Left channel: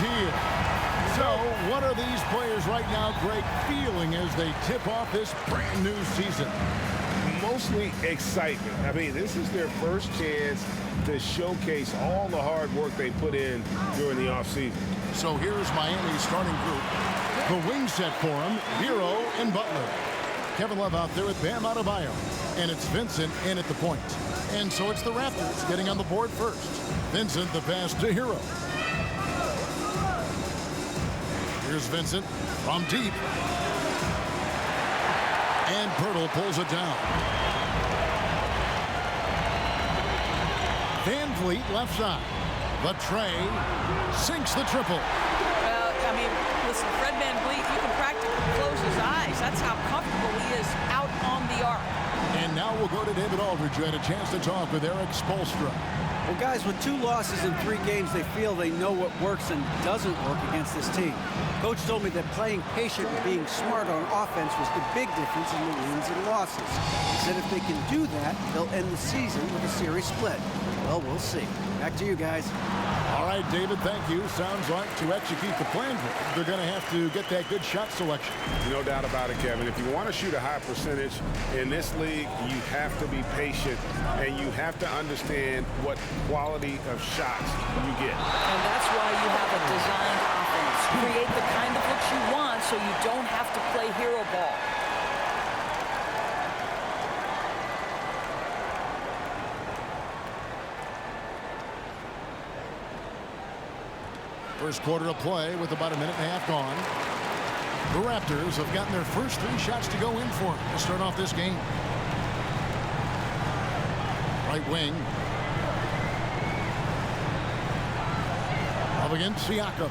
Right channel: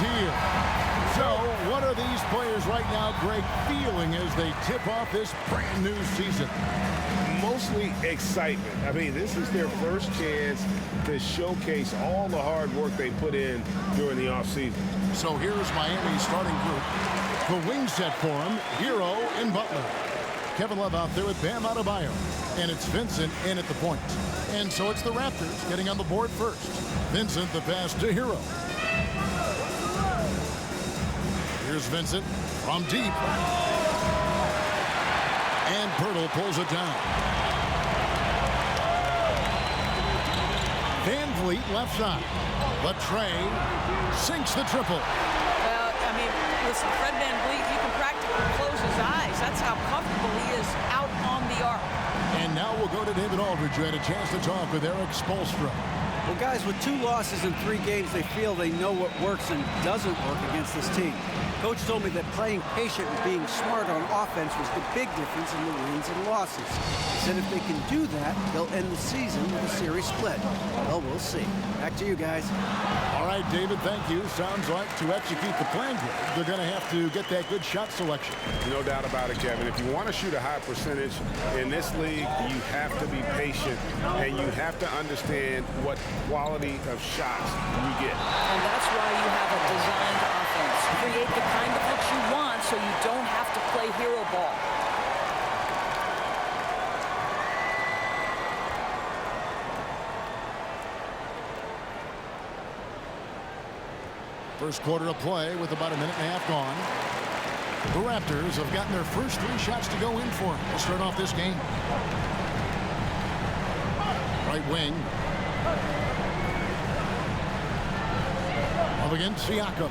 here. So, what are these players right now, Greg, feeling as they tip off this brand new season? Mostly excitement. I mean, this is their first chance to showcase all the hard work they put in during the offseason. So here's Miami's starting group. The wing set for him, Hero and Butler. Kevin Love out there with Bam Adebayo. And it's Vincent in at the point. And so it's the Raptors getting on the board first. Vincent the pass to Hero. Here's Vincent from deep. And Pirtle pulls it down. Van Vliet left side. The tray sinks the triple. Well, I mean, listen, Fred VanVleet, you can practically close his eyes. That's how comfortable he is out on the arc. And now we'll go to David Aldridge, who had a chance to talk with Eric Spoelstra. Well, guys, with 2 losses in 3 games, they feel they know what works and doesn't work against this team. Coach told me that playing patient and being smart on offense was the big difference in the wins and losses. He said if they can do that, they'll end the season with a series split. Well, we'll see. Back to you guys. All right, David, thank you. Sounds like to execute the plan, they're going to have to get that good shot selection. No doubt about it, Kevin. If you want to shoot a high percentage in this league, you have to be patient, and you have to understand what quality of shots you get. And that's why you have a designed offense. Create the kind of looks you want so you don't have to play hero ball. First quarter of play with about a minute and a half gone. The Raptors have gotten their first 3 shots to go in for them to start off this game. Right wing. Up against Siakam.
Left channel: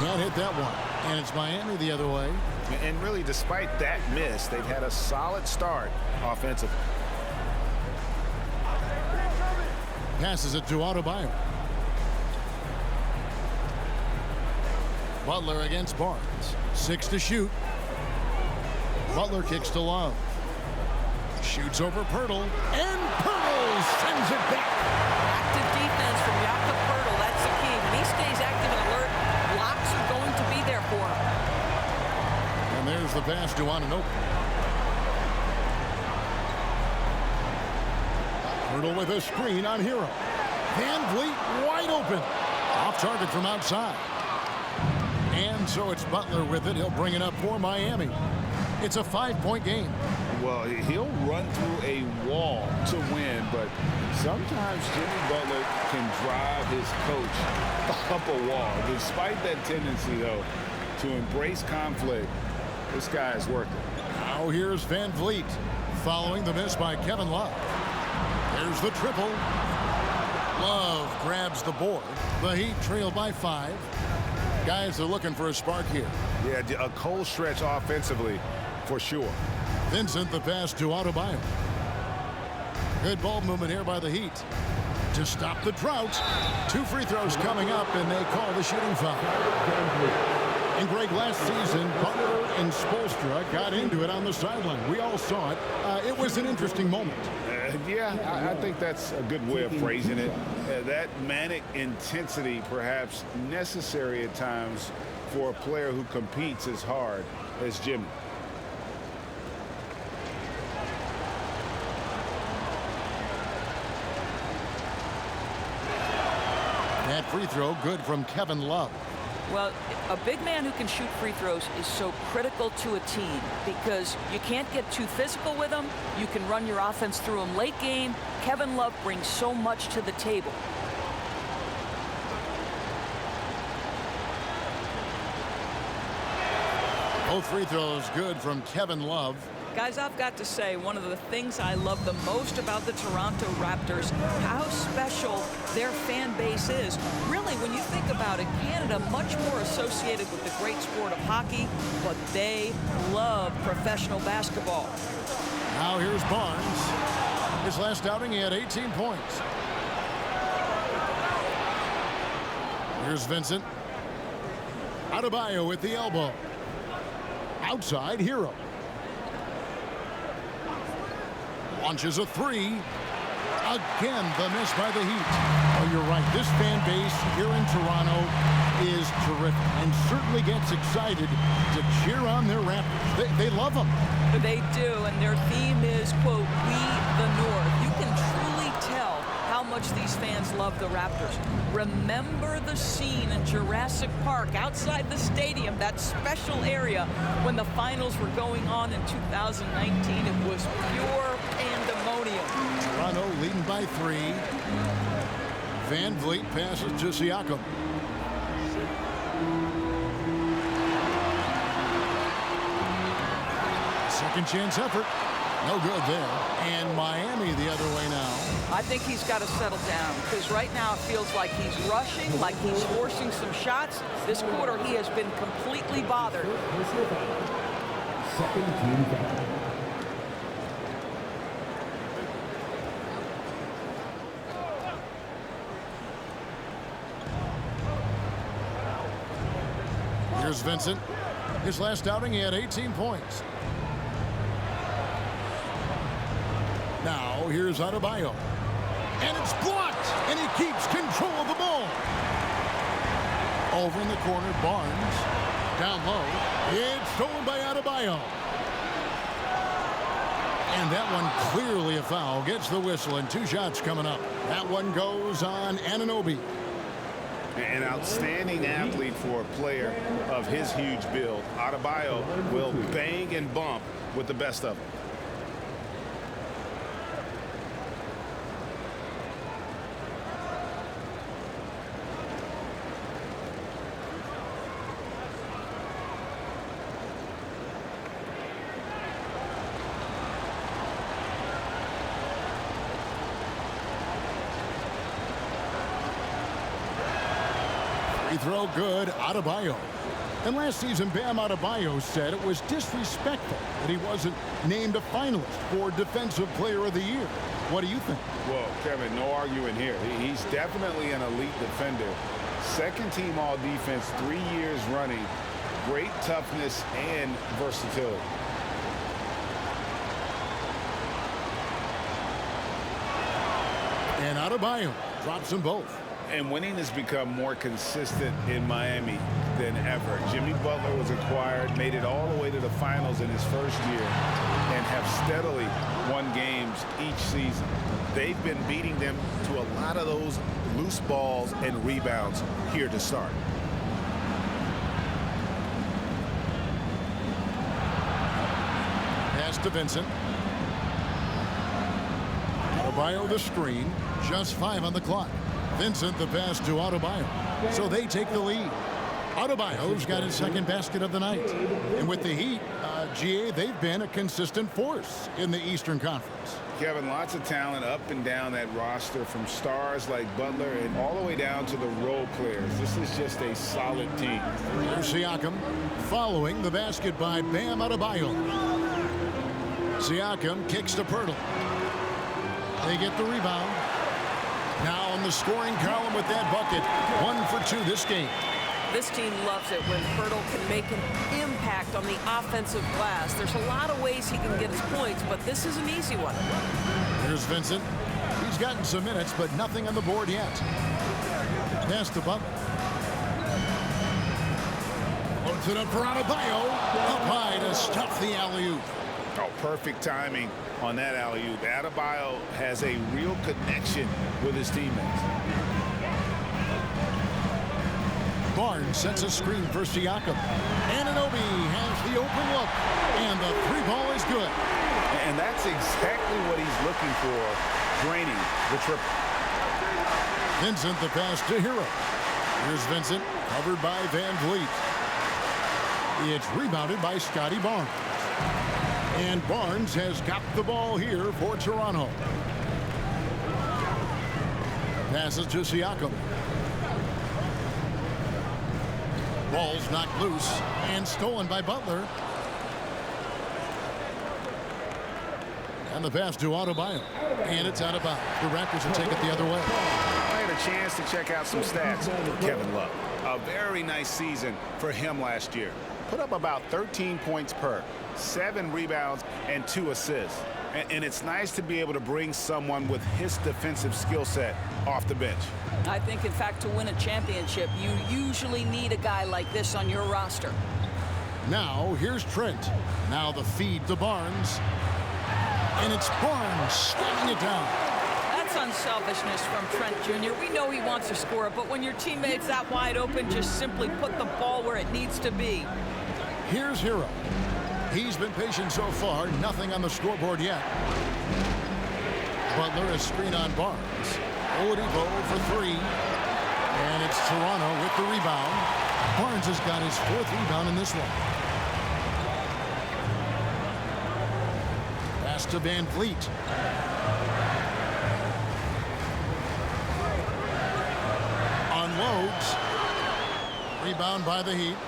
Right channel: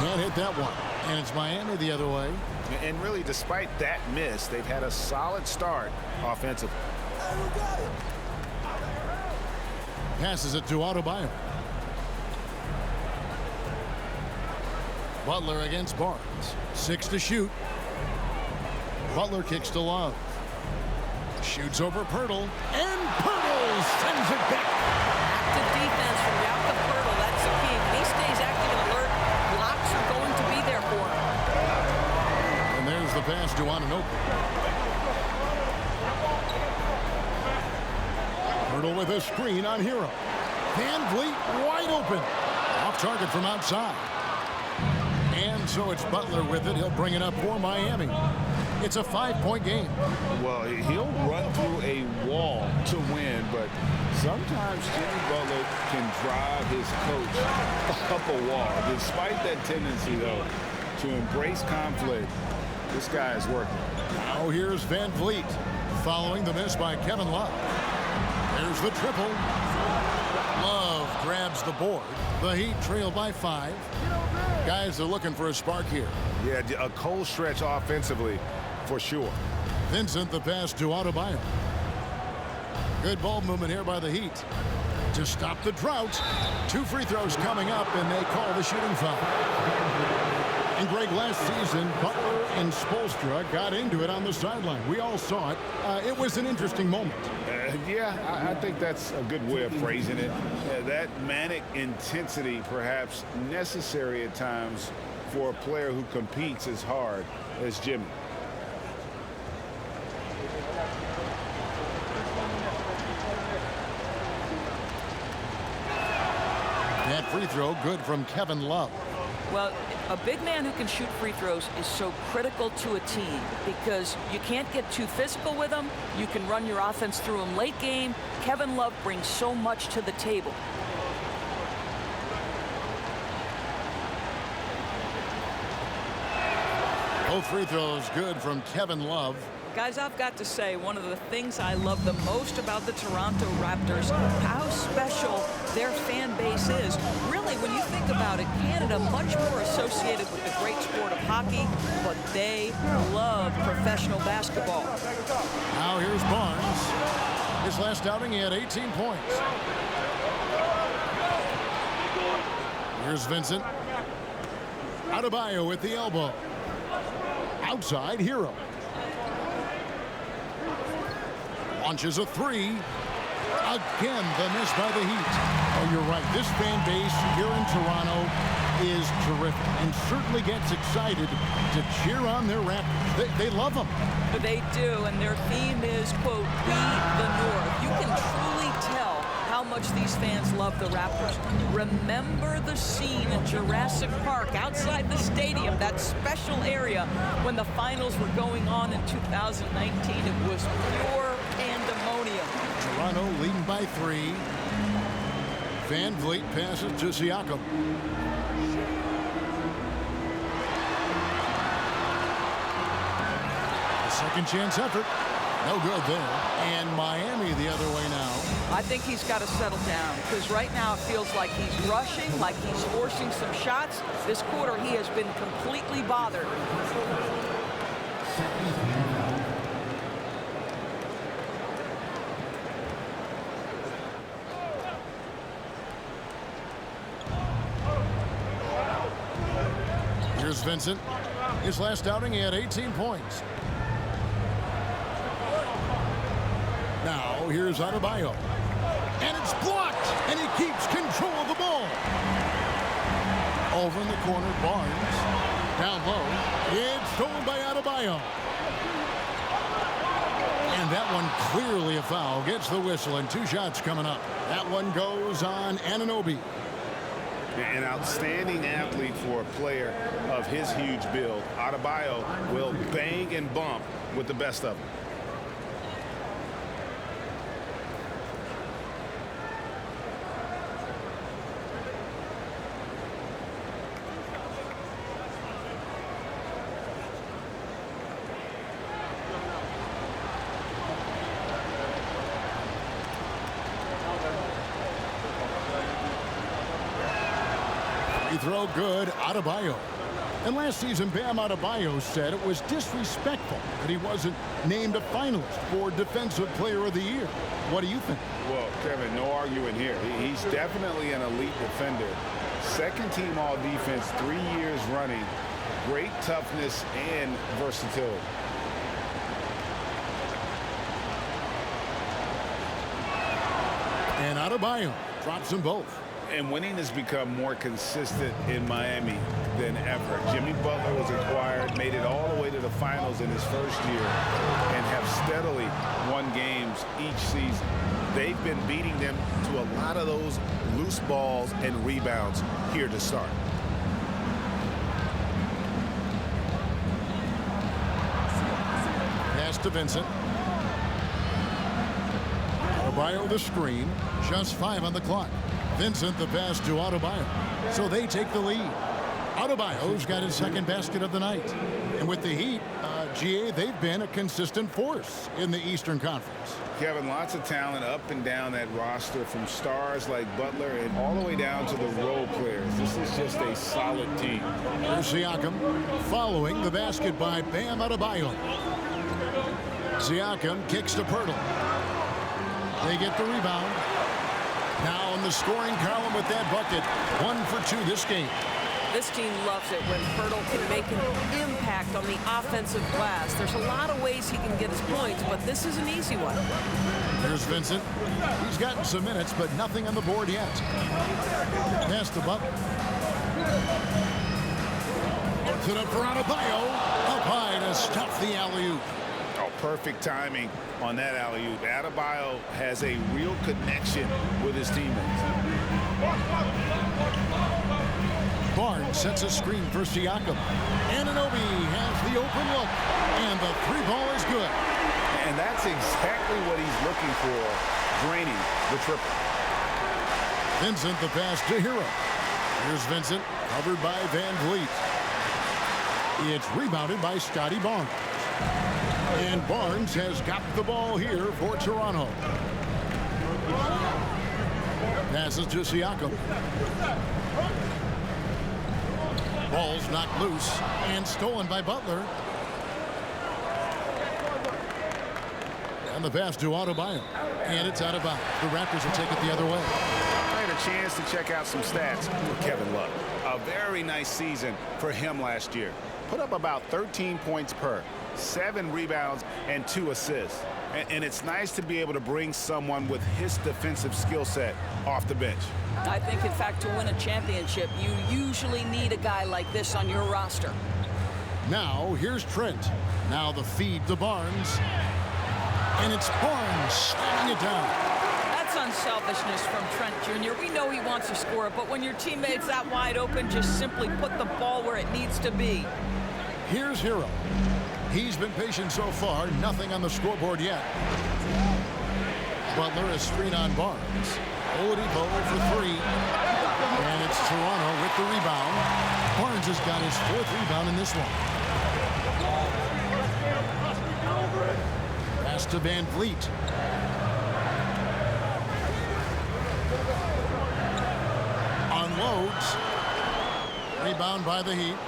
Can't hit that one. And it's Miami the other way. And really, despite that miss, they've had a solid start offensively. Passes it to Adebayo. Butler against Barnes. 6 to shoot. Butler kicks to Love. Shoots over Pirtle. And Pirtle sends it back. Active defense from Jakob Pirtle. That's the key. When he stays active and alert, blocks are going to be there for him. And there's the pass to Anunoby. Pirtle with a screen on Hero. Van Vliet wide open. Off target from outside. And so it's Butler with it. He'll bring it up for Miami. It's a 5-point game. Well, he'll run through a wall to win, but sometimes Jimmy Butler can drive his coach up a wall. Despite that tendency, though, to embrace conflict, this guy is worth it. Now here's Van Vliet following the miss by Kevin Love. There's the triple. Love grabs the board. The Heat trail by 5. Guys are looking for a spark here. Yeah, a cold stretch offensively for sure. Vincent the pass to Adebayo. Good ball movement here by the Heat to stop the drought. 2 free throws coming up, and they call the shooting foul. And Greg, last season, Butler and Spoelstra got into it on the sideline. We all saw it. It was an interesting moment. Yeah, I think that's a good way of phrasing it. That manic intensity perhaps necessary at times for a player who competes as hard as Jimmy. That free throw good from Kevin Love. Well, a big man who can shoot free throws is so critical to a team because you can't get too physical with him. You can run your offense through him late game. Kevin Love brings so much to the table. Both free throws good from Kevin Love. Guys, I've got to say, one of the things I love the most about the Toronto Raptors, how special their fan base is. Really, when you think about it, Canada much more associated with the great sport of hockey, but they love professional basketball. Now here's Barnes. His last outing, he had 18 points. Here's Vincent. Adebayo with the elbow. Outside, Hero. Launches a 3. Again, the miss by the Heat. Oh, you're right. This fan base here in Toronto is terrific and certainly gets excited to cheer on their Raptors. They love them. They do, and their theme is, quote, "We the North." You can truly tell how much these fans love the Raptors. Remember the scene in Jurassic Park outside the stadium, that special area when the finals were going on in 2019. It was pure pandemonium. Toronto leading by 3. Van Vliet passes to Siakam. Second chance effort. No good there. And Miami the other way now. I think he's got to settle down because right now it feels like he's rushing, like he's forcing some shots. This quarter he has been completely bothered. Second team foul. Here's Vincent. His last outing he had 18 points. Now, here's Adebayo. And it's blocked. And he keeps control of the ball. Over in the corner, Barnes. Down low. It's stolen by Adebayo. And that one clearly a foul. Gets the whistle and 2 shots coming up. That one goes on Anunoby. An outstanding athlete for a player of his huge build. Adebayo will bang and bump with the best of them. Free throw good, Adebayo. And last season, Bam Adebayo said it was disrespectful that he wasn't named a finalist for Defensive Player of the Year. What do you think? Well, Kevin, no arguing here. He's definitely an elite defender. Second team all defense 3 years running. Great toughness and versatility. And Adebayo drops them both. And winning has become more consistent in Miami than ever. Jimmy Butler was acquired, made it all the way to the finals in his first year, and have steadily won games each season. They've been beating them to a lot of those loose balls and rebounds here to start. Pass to Vincent. Adebayo the screen. Just 5 on the clock. Vincent the pass to Adebayo. So they take the lead. Adebayo's got his second basket of the night. And with the Heat, GA, they've been a consistent force in the Eastern Conference. Kevin, lots of talent up and down that roster, from stars like Butler and all the way down to the role players. This is just a solid team. Here's Siakam following the basket by Bam Adebayo. Siakam kicks to Pirtle. They get the rebound. Now in the scoring column with that bucket. 1 for 2 this game. This team loves it when Pirtle can make an impact on the offensive glass. There's a lot of ways he can get his points, but this is an easy one. Here's Vincent. He's gotten some minutes, but nothing on the board yet. Pass to Butler. Puts it up for Adebayo. Up high to stuff the alley-oop. Oh, perfect timing on that alley-oop. Adebayo has a real connection with his teammates. Barnes sets a screen for Siakam. Anunoby has the open look, and the 3-ball is good. And that's exactly what he's looking for, draining the triple. Vincent the pass to Hero. Here's Vincent, covered by Van Vliet. It's rebounded by Scotty Barnes. And Barnes has got the ball here for Toronto. Passes to Siakam. Ball's knocked loose and stolen by Butler. And the pass to Adebayo. And it's out of bounds. The Raptors will take it the other way. I had a chance to check out some stats for Kevin Love. A very nice season for him last year. Put up about 13 points per, 7 rebounds, and 2 assists. And it's nice to be able to bring someone with his defensive skill set off the bench. I think, in fact, to win a championship, you usually need a guy like this on your roster. Now, here's Trent. Now the feed to Barnes. And it's Barnes slamming it down. That's unselfishness from Trent Jr. We know he wants to score, but when your teammate's that wide open, just simply put the ball where it needs to be. Here's Hero. He's been patient so far. Nothing on the scoreboard yet. Butler a screen on Barnes. Oladipo for three. And it's Toronto with the rebound. Barnes has got his 4th rebound in this one. Pass to Van Vliet. Unloads. Rebound by the Heat.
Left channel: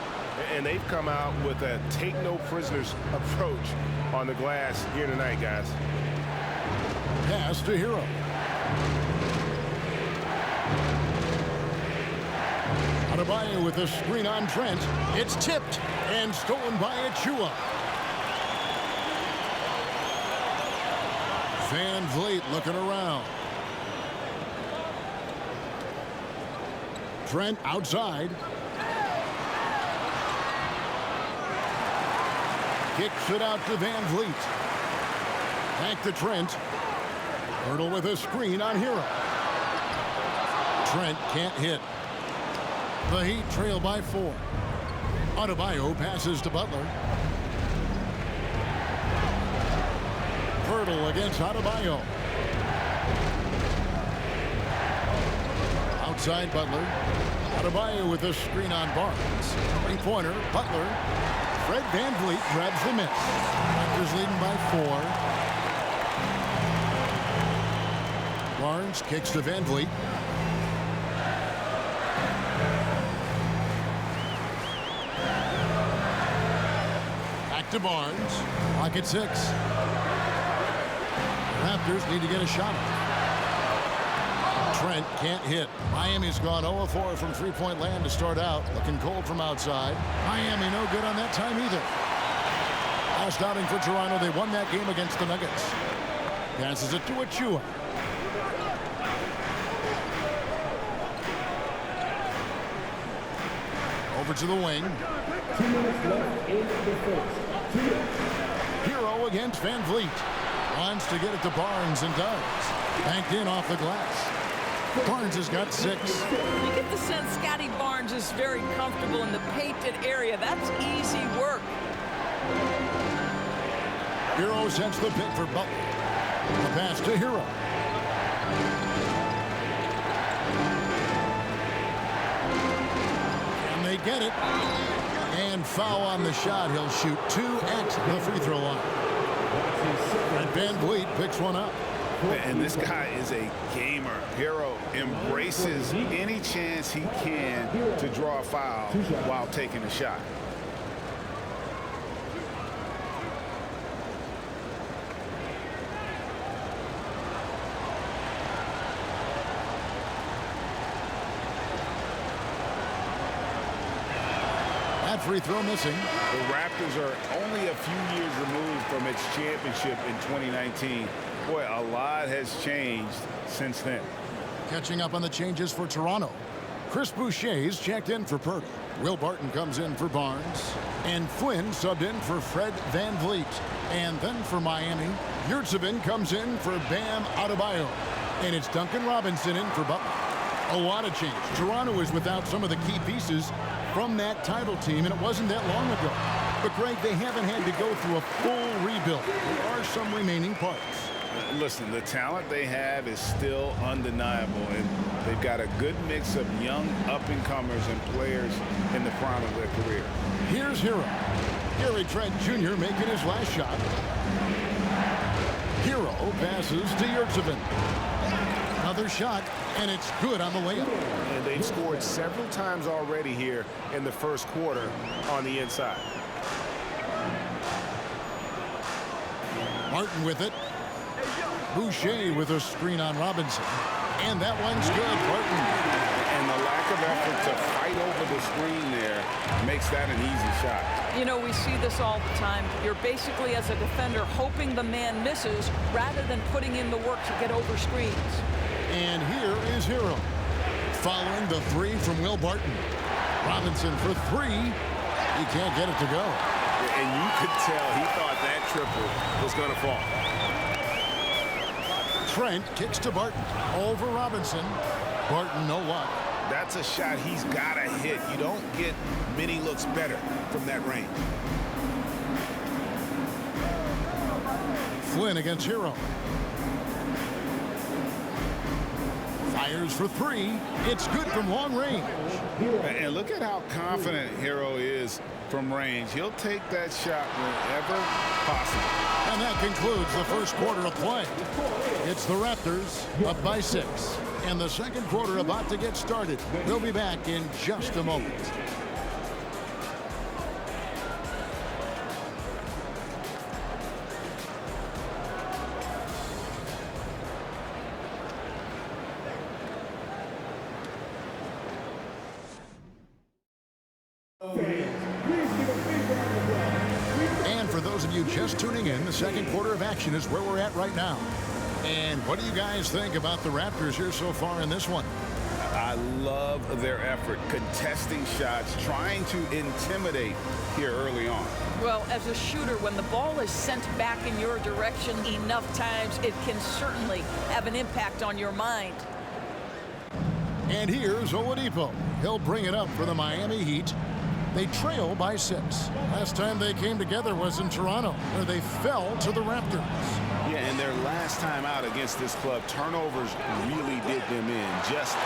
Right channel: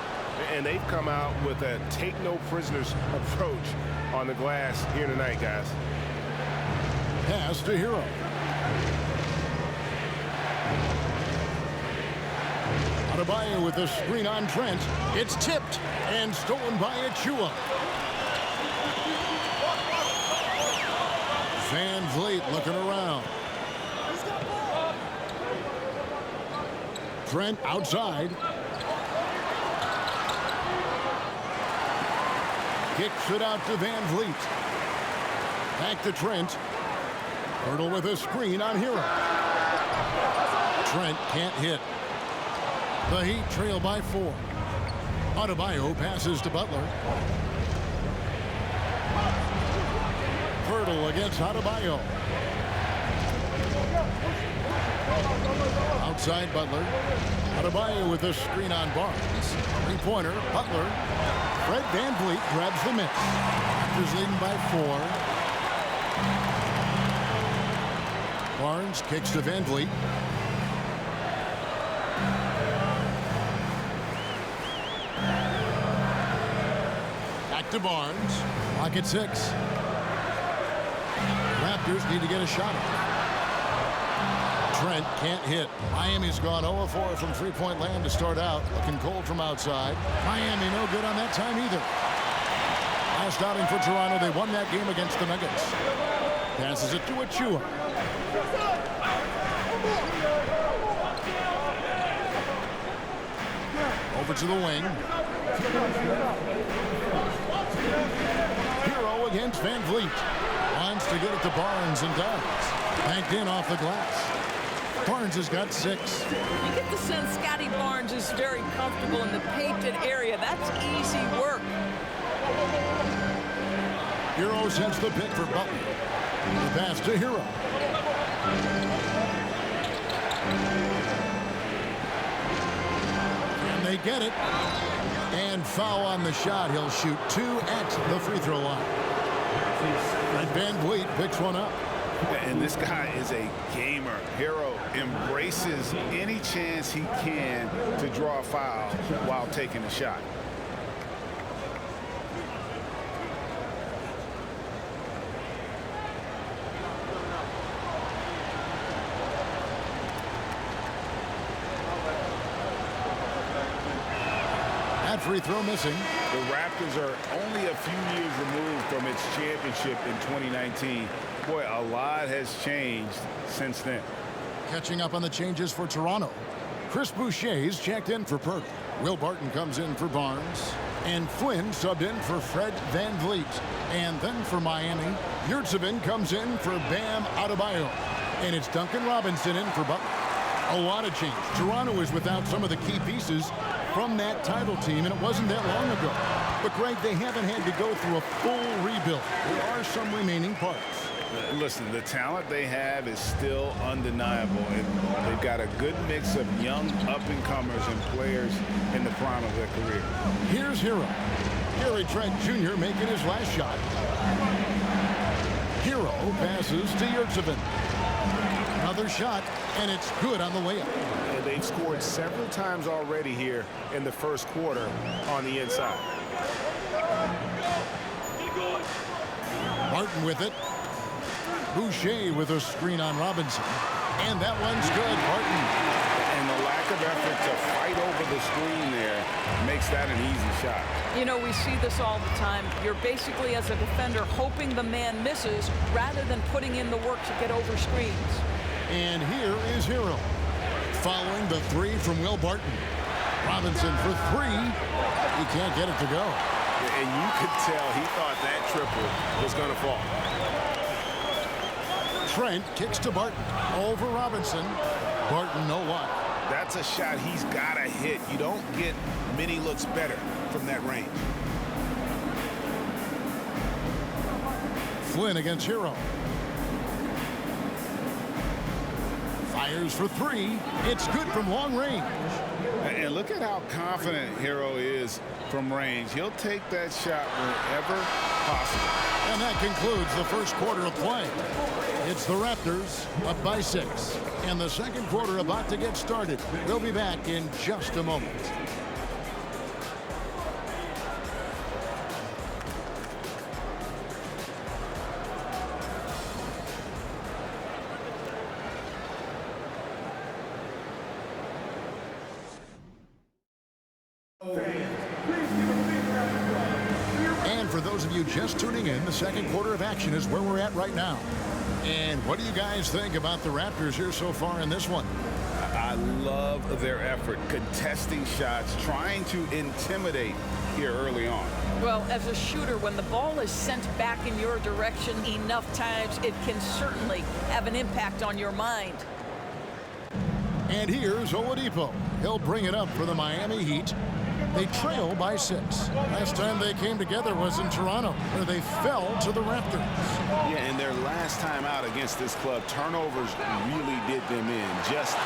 And they've come out with a take-no-prisoners approach on the glass here tonight, guys. Pass to Hero. Adebayo with a screen on Trent. It's tipped and stolen by Achua. Van Vliet looking around. Trent outside. Kicks it out to Van Vliet. Back to Trent. Hurdle with a screen on Hero. Trent can't hit. The Heat trail by 4. Adebayo passes to Butler. Hurdle against Adebayo. Outside Butler. Adebayo with a screen on Barnes. Three-pointer. Butler. Fred Van Vliet grabs the miss. Raptors leading by 4. Barnes kicks to Van Vliet. Back to Barnes. Clock at 6. Raptors need to get a shot off. Trent can't hit. Miami's gone 0-4 from three-point land to start out. Looking cold from outside. Miami no good on that time either. Last outing for Toronto, they won that game against the Nuggets. Passes it to Achua. Over to the wing. Hero against Van Vliet. Wants to get it to Barnes and does. Banked in off the glass. Barnes has got 6. You get the sense Scotty Barnes is very comfortable in the painted area. That's easy work. Hero sends the pick for Butler. The pass to Hero. Can they get it? And foul on the shot. He'll shoot 2 at the free throw line. And Van Vliet picks one up. And this guy is a gamer. Hero embraces any chance he can to draw a foul while taking a shot. That free throw missing. The Raptors are only a few years removed from its championship in 2019. Boy, a lot has changed since then. Catching up on the changes for Toronto. Chris Boucher's checked in for Purtle. Will Barton comes in for Barnes. And Flynn subbed in for Fred Van Vliet. And then for Miami, Yurtseven comes in for Bam Adebayo. And it's Duncan Robinson in for Butler. A lot of change. Toronto is without some of the key pieces from that title team, and it wasn't that long ago. But, Greg, they haven't had to go through a full rebuild. There are some remaining parts. Listen, the talent they have is still undeniable, and they've got a good mix of young up-and-comers and players in the prime of their career. Here's Hero. Gary Trent Jr. making his last shot. Hero passes to Yurtseven. Another shot, and it's good on the layup. And they've scored several times already here in the first quarter on the inside. Martin with it. Boucher with a screen on Robinson. And that one's good. Barton. And the lack lack of effort to fight over the screen there makes that an easy shot. You know, we see this all the time. You're basically, as a defender, hoping the man misses rather than putting in the work to get over screens. And here is Hero. Following the three from Will Barton. Robinson for three. He can't get it to go. And you could tell he thought that triple was going to fall. Trent kicks to Barton. Over Robinson. Barton, no luck. That's a shot he's got to hit. You don't get many looks better from that range. Flynn against Hero. Fires for three. It's good from long range. And look at how confident Hero is from range. He'll take that shot whenever possible. And that concludes the first quarter of play. It's the Raptors up by 6. And the second quarter about to get started. We'll be back in just a moment. And for those of you just tuning in, the second quarter of action is where we're at right now. And what do you guys think about the Raptors here so far in this one? I love their effort, contesting shots, trying to intimidate here early on. Well, as a shooter, when the ball is sent back in your direction enough times, it can certainly have an impact on your mind. And here's Oladipo. He'll bring it up for the Miami Heat. They trail by 6. Last time they came together was in Toronto, where they fell to the Raptors. Yeah, and their last time out against this club, turnovers really did them in. Just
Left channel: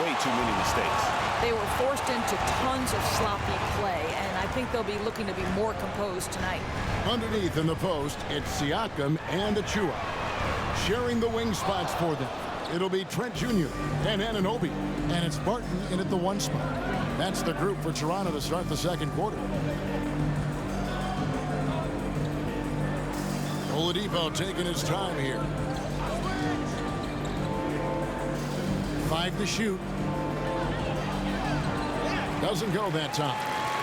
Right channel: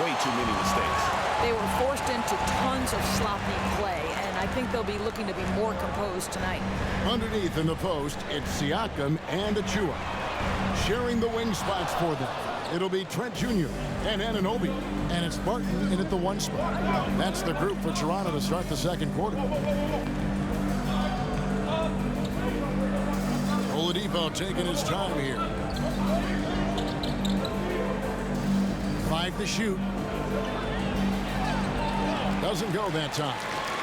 way too many mistakes. They were forced into tons of sloppy play, and I think they'll be looking to be more composed tonight. Underneath in the post, it's Siakam and Achua. Sharing the wing spots for them. It'll be Trent Jr. and Anunoby. And it's Barton in at the 1 spot. That's the group for Toronto to start the second quarter. Oladipo taking his time here. 5 to shoot. Doesn't go that time.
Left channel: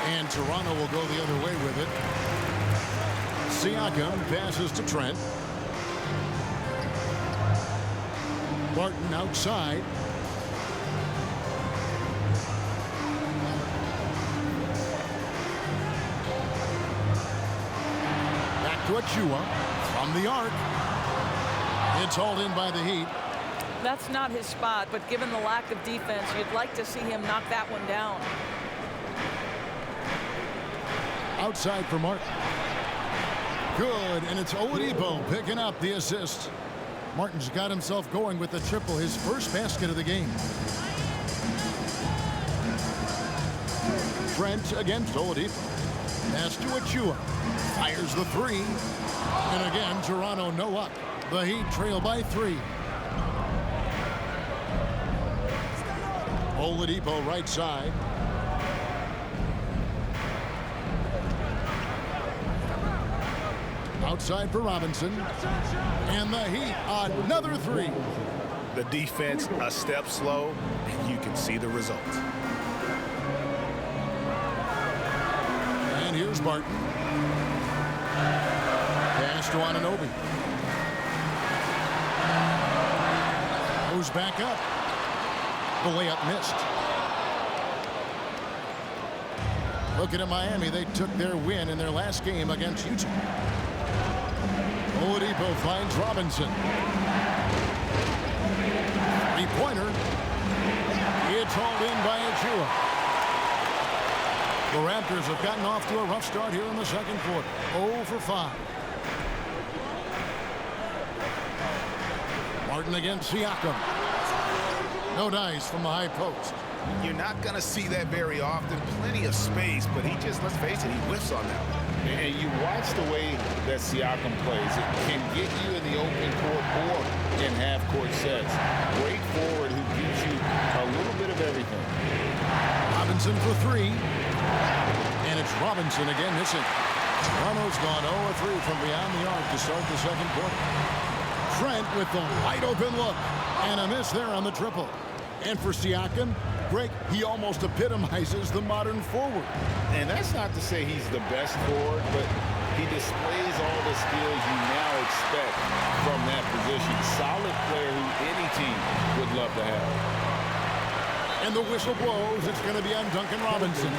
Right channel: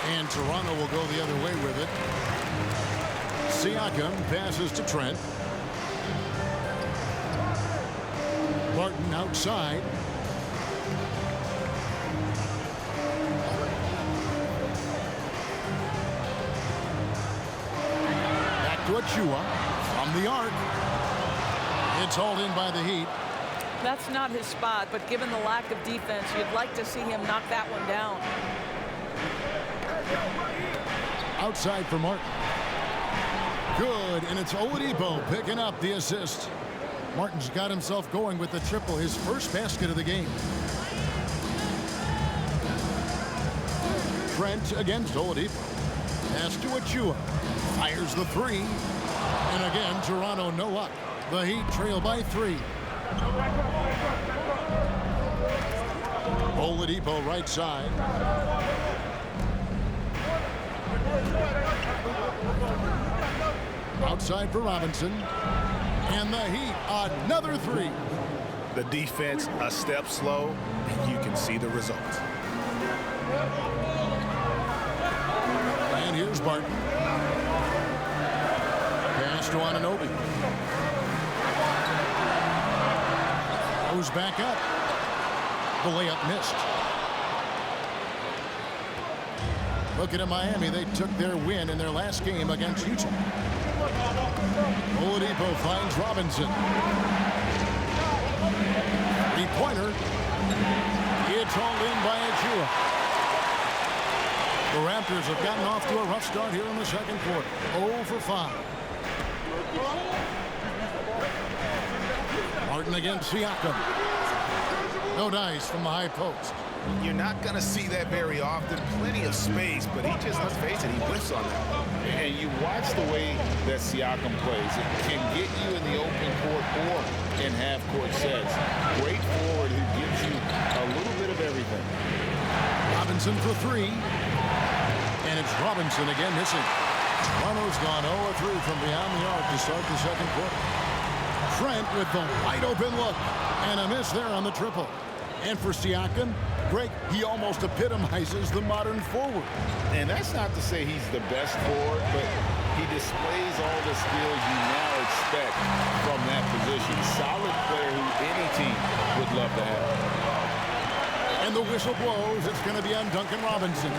And Toronto will go the other way with it. Siakam passes to Trent. Barton outside. Back to Achua from the arc. It's hauled in by the Heat. That's not his spot, but given the lack of defense, you'd like to see him knock that one down. Outside for Martin. Good, and it's Oladipo picking up the assist. Martin's got himself going with the triple, his first basket of the game. Trent against Oladipo. Pass to Achua. Fires the 3. And again, Toronto no luck. The Heat trail by 3. Oladipo right side. Outside for Robinson. And the Heat, another 3. The defense a step slow, and you can see the results. And here's Barton. Pass to Anunoby. Goes back up. The layup missed. Looking at Miami, they took their win in their last game against Utah. Oladipo finds Robinson. Three-pointer. It's hauled in by Achua. The Raptors have gotten off to a rough start here in the second quarter. 0 for 5. Martin against Siakam. No dice from the high post. You're not going to see that very often. Plenty of space, but he just, let's face it, he whiffs on that one. And you watch the way that Siakam plays. It can get you in the open court or in half-court sets. Great forward who gives you a little bit of everything. Robinson for 3. And it's Robinson again missing. Toronto's gone 0-3 from beyond the arc to start the second quarter. Trent with the wide open look. And a miss there on the triple. And for Siakam, Greg, he almost epitomizes the modern forward. And that's not to say he's the best forward, but he displays all the skills you now expect from that position. Solid player who any team would love to have. And the whistle blows. It's going to be on Duncan Robinson.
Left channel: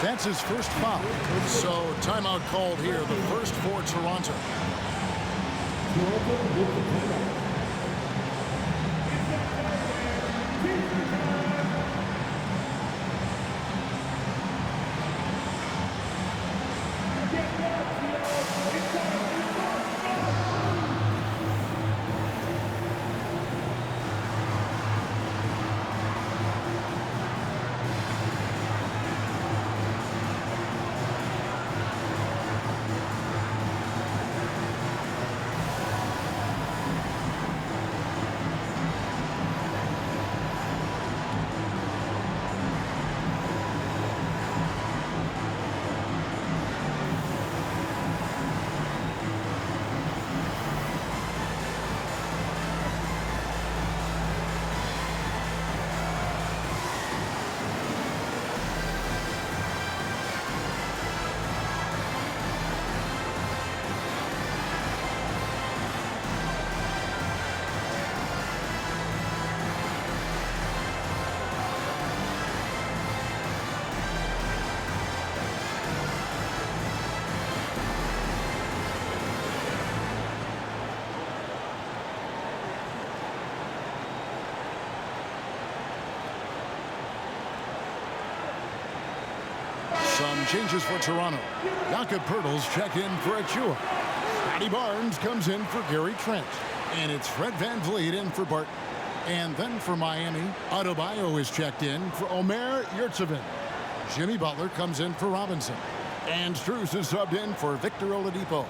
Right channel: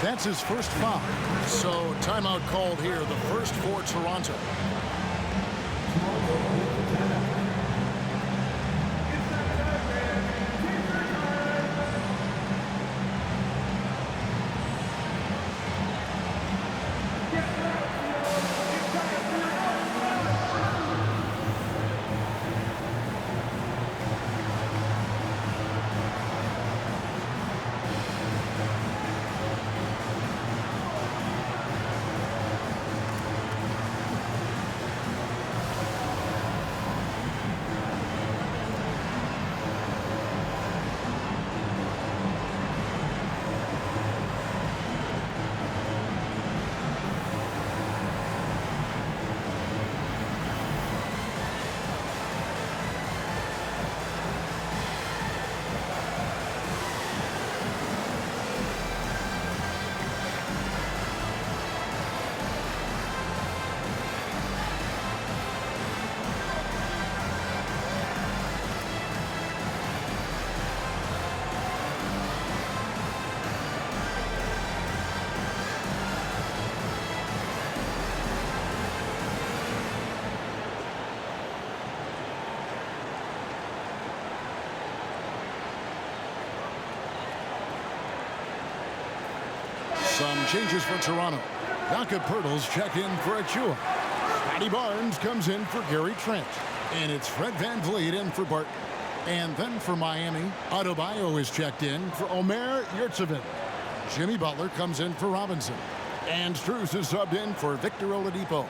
That's his first foul. So timeout called here, the first for Toronto. Some changes for Toronto. Jakob Poeltl's check in for Achua. Scotty Barnes comes in for Gary Trent. And it's Fred VanVleet in for Barton. And then for Miami, Adebayo is checked in for Omer Yurtseven. Jimmy Butler comes in for Robinson. And Strus is subbed in for Victor Oladipo.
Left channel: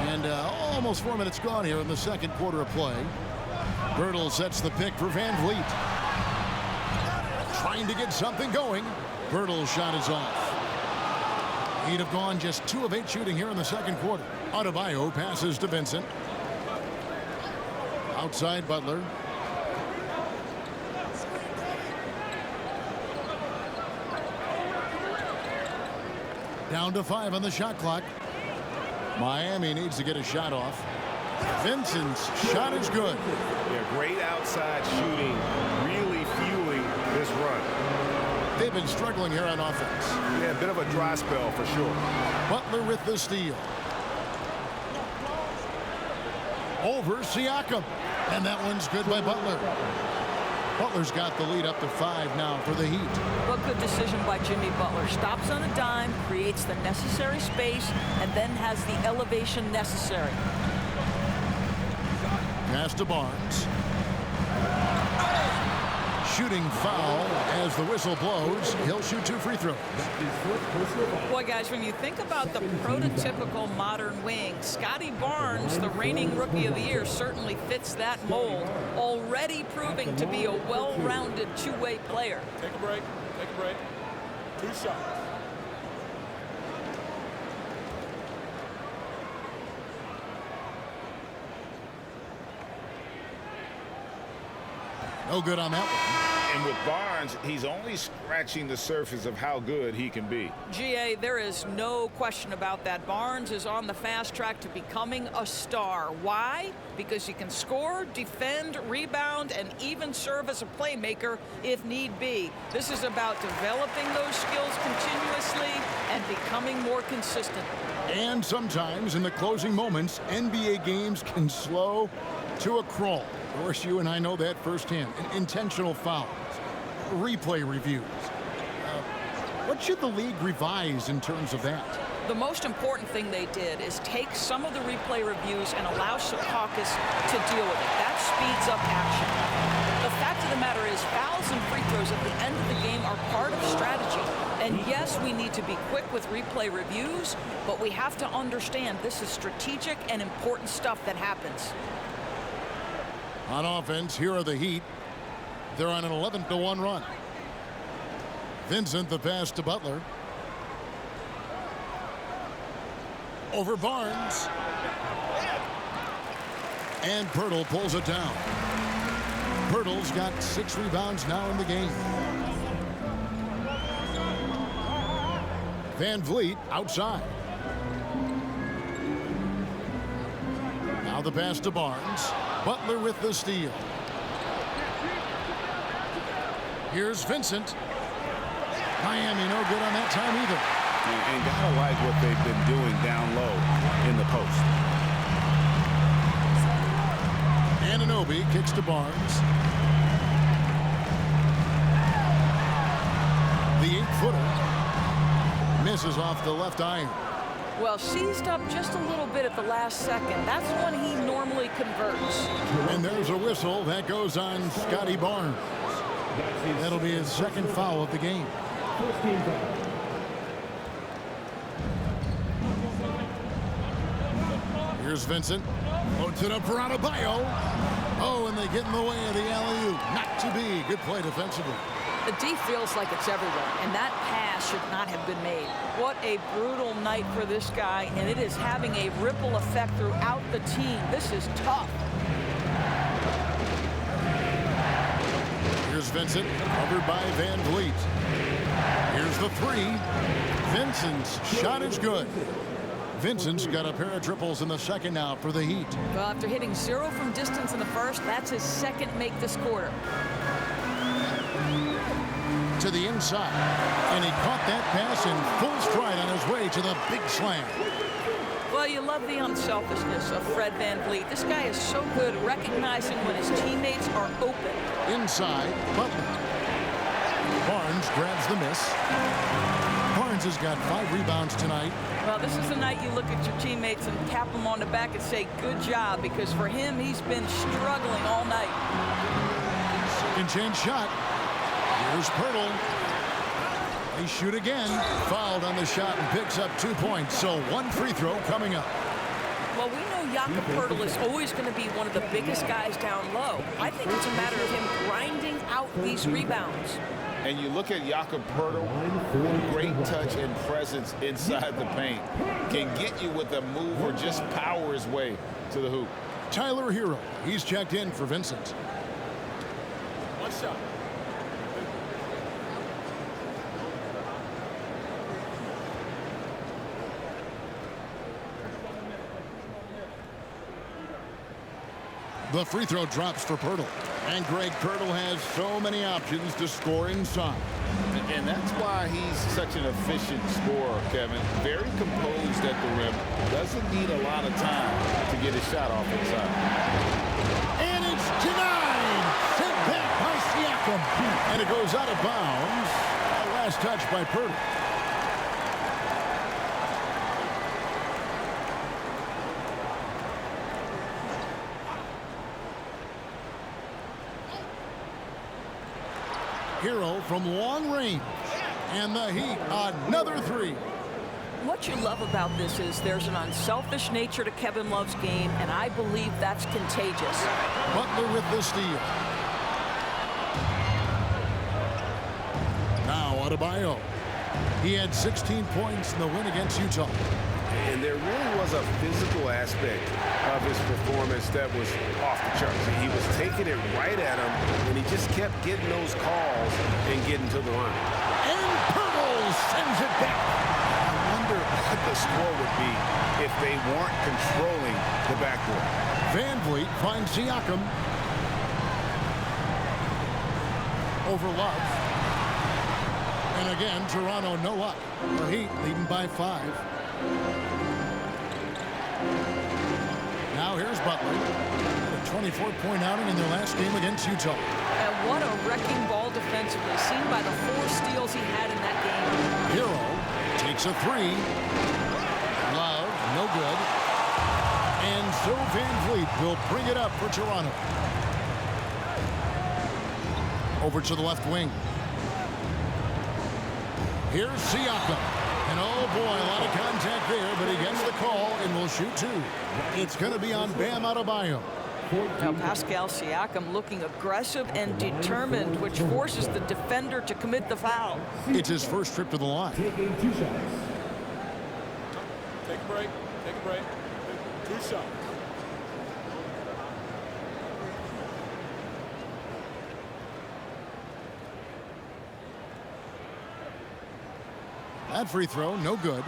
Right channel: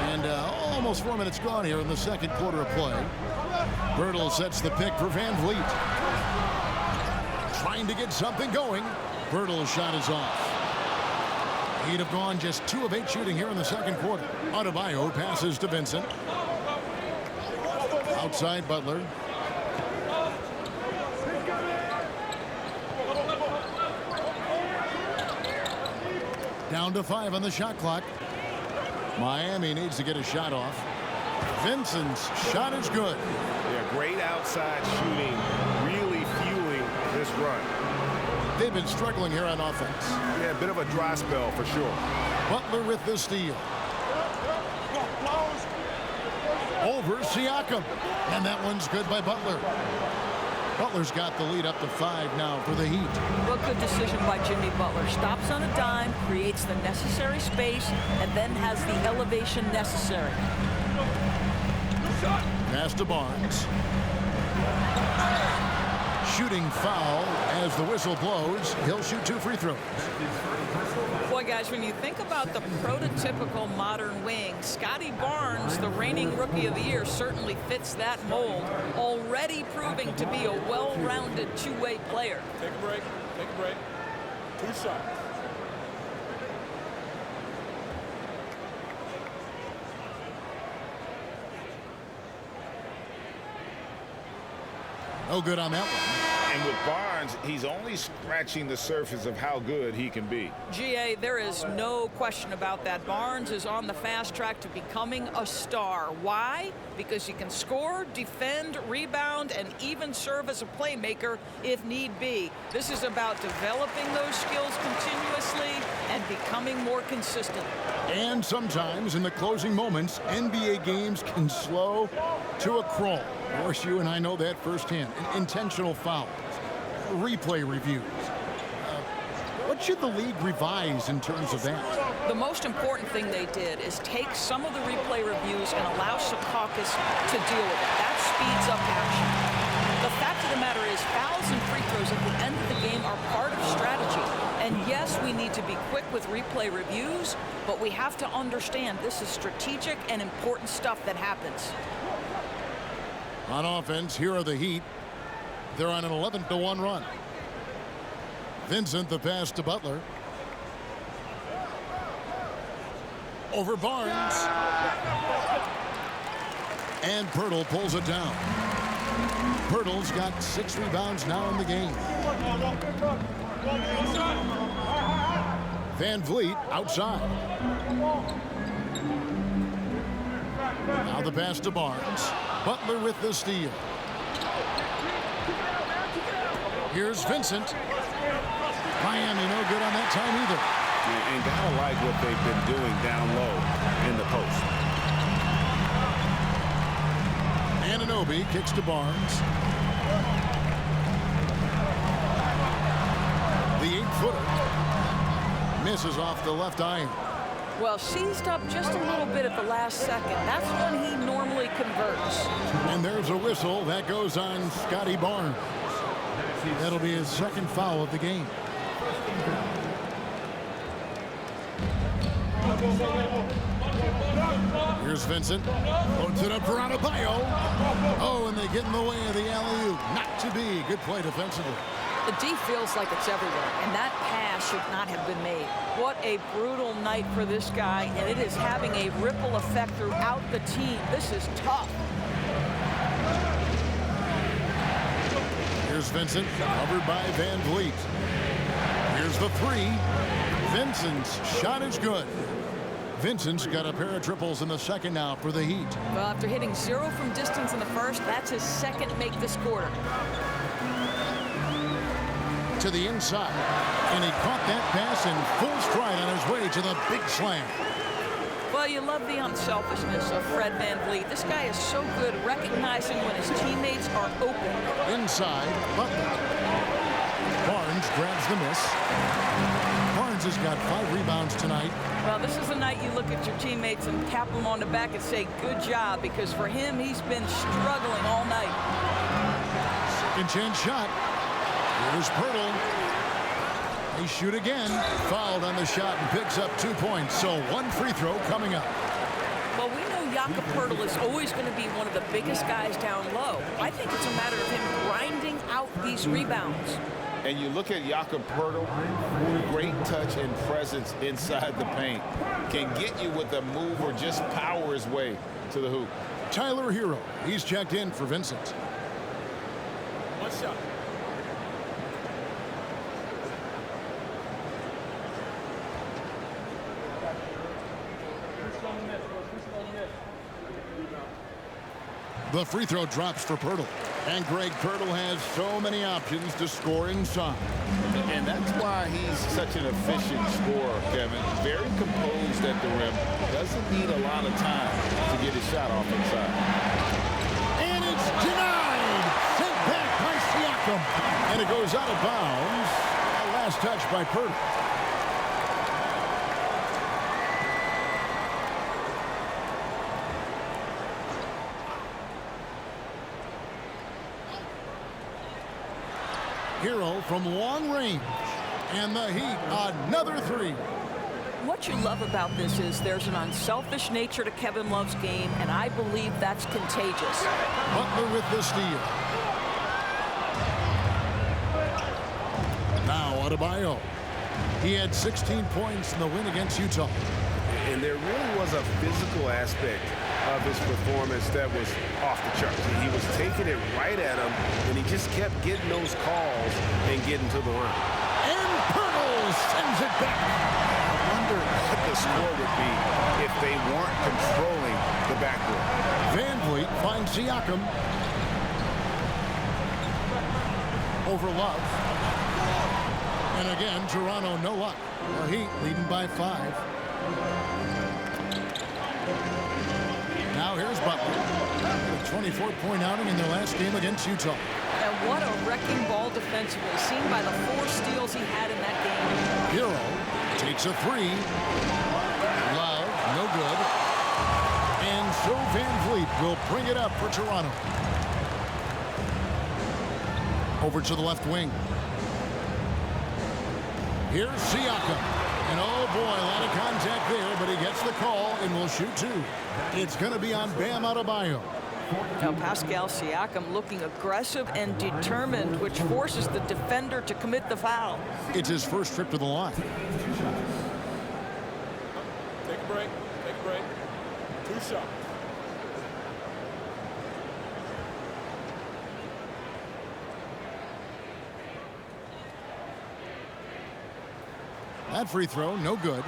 And almost 4 minutes gone here in the second quarter of play. Poeltl sets the pick for VanVleet. Trying to get something going. Poeltl's shot is off. He'd have gone just 2 of 8 shooting here in the second quarter. Adebayo passes to Vincent. Outside Butler. Down to 5 on the shot clock. Miami needs to get a shot off. Vincent's shot is good. Yeah, great outside shooting, really fueling this run. They've been struggling here on offense. Yeah, a bit of a dry spell for sure. Butler with the steal. Over Siakam. And that one's good by Butler. Butler's got the lead up to 5 now for the Heat. Well, good decision by Jimmy Butler. Stops on a dime, creates the necessary space, and then has the elevation necessary. Pass to Barnes. Shooting foul as the whistle blows. He'll shoot 2 free throws. Boy, guys, when you think about the prototypical modern wing, Scotty Barnes, the reigning Rookie of the Year, certainly fits that mold, already proving to be a well-rounded two-way player. Take a break. Take a break. 2 shots. No good on that one. And with Barnes, he's only scratching the surface of how good he can be. GA, there is no question about that. Barnes is on the fast track to becoming a star. Why? Because he can score, defend, rebound, and even serve as a playmaker if need be. This is about developing those skills continuously and becoming more consistent. And sometimes in the closing moments, NBA games can slow to a crawl. Of course, you and I know that firsthand. Intentional fouls, replay reviews. What should the league revise in terms of that? The most important thing they did is take some of the replay reviews and allow Secaucus to deal with it. That speeds up action. The fact of the matter is fouls and free throws at the end of the game are part of strategy. And yes, we need to be quick with replay reviews, but we have to understand this is strategic and important stuff that happens. On offense, here are the Heat. They're on an 11-1 run. Vincent, the pass to Butler. Over Barnes. And Pirtle pulls it down. Pirtle's got 6 rebounds now in the game. Van Vliet outside. Now the pass to Barnes. Butler with the steal. Here's Vincent. Miami no good on that time either. And gotta like what they've been doing down low in the post. Anunoby kicks to Barnes. The 8-footer misses off the left iron. Well, seized up just a little bit at the last second. That's when he normally converts. And there's a whistle that goes on Scotty Barnes. That'll be his 2nd foul of the game. Here's Vincent. Loads it up for Adebayo. Oh, and they get in the way of the alley-oop. Not to be. Good play defensively. The D feels like it's everywhere, and that pass should not have been made. What a brutal night for this guy, and it is having a ripple effect throughout the team. This is tough. Here's Vincent, covered by Van Vliet. Here's the 3. Vincent's shot is good. Vincent's got a pair of triples in the 2nd now for the Heat. Well, after hitting 0 from distance in the 1st, that's his 2nd make this quarter. To the inside, and he caught that pass in full stride on his way to the big slam. Well, you love the unselfishness of Fred Van Vliet. This guy is so good at recognizing when his teammates are open. Inside, Butler. Barnes grabs the miss. Barnes has got 5 rebounds tonight. Well, this is the night you look at your teammates and tap them on the back and say, good job, because for him, he's been struggling all night. 2nd chance shot. Here's Pirtle. They shoot again. Fouled on the shot and picks up 2 points. So 1 free throw coming up. Well, we know Jakob Pirtle is always going to be one of the biggest guys down low. I think it's a matter of him grinding out these rebounds. And you look at Jakob Pirtle, great touch and presence inside the paint. Can get you with a move or just power his way to the hoop. Tyler Hero. He's checked in for Vincent. 1 shot. The free throw drops for Pirtle. And Greg Pirtle has so many options to score inside. And that's why he's such an efficient scorer, Kevin. Very composed at the rim. Doesn't need a lot of time to get his shot off inside. And it's denied. Sent back by Siakam. And it goes out of bounds. Last touch by Pirtle. Hero from long range. And the Heat, another 3. What you love about this is there's an unselfish nature to Kevin Love's game, and I believe that's contagious. Butler with the steal. Now Adebayo. He had 16 points in the win against Utah. And there really was a physical aspect of his performance that was off the charts. He was taking it right at him, and he just kept getting those calls and getting to the line. And Pirtle sends it back. I wonder what the score would be if they weren't controlling the backboard. Van Vliet finds Siakam. Over Love. And again, Toronto no luck. The Heat leading by 5. Now here's Butler. Had a 24-point outing in their last game against Utah. And what a wrecking ball defensively, seen by the 4 steals he had in that game. Hero takes a 3. Love, no good. And so Van Vliet will bring it up for Toronto. Over to the left wing. Here's Siakam. And oh boy, a lot of contact there, but he gets the call and will shoot 2. It's going to be on Bam Adebayo. Now Pascal Siakam looking aggressive and determined, which forces the defender to commit the foul. It's his first trip to the line. Take a break. Take a break. 2 shots. That free throw, no good.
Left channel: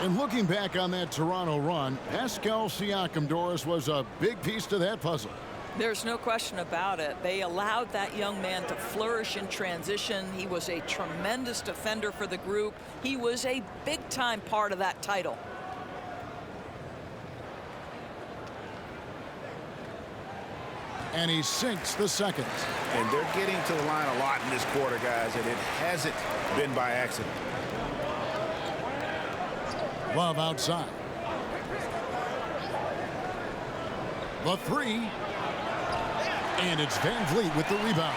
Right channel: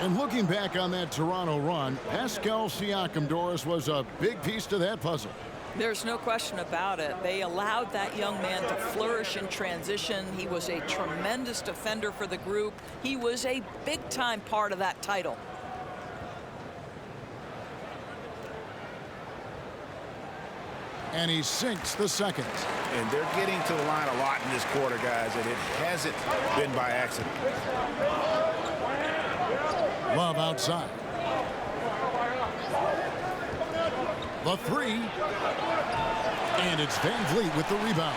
And looking back on that Toronto run, Pascal Siakam, Doris, was a big piece to that puzzle. There's no question about it. They allowed that young man to flourish in transition. He was a tremendous defender for the group. He was a big-time part of that title. And he sinks the second. And they're getting to the line a lot in this quarter, guys, and it hasn't been by accident. Love outside. The three. And it's Van Vliet with the rebound.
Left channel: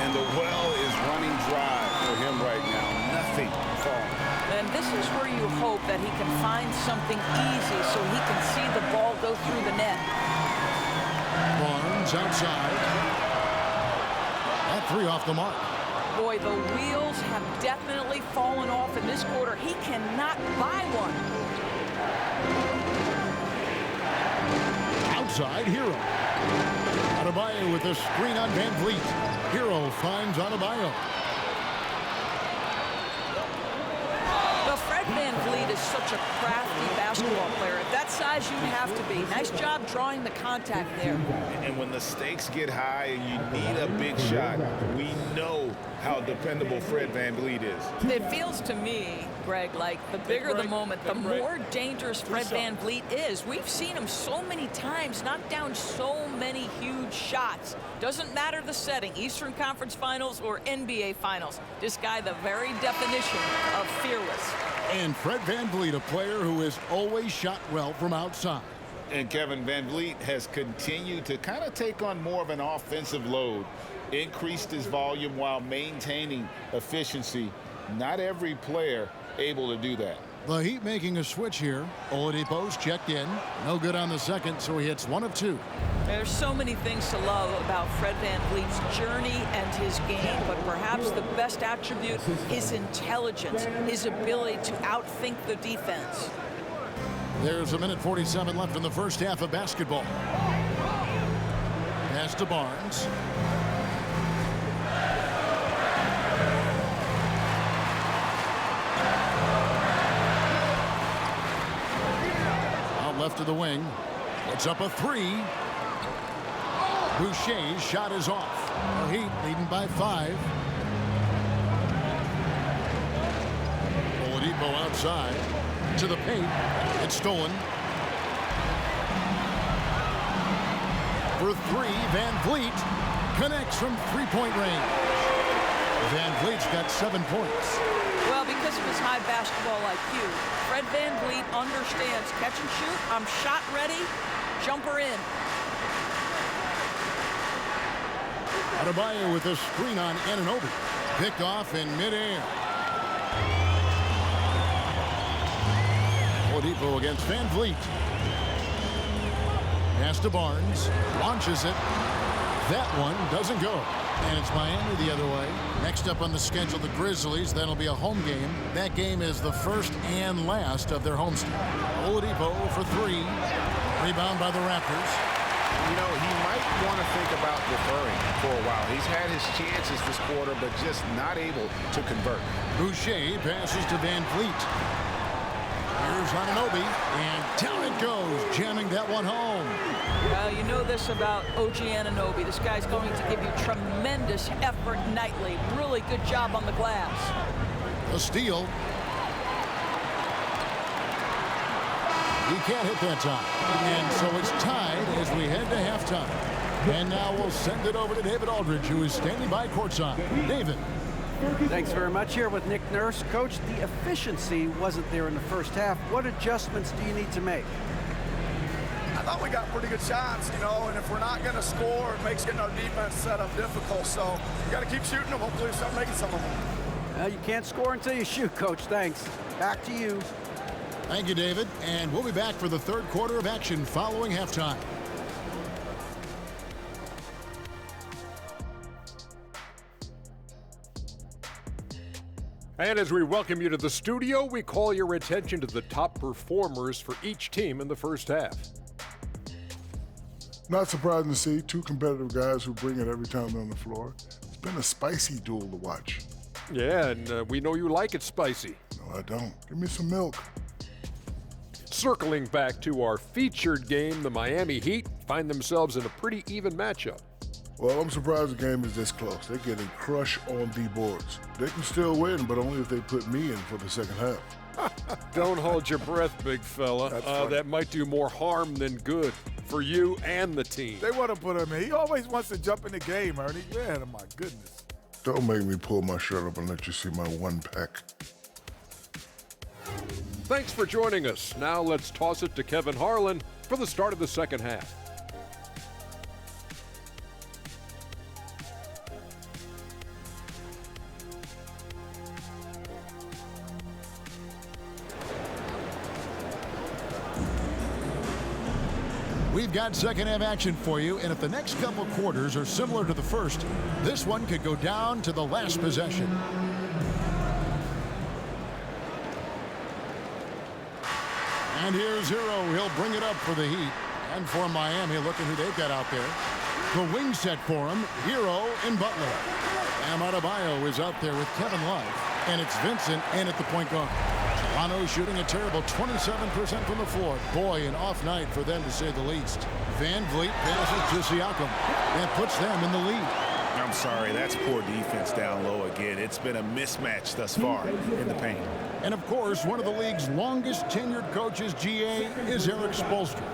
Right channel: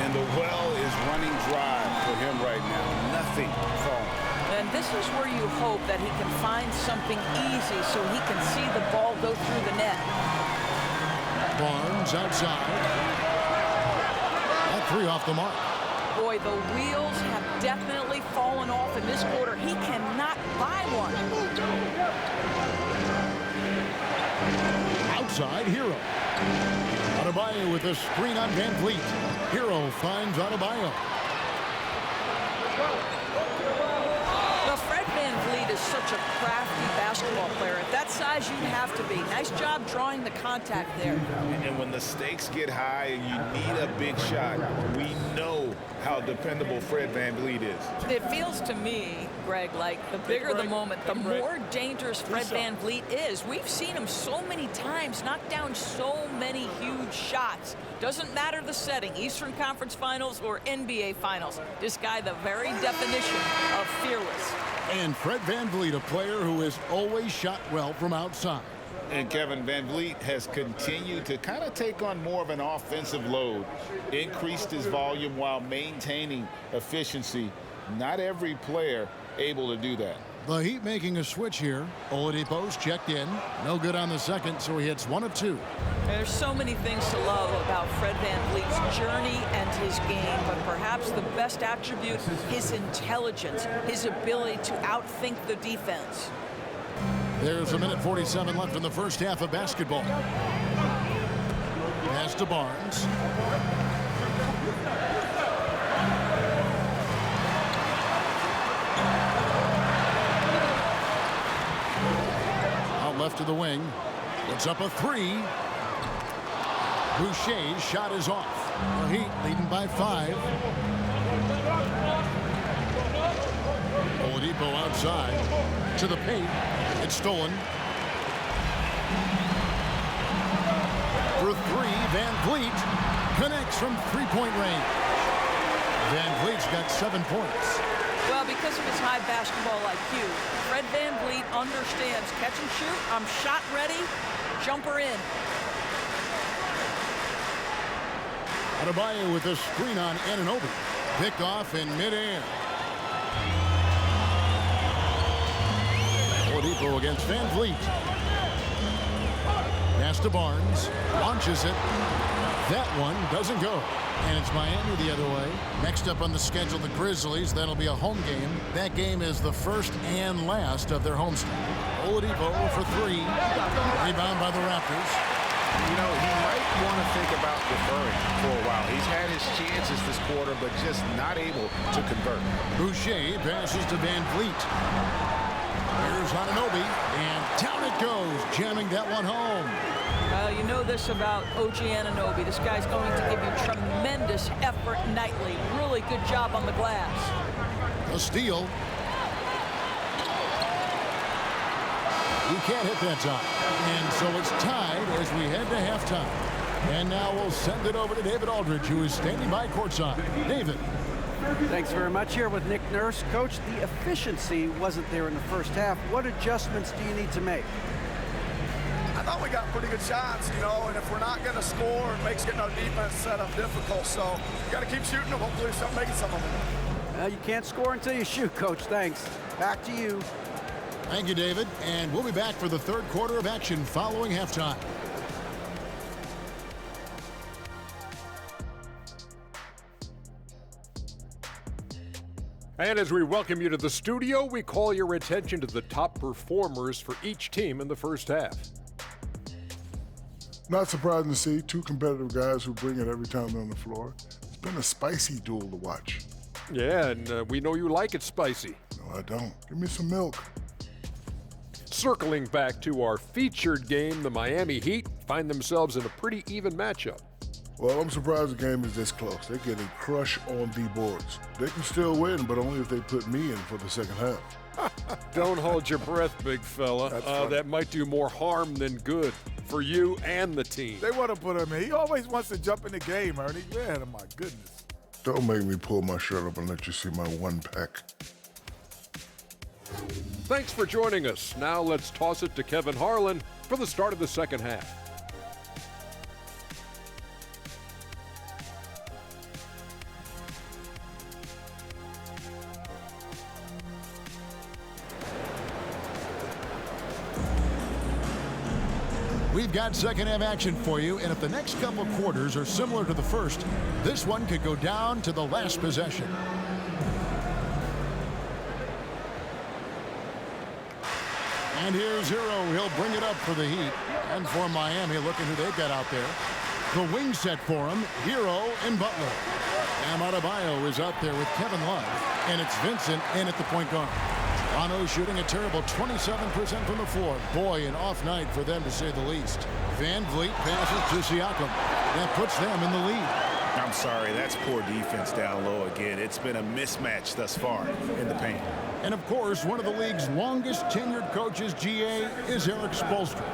And the well is running dry for him right now. Nothing falling. And this is where you hope that he can find something easy so he can see the ball go through the net. Barnes outside. That three off the mark. Boy, the wheels have definitely fallen off in this quarter. He cannot buy one. Outside, Hero. Adebayo with a screen on Van Vliet. Hero finds Adebayo. Well, Fred Van Vliet is such a crafty basketball player. At that size, you'd have to be. Nice job drawing the contact there. And when the stakes get high and you need a big shot, we know how dependable Fred Van Vliet is. It feels to me, Greg, like the bigger the moment, the more dangerous Fred Van Vliet is. We've seen him so many times knock down so many huge shots. Doesn't matter the setting, Eastern Conference Finals or NBA Finals. This guy, the very definition of fearless. And Fred Van Vliet, a player who has always shot well from outside. And Kevin Van Vliet has continued to kind of take on more of an offensive load, increased his volume while maintaining efficiency. Not every player able to do that. The Heat making a switch here. Oladipo's checked in. No good on the second, so he hits 1 of 2. There's so many things to love about Fred Van Vliet's journey and his game, but perhaps the best attribute, his intelligence, his ability to outthink the defense. There's a minute 47 left in the first half of basketball. Pass to Barnes. Out left to the wing. Puts up a three. Boucher's shot is off. The Heat leading by 5. Oladipo outside to the paint. It's stolen. For 3, Van Vliet connects from three-point range. Van Vliet's got 7 points. Well, because of his high basketball IQ, Fred Van Vliet understands catch and shoot. I'm shot ready. Jumper in. Adebayo with a screen on Anunoby. Picked off in midair. Oladipo against Van Vliet. Pass to Barnes. Launches it. That one doesn't go. And it's Miami the other way. Next up on the schedule, the Grizzlies. That'll be a home game. That game is the first and last of their homestand. Oladipo for 3. Rebound by the Raptors. You know, he might want to think about deferring for a while. He's had his chances this quarter, but just not able to convert. Boucher passes to Van Vliet. Here's Anunoby, and down it goes, jamming that one home. Well, you know this about OG Anunoby. This guy's going to give you tremendous effort nightly. Really good job on the glass. A steal. He can't hit that time. And so it's tied as we head to halftime. And now we'll send it over to David Aldridge, who is standing by courtside. David. Thanks very much. Here with Nick Nurse. Coach, the efficiency wasn't there in the first half. What adjustments do you need to make? I thought we got pretty good shots, you know, and if we're not going to score, it makes getting our defense set up difficult. So you got to keep shooting them. Hopefully we start making some of them. Well, you can't score until you shoot, Coach. Thanks. Back to you. Thank you, David. And we'll be back for the third quarter of action following halftime. And as we welcome you to the studio, we call your attention to the top performers for each team in the first half. Not surprising to see 2 competitive guys who bring it every time they're on the floor. It's been a spicy duel to watch. Yeah, and we know you like it spicy. No, I don't. Give me some milk. Circling back to our featured game, the Miami Heat find themselves in a pretty even matchup. Well, I'm surprised the game is this close. They're getting crushed on the boards. They can still win, but only if they put me in for the second half. Don't hold your breath, big fella. That might do more harm than good for you and the team. They want to put him in. He always wants to jump in the game, Ernie. Man, oh my goodness. Don't make me pull my shirt up and let you see my one pack. Thanks for joining us. Now let's toss it to Kevin Harlan for the start of the second half. We've got second half action for you, and if the next couple quarters are similar to the first, this one could go down to the last possession. And here's Hero. He'll bring it up for the Heat. And for Miami, look at who they've got out there. The wing set for him, Hero and Butler. Bam Adebayo is out there with Kevin Love. And it's Vincent in at the point guard. Toronto shooting a terrible 27% from the floor. Boy, an off night for them to say the least. Van Vliet passes to Siakam. That puts them in the lead. I'm sorry, that's poor defense down low again. It's been a mismatch thus far in the paint. And of course, one of the league's longest tenured coaches, GA, is Eric Spoelstra.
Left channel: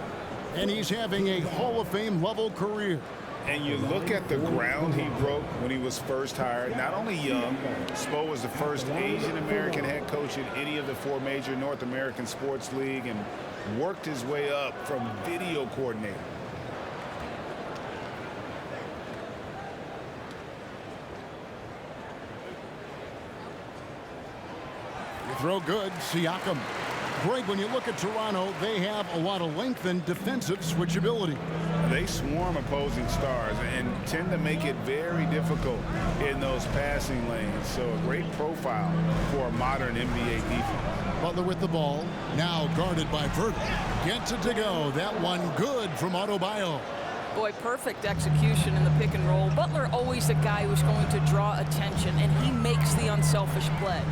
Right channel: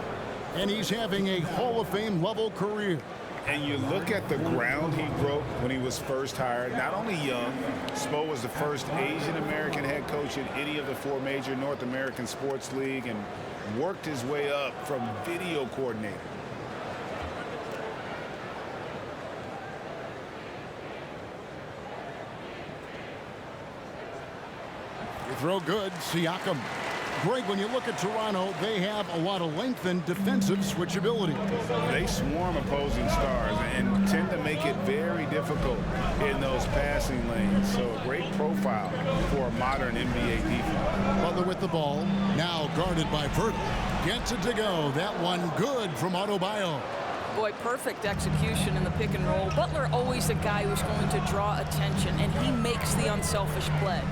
And he's having a Hall of Fame level career. And you look at the ground he broke when he was first hired. Not only young, Spo was the first Asian American head coach in any of the four major North American sports league and worked his way up from video coordinator. You throw good, Siakam. Greg, when you look at Toronto, they have a lot of length and defensive switchability. They swarm opposing stars and tend to make it very difficult in those passing lanes. So a great profile for a modern NBA defense. Butler with the ball, now guarded by Pirtle. Gets it to go. That one good from Adebayo. Boy, perfect execution in the pick and roll. Butler always a guy who's going to draw attention, and he makes the unselfish play.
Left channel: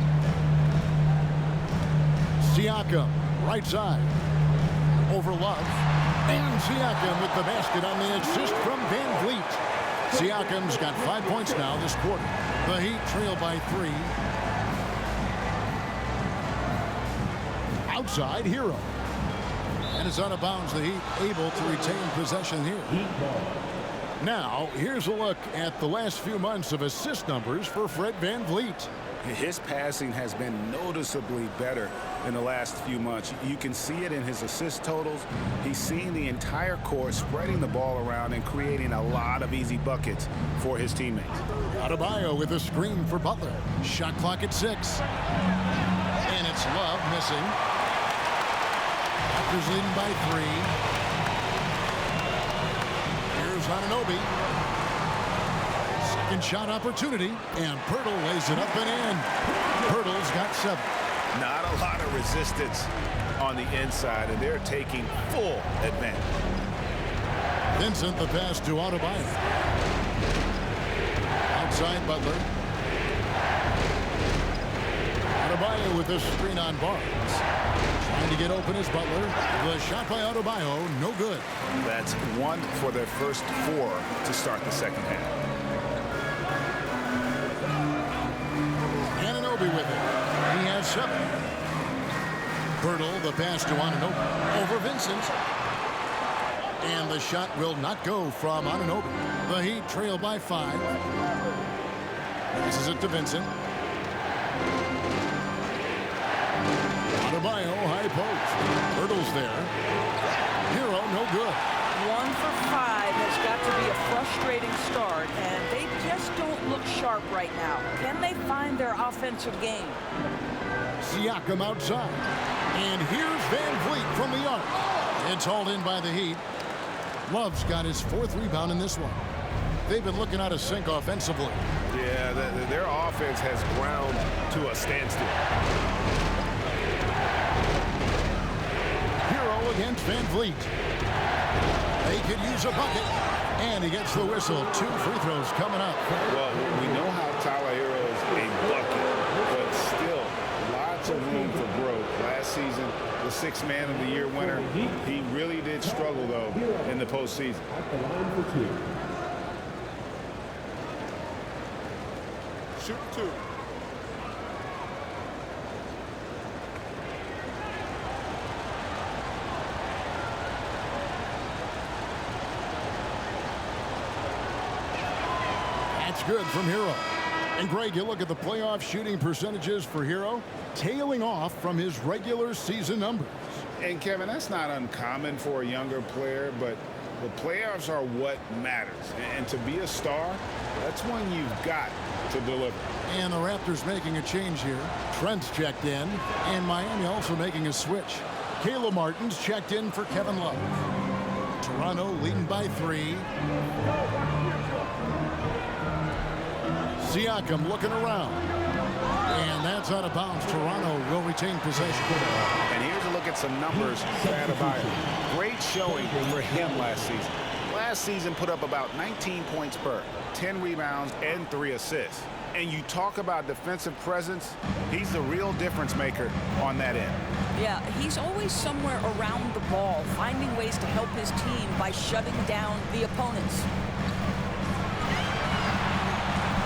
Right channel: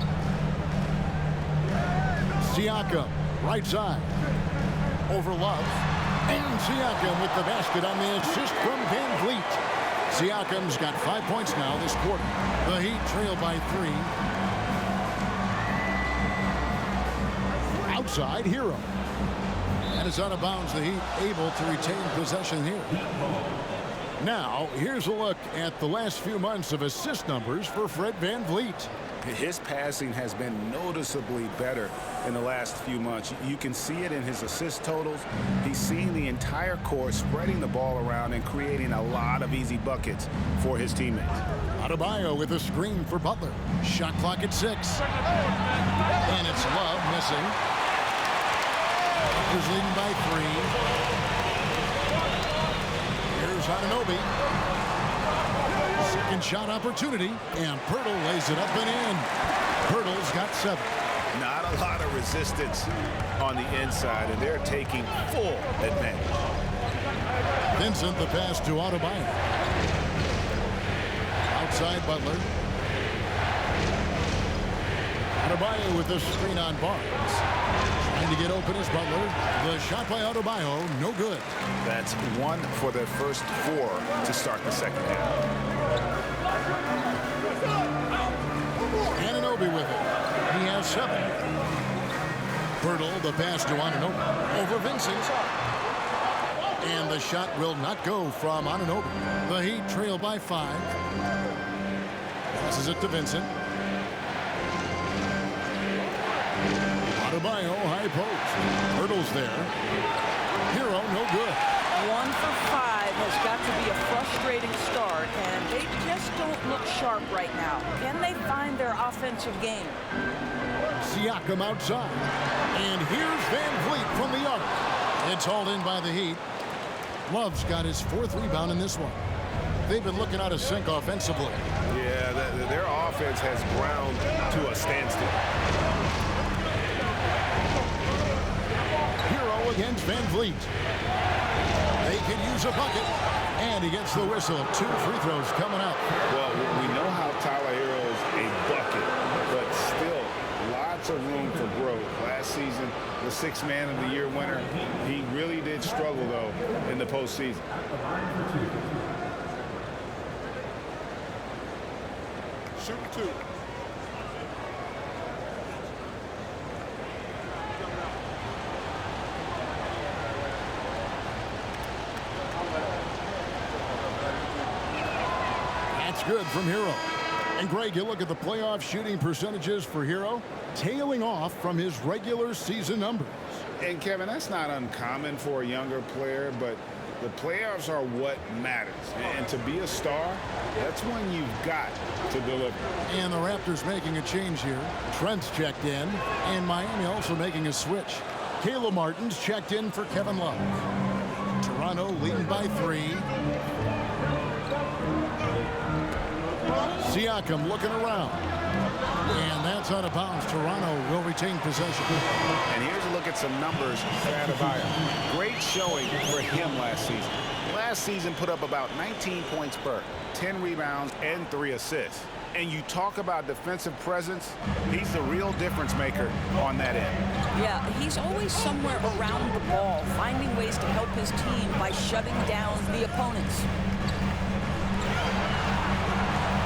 Siakam, right side, over Love, and Siakam with the basket on the assist from Van Vliet. Siakam's got 5 points now this quarter. The Heat trail by 3. Outside, Hero. And it's out of bounds. The Heat able to retain possession here. Now, here's a look at the last few months of assist numbers for Fred Van Vliet. His passing has been noticeably better in the last few months. You can see it in his assist totals. He's seeing the entire court, spreading the ball around and creating a lot of easy buckets for his teammates. Adebayo with a screen for Butler. Shot clock at 6. And it's Love missing. Raptors leading by 3. Here's Anunoby. Second shot opportunity, and Pirtle lays it up and in. Pirtle's got 7. Not a lot of resistance on the inside, and they're taking full advantage. Vincent, the pass to Adebayo. Outside Butler. Adebayo with the screen on Barnes. Trying to get open is Butler. The shot by Adebayo, no good. That's 1 for their first 4 to start the second half. Anunoby with it. He has 7. Pirtle, the pass to Anunoby. Over Vincent. And the shot will not go from Anunoby. The Heat trail by 5. Passes it to Vincent. Adebayo, high post. Pirtle's there. Hero, no good. 1 for 5 has got to be a frustrating start, and they just don't look sharp right now. Can they find their offensive game? Siakam outside. And here's Van Vliet from the arc. It's hauled in by the Heat. Love's got his 4th rebound in this one. They've been looking out of sync offensively. Yeah, their offense has ground to a standstill. Hero against Van Vliet. They could use a bucket. And he gets the whistle. 2 free throws coming up. Well, we know how Tyler Hero's a bucket, but still lots of room for growth. Last season, the 6th Man of the Year winner. He really did struggle, though, in the postseason. At the line for 2. Shooting 2. That's good from Hero. And Greg, you look at the playoff shooting percentages for Hero, tailing off from his regular season numbers. And Kevin, that's not uncommon for a younger player, but the playoffs are what matters. And to be a star, that's when you've got to deliver. And the Raptors making a change here. Trent's checked in, and Miami also making a switch. Caleb Martin's checked in for Kevin Love. Toronto leading by 3. Siakam looking around. And that's out of bounds. Toronto will retain possession. And here's a look at some numbers for Adebayo. Great showing for him last season. Last season put up about 19 points per, 10 rebounds, and 3 assists. And you talk about defensive presence, he's the real difference maker on that end. Yeah, he's always somewhere around the ball, finding ways to help his team by shutting down the opponents.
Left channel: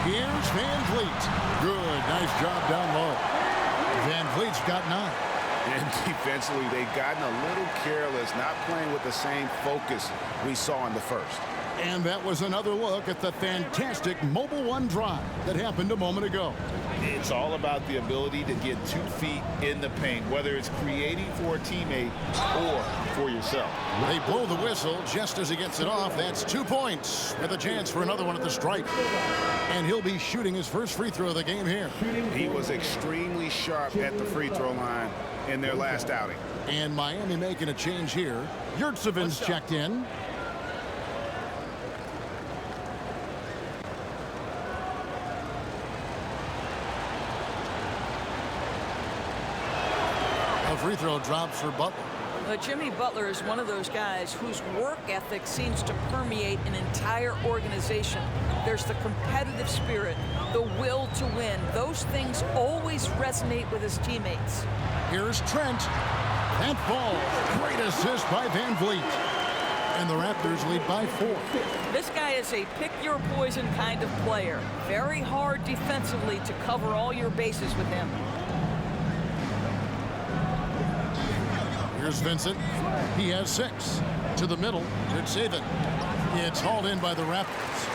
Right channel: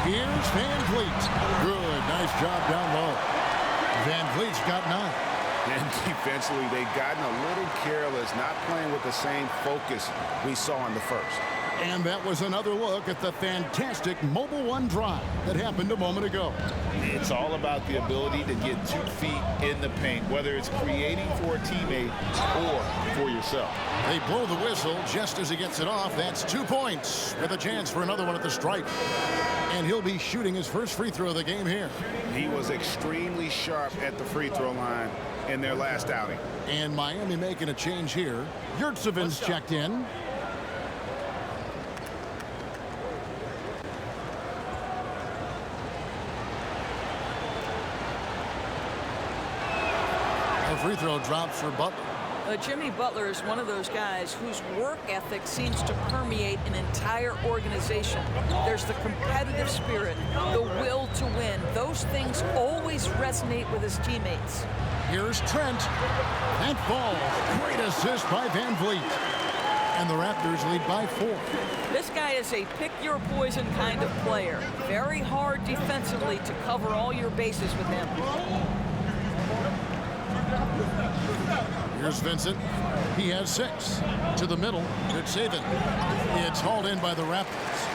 Here's Van Vliet. Good, nice job down low. Van Vliet's got 9. And defensively, they've gotten a little careless, not playing with the same focus we saw in the first. And that was another look at the fantastic Mobile One drive that happened a moment ago. It's all about the ability to get 2 feet in the paint, whether it's creating for a teammate or for yourself. They blow the whistle just as he gets it off. That's 2 points with a chance for another one at the stripe. And he'll be shooting his first free throw of the game here. He was extremely sharp at the free throw line in their last outing. And Miami making a change here. Yurtseven's checked in. A free throw drops for Butler. Jimmy Butler is one of those guys whose work ethic seems to permeate an entire organization. There's the competitive spirit, the will to win. Those things always resonate with his teammates. Here's Trent. That falls. Great assist by Van Vliet. And the Raptors lead by 4. This guy is a pick-your-poison kind of player. Very hard defensively to cover all your bases with him. Here's Vincent. He has 6. To the middle. Yurtseven. It's hauled in by the Raptors.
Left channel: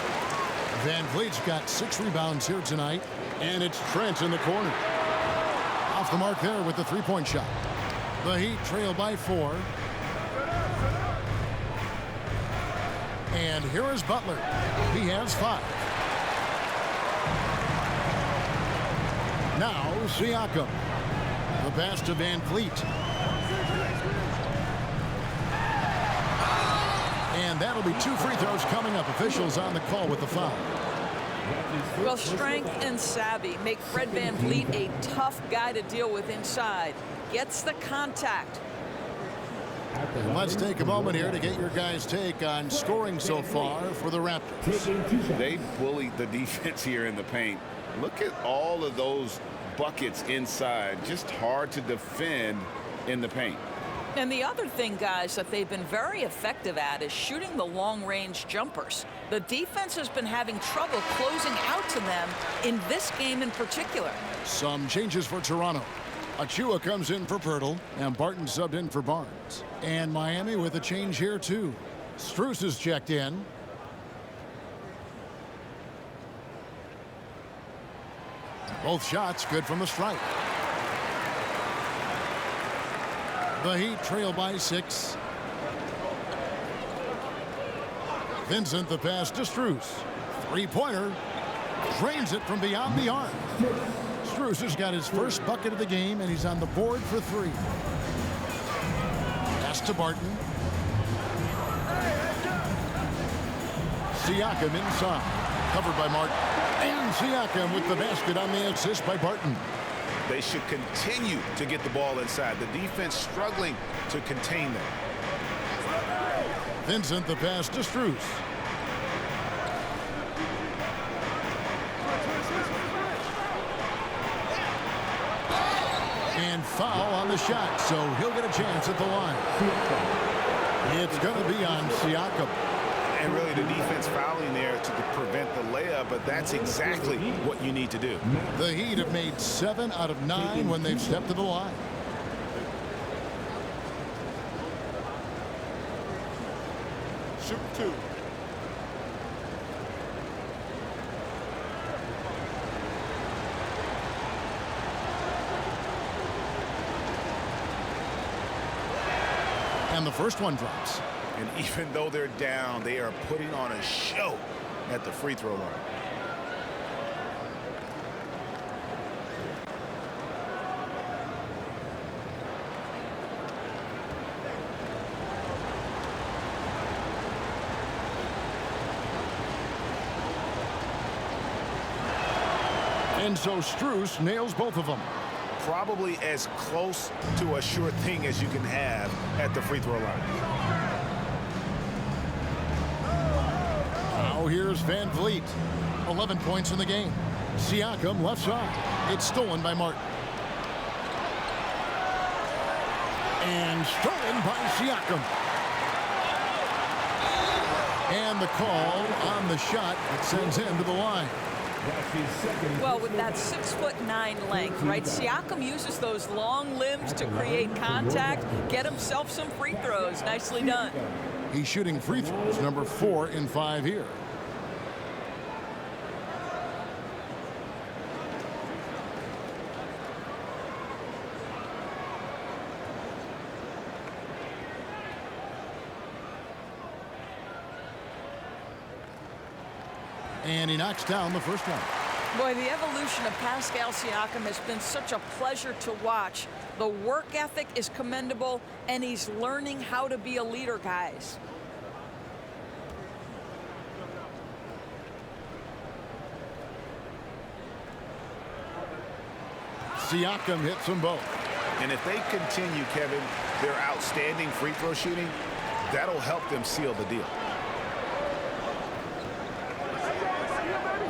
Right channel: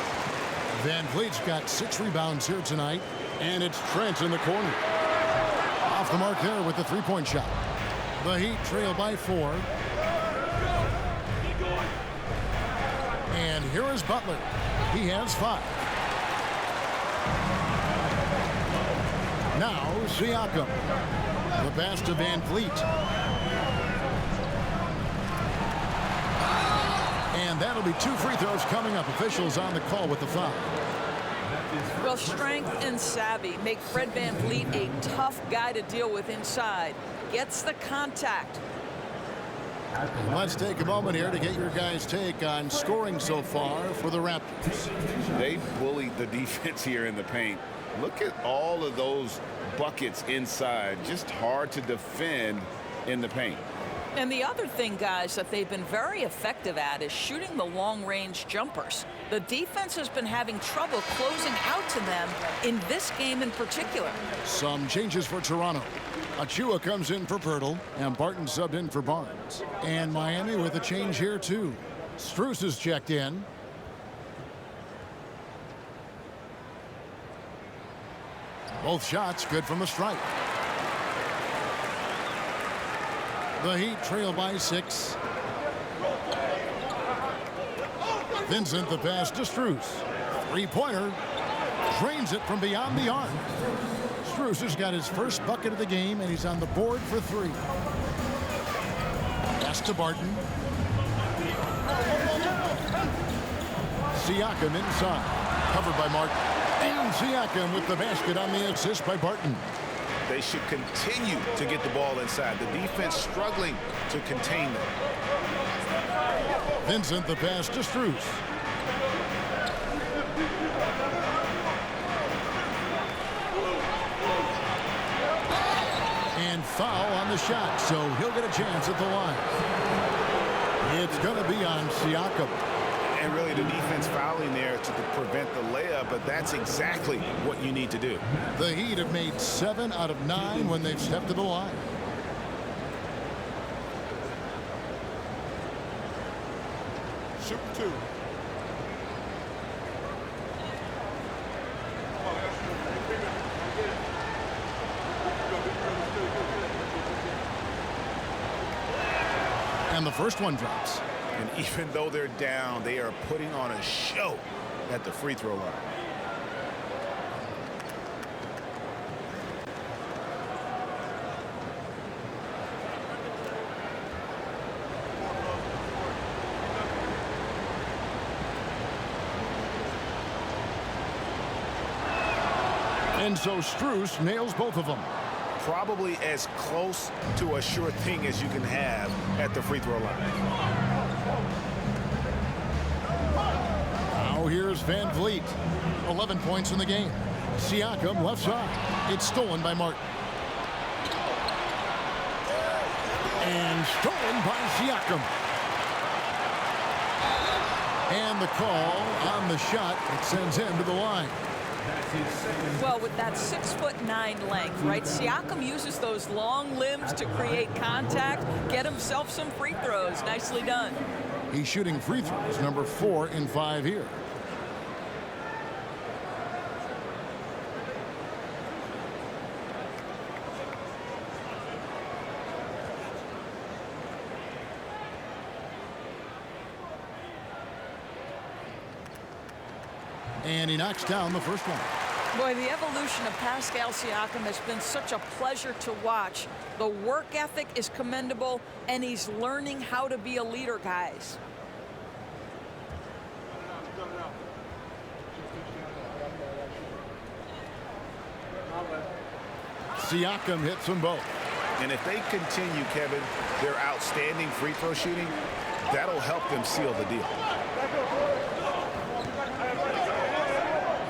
Van Vliet's got 6 rebounds here tonight. And it's Trent in the corner. Off the mark there with the 3-point shot. The Heat trail by 4. And here is Butler. He has 5. Now Siakam. The pass to Van Vliet. And that'll be 2 free throws coming up. Officials on the call with the foul. Well, strength and savvy make Fred Van Vliet a tough guy to deal with inside. Gets the contact. And let's take a moment here to get your guys' take on scoring so far for the Raptors. They bullied the defense here in the paint. Look at all of those buckets inside. Just hard to defend in the paint. And the other thing, guys, that they've been very effective at is shooting the long-range jumpers. The defense has been having trouble closing out to them in this game in particular. Some changes for Toronto. Achua comes in for Pirtle, and Barton subbed in for Barnes. And Miami with a change here, too. Strus is checked in. Both shots good from the stripe. The Heat trail by 6. Vincent the pass to Strus. 3-pointer. Drains it from beyond the arc. Strus has got his first bucket of the game, and he's on the board for 3. Pass to Barton. Siakam inside. Covered by Martin. And Siakam with the basket on the assist by Barton. They should continue to get the ball inside. The defense struggling to contain them. Vincent the pass to Strus. And foul on the shot, so he'll get a chance at the line. It's going to be on Siakam. And really the defense fouling there to prevent the layup, but that's exactly what you need to do. The Heat have made 7 out of 9 when they've stepped to the line. Shooting 2. And the first one drops. And even though they're down, they are putting on a show at the free throw line. And so Strus nails both of them. Probably as close to a sure thing as you can have at the free throw line. Now here's Van Vliet. 11 points in the game. Siakam left side. It's stolen by Martin. And stolen by Siakam. And the call on the shot that sends him to the line. Well, with that 6'9" length, right? Siakam uses those long limbs to create contact, get himself some free throws. Nicely done. He's shooting free throws, number 4 in 5 here. And he knocks down the first one. Boy, the evolution of Pascal Siakam has been such a pleasure to watch. The work ethic is commendable, and he's learning how to be a leader, guys. Siakam hits them both. And if they continue, Kevin, their outstanding free throw shooting, that'll help them seal the deal.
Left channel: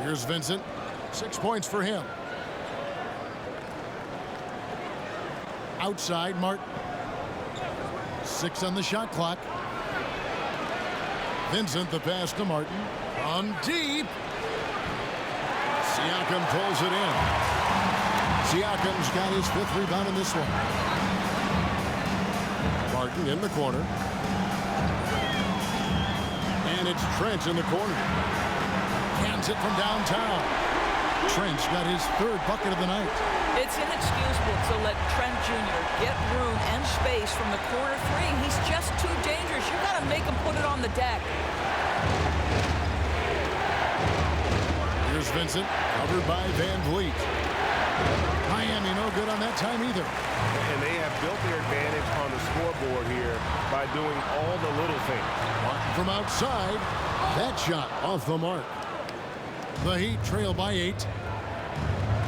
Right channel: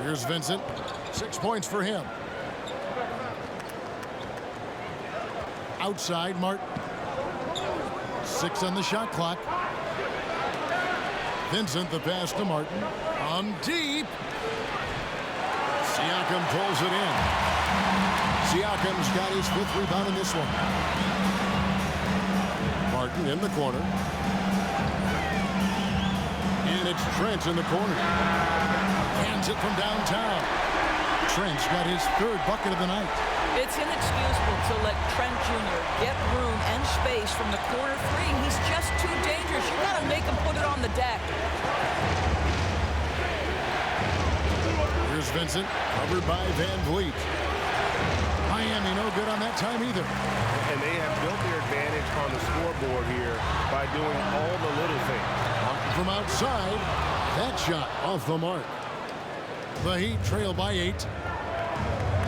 Here's Vincent. 6 points for him. Outside, Martin. 6 on the shot clock. Vincent, the pass to Martin. On deep. Siakam pulls it in. Siakam's got his 5th rebound in this one. Martin in the corner. And it's Trent in the corner. Hands it from downtown. Trent's got his 3rd bucket of the night. It's inexcusable to let Trent Jr. get room and space from the corner 3. He's just too dangerous. You got to make him put it on the deck. Here's Vincent, covered by Van Vliet. Miami no good on that time either. And they have built their advantage on the scoreboard here by doing all the little things. Martin from outside. That shot off the mark. The Heat trail by 8.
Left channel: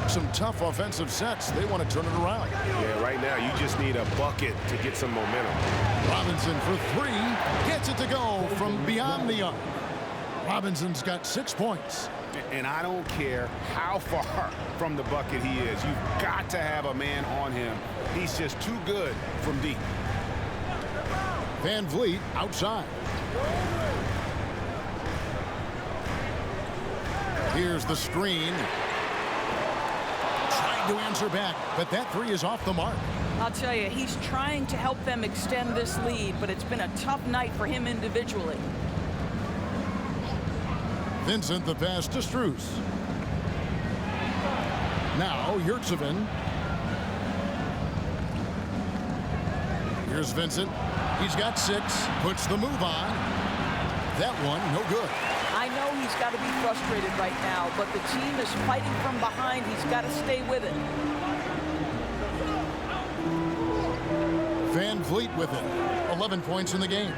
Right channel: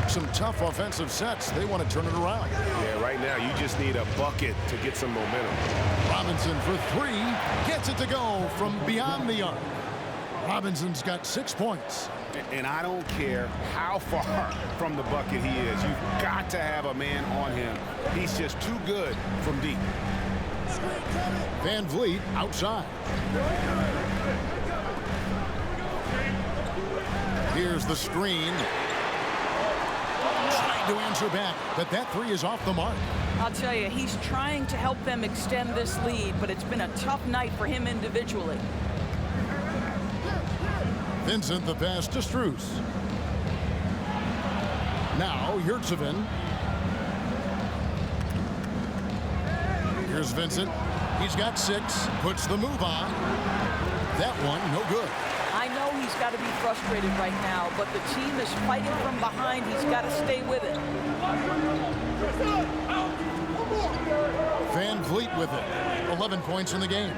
Some tough offensive sets. They want to turn it around. Yeah, right now you just need a bucket to get some momentum. Robinson for 3. Gets it to go from beyond the arc. Robinson's got 6 points. And I don't care how far from the bucket he is. You've got to have a man on him. He's just too good from deep. Van Vliet outside. Here's the screen. Trying to answer back, but that 3 is off the mark. I'll tell you, he's trying to help them extend this lead, but it's been a tough night for him individually. Vincent, the pass to Strus. Now, Yurtsevin. Here's Vincent. He's got 6. Puts the move on. That one, no good. I know he's got to be frustrated right now, but the team is fighting from behind. He's got to stay with it. Van Vliet with it. 11 points in the game.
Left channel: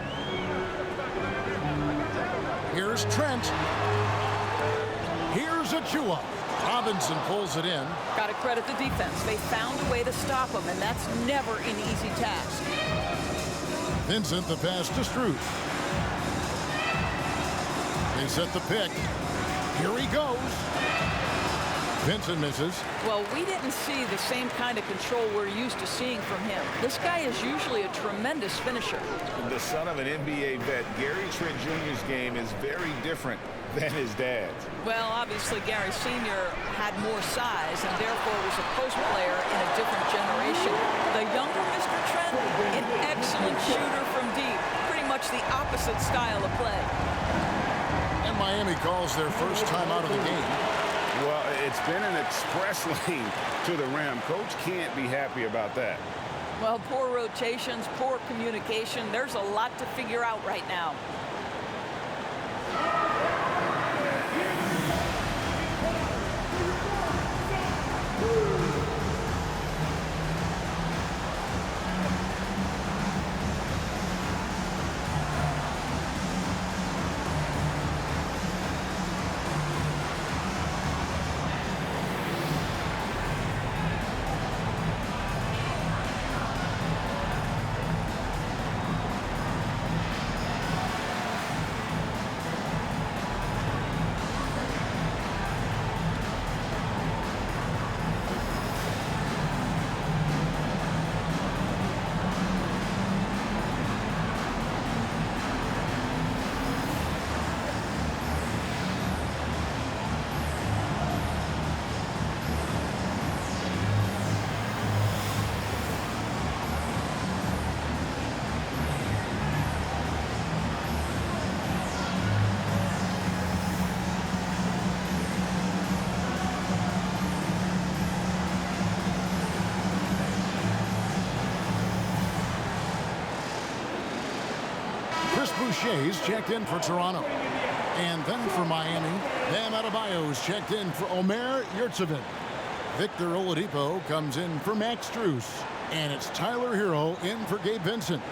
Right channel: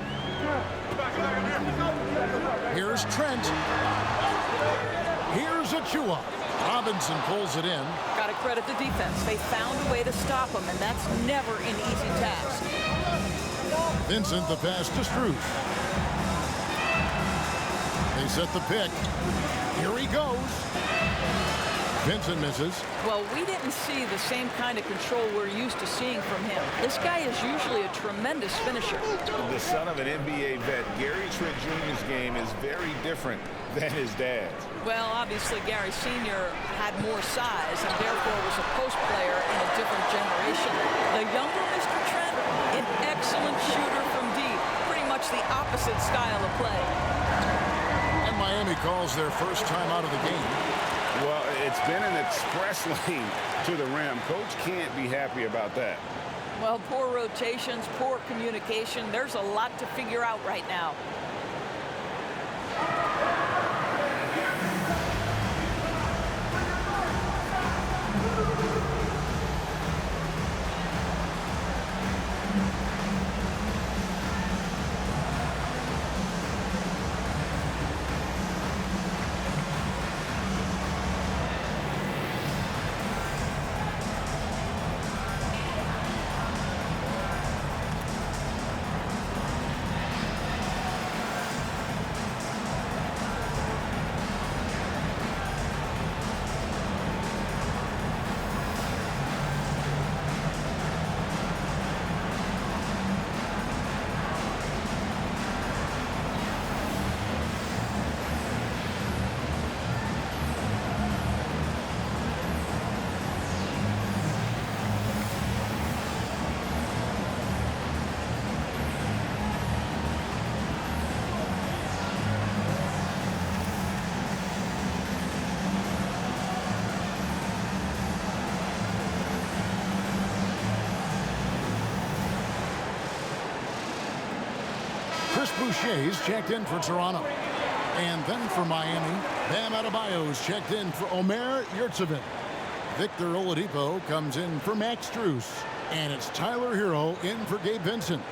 Here's Trent. Here's Achua. Robinson pulls it in. Got to credit the defense. They found a way to stop him, and that's never an easy task. Vincent, the pass to Strus. They set the pick. Here he goes. Vincent misses. Well, we didn't see the same kind of control we're used to seeing from him. This guy is usually a tremendous finisher. The son of an NBA vet, Gary Trent Jr.'s game is very different than his dad's. Well, obviously, Gary Sr. had more size and therefore was a post player in a different generation. The younger Mr. Trent, an excellent shooter from deep. Pretty much the opposite style of play. And Miami calls their first time out of the game. Well, it's been an express lane to the rim. Coach can't be happy about that. Well, poor rotations, poor communication. There's a lot to figure out right now. Chris Boucher's checked in for Toronto. And then for Miami, Bam Adebayo's checked in for Omer Yurtseven. Victor Oladipo comes in for Max Strus. And it's Tyler Hero in for Gabe Vincent.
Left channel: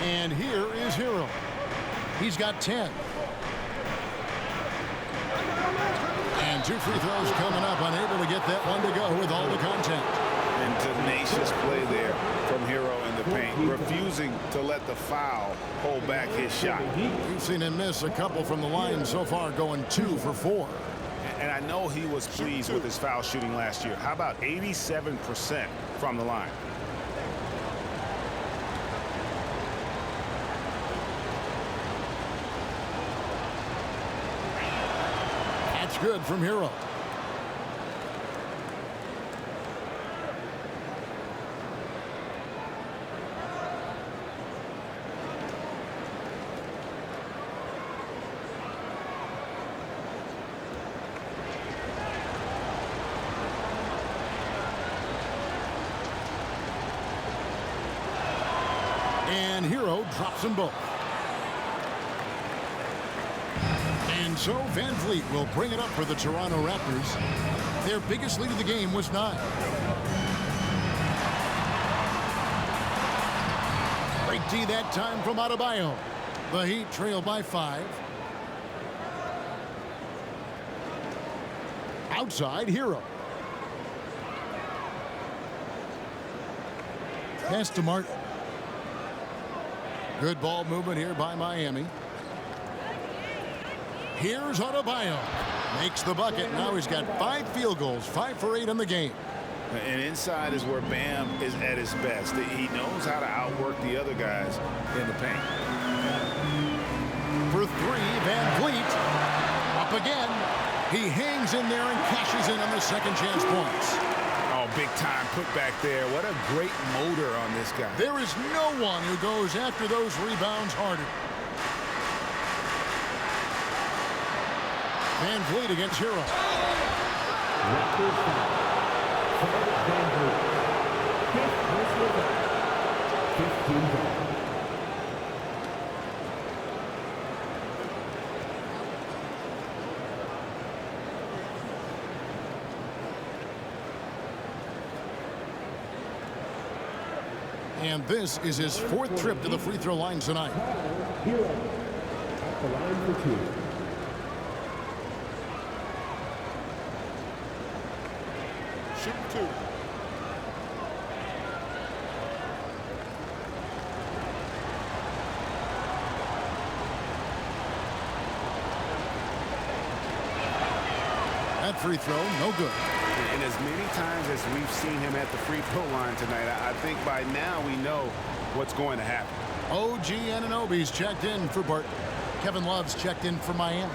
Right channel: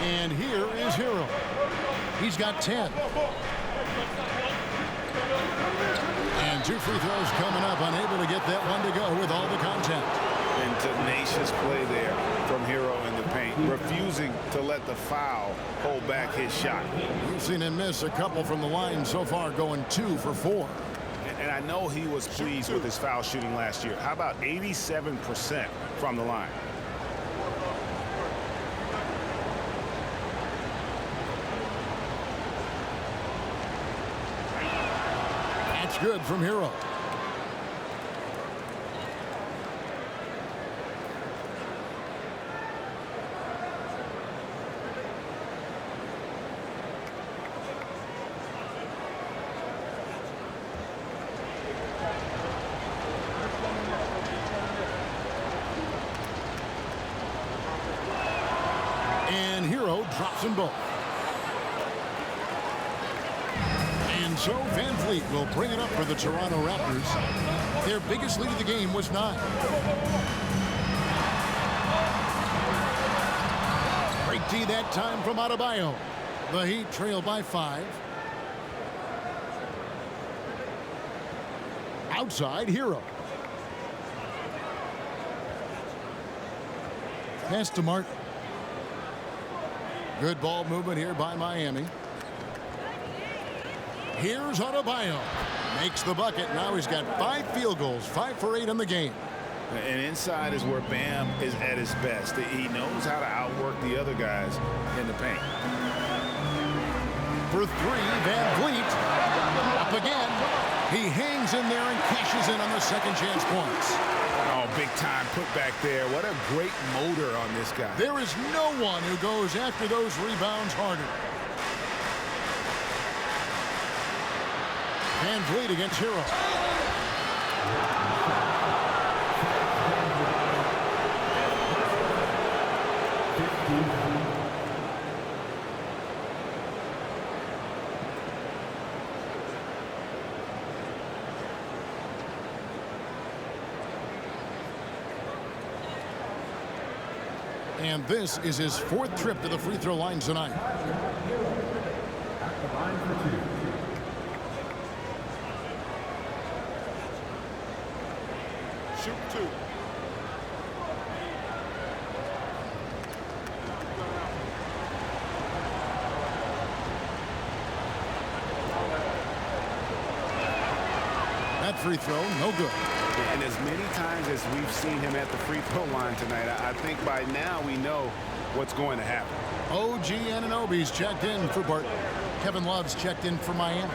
And here is Hero. He's got 10. And 2 free throws coming up, unable to get that one to go with all the contact. And tenacious play there from Hero in the paint, refusing to let the foul hold back his shot. We've seen him miss a couple from the line so far, going 2 for 4. And I know he was pleased with his foul shooting last year. How about 87% from the line? That's good from Hero. And Hero drops them both. And so Van Vliet will bring it up for the Toronto Raptors. Their biggest lead of the game was 9. Great D that time from Adebayo. The Heat trail by 5. Outside, Hero. Pass to Martin. Good ball movement here by Miami. Here's Adebayo. Makes the bucket. Now he's got 5 field goals, 5 for 8 in the game. And inside is where Bam is at his best. He knows how to outwork the other guys in the paint. For 3, Van Vliet. Up again. He hangs in there and cashes in on the second chance points. Oh, big time put back there. What a great motor on this guy. There is no one who goes after those rebounds harder. Van Vliet against Hero. And this is his 4th trip to the free throw line tonight. At the line for 2. Shooting 2. That free throw, no good. And as many times as we've seen him at the free throw line tonight, I think by now we know what's going to happen. OG Anunoby's checked in for Barton. Kevin Love's checked in for Miami.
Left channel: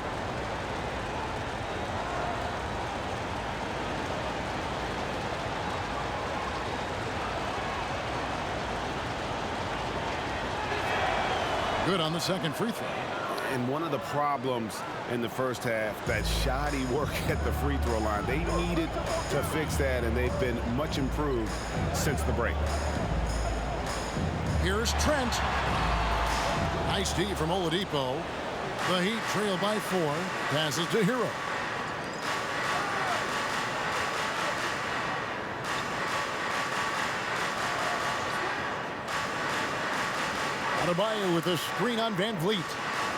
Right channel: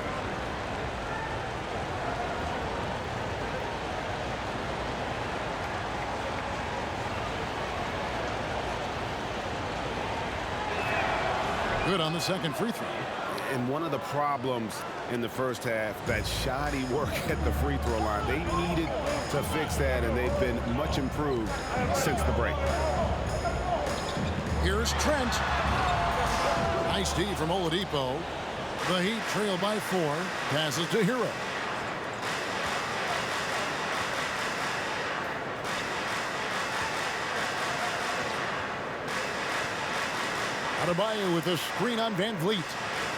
Good on the second free throw. And one of the problems in the first half, that shoddy work at the free throw line. They needed to fix that, and they've been much improved since the break. Here's Trent. Nice D from Oladipo. The Heat trail by 4. Passes to Hero. Adebayo with a screen on Van Vliet.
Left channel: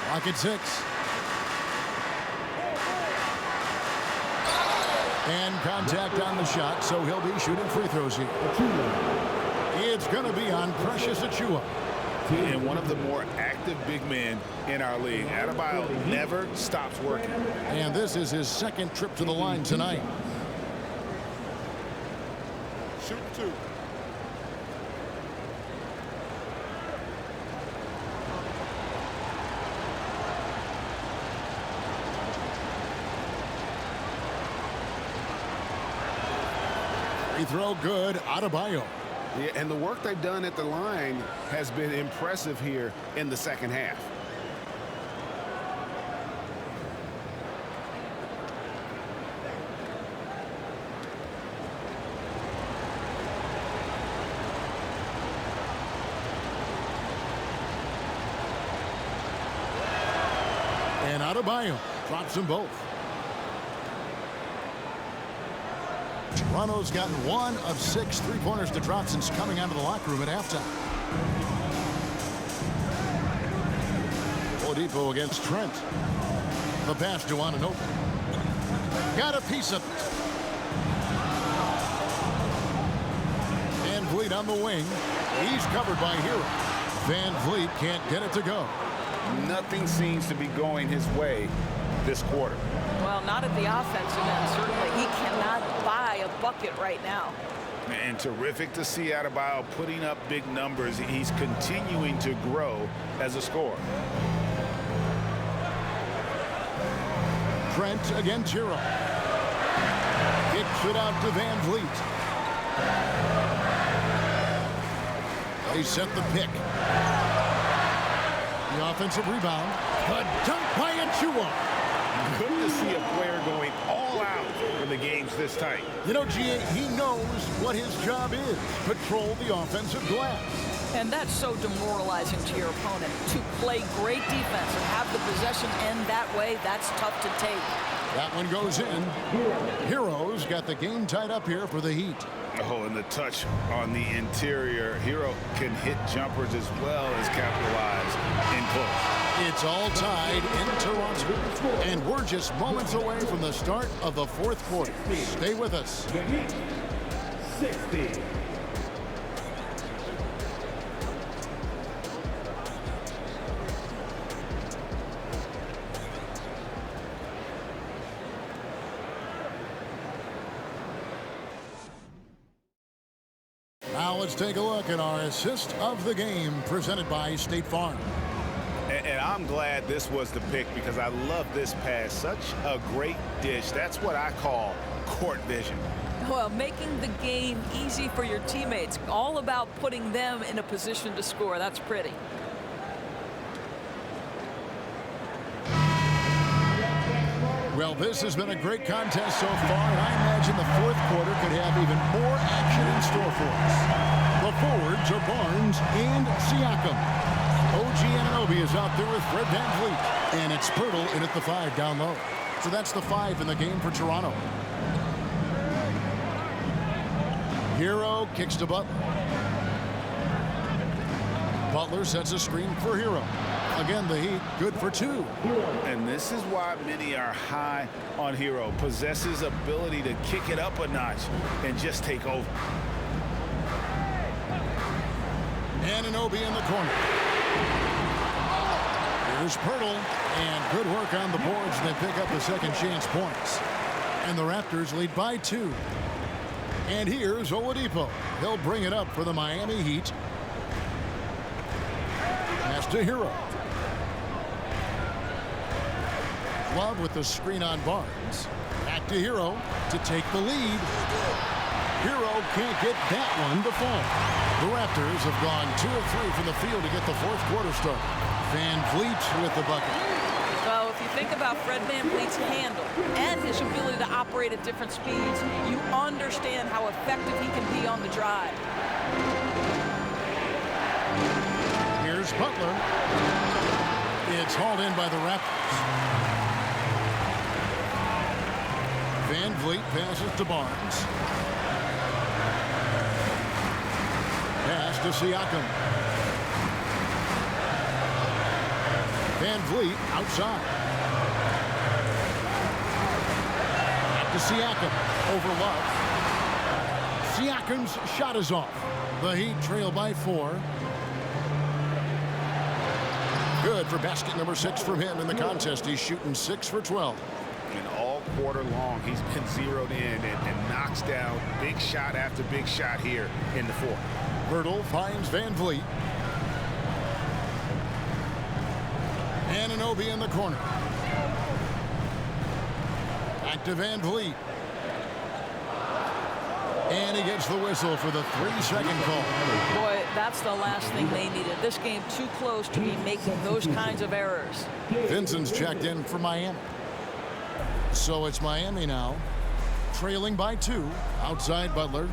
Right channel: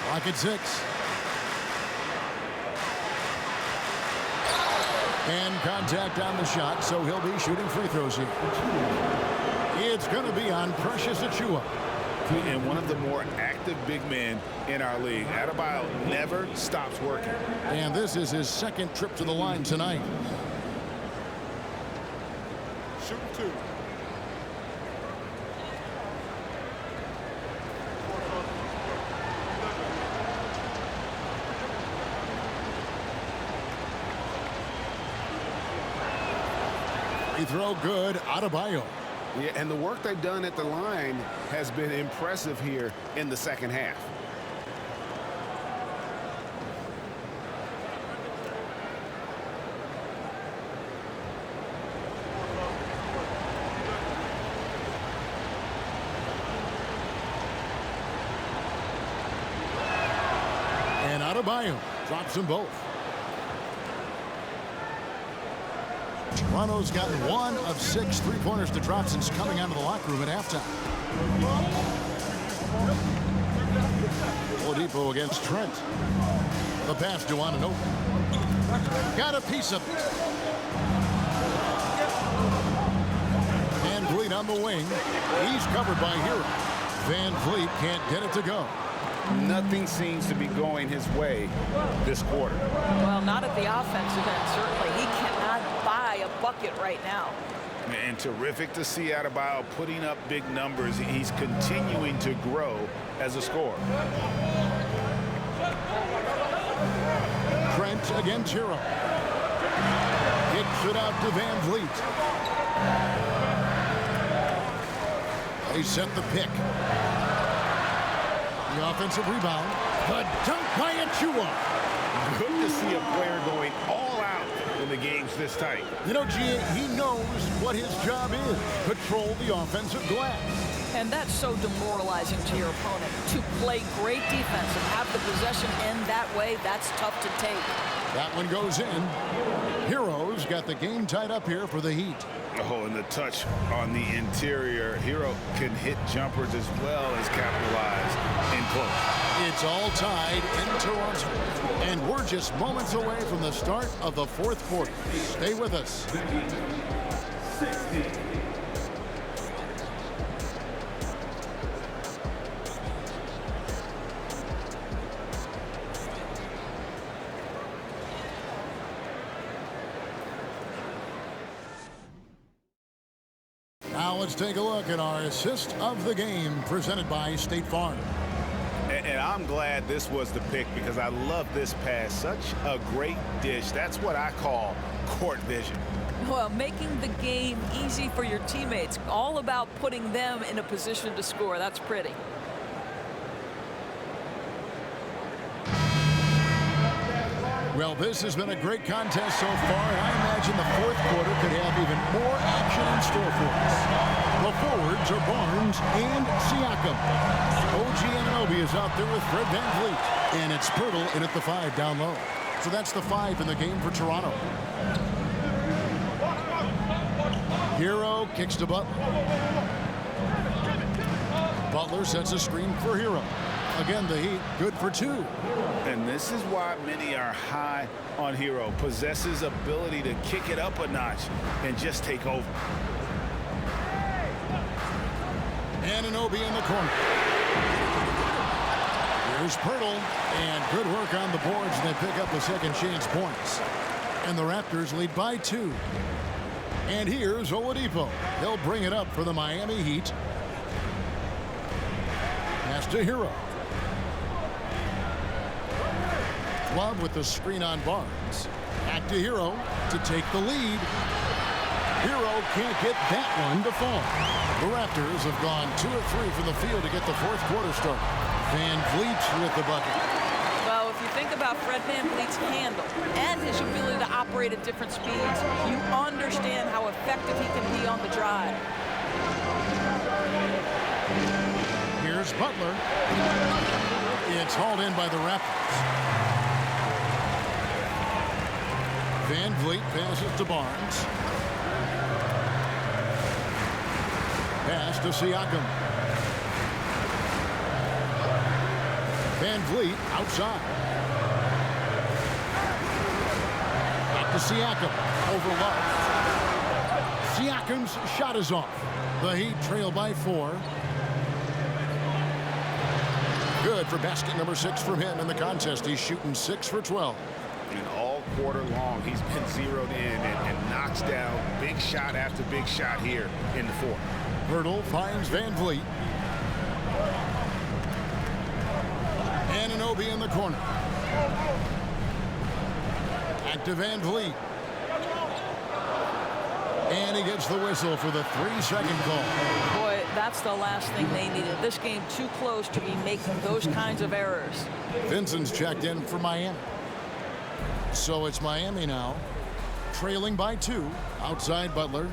Lock at 6. And contact on the shot, so he'll be shooting free throws here. It's going to be on Precious Achiuwa. And one of the more active big men in our league. Adebayo never stops working. And this is his 2nd trip to the line tonight. Shooting 2. Free throw good, Adebayo. Yeah, and the work they've done at the line has been impressive here in the second half. And Adebayo drops them both. Toronto's gotten 1 of 6 3-pointers to drop since coming out of the locker room at halftime. Oladipo against Trent. The pass to Anunoby. Got a piece of it. Van Vliet on the wing. He's covered by Hero. Van Vliet can't get it to go. Nothing seems to be going his way this quarter. Well, not at the offensive end, certainly. He cannot buy a bucket right now. And terrific to see Adebayo putting up big numbers. He's continuing to grow as a scorer. Trent against Hero. Kicks it out to Van Vliet. They set the pick. The offensive rebound. The dunk by Achiuwa. Good to see a player going all out when the game's this tight. You know, G.A., he knows what his job is. Control the offensive glass. And that's so demoralizing to your opponent. To play great defense and have the possession end that way, that's tough to take. That one goes in. Hero's got the game tied up here for the Heat. Oh, and the touch on the interior. Hero can hit jumpers as well as capitalize in close. It's all tied in Toronto. And we're just moments away from the start of the 4th quarter. Stay with us. The Heat, 60. Now let's take a look at our assist of the game presented by State Farm. And I'm glad this was the pick because I love this pass. Such a great dish. That's what I call court vision. Well, making the game easy for your teammates. All about putting them in a position to score. That's pretty. Well, this has been a great contest so far, and I imagine the 4th quarter could have even more action in store for us. The forwards are Barnes and Siakam. OG Anunoby is out there with Fred Van Vliet, and it's Pirtle in at the 5 down low. So that's the 5 in the game for Toronto. Hero kicks to Butler. Butler sets a screen for Hero. Again, the Heat good for 2. And this is why many are high on Hero. Possesses ability to kick it up a notch and just take over. Anunoby in the corner. Here's Pirtle, and good work on the boards, and they pick up the second chance points. And the Raptors lead by 2. And here's Oladipo. He'll bring it up for the Miami Heat. Pass to Hero. Love with the screen on Barnes. Back to Hero to take the lead. Hero can't get that one to fall. The Raptors have gone 2 of 3 from the field to get the fourth quarter started. Van Vliet with the bucket. Well, if you think about Fred VanVleet's handle and his ability to operate at different speeds, you understand how effective he can be on the drive. Here's Butler. It's hauled in by the Raptors. Van Vliet passes to Barnes. Pass to Siakam. Van Vliet outside. Back to Siakam. Over Love. Siakam's shot is off. The Heat trail by 4. Good for basket number 6 from him in the contest. He's shooting 6 for 12. And all quarter long, he's been zeroed in and knocks down big shot after big shot here in the fourth. Pirtle finds Van Vliet. Anunoby in the corner. Back to Van Vliet. And he gets the whistle for the 3-second call. Boy, that's the last thing they needed. This game too close to be making those kinds of errors. Vincent's checked in for Miami. So it's Miami now, trailing by 2. Outside Butler.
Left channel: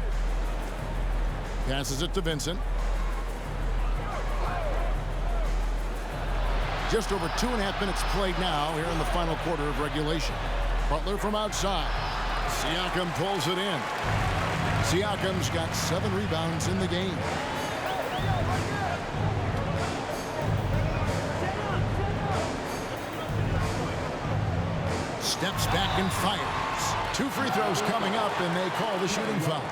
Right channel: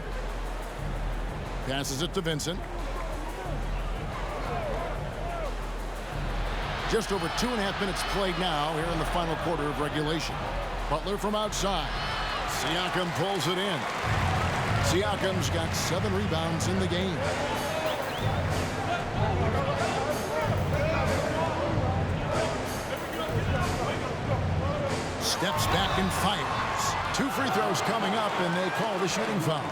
Passes it to Vincent. Just over 2.5 minutes played now here in the final quarter of regulation. Butler from outside. Siakam pulls it in. Siakam's got 7 rebounds in the game. Steps back and fires. 2 free throws coming up, and they call the shooting foul.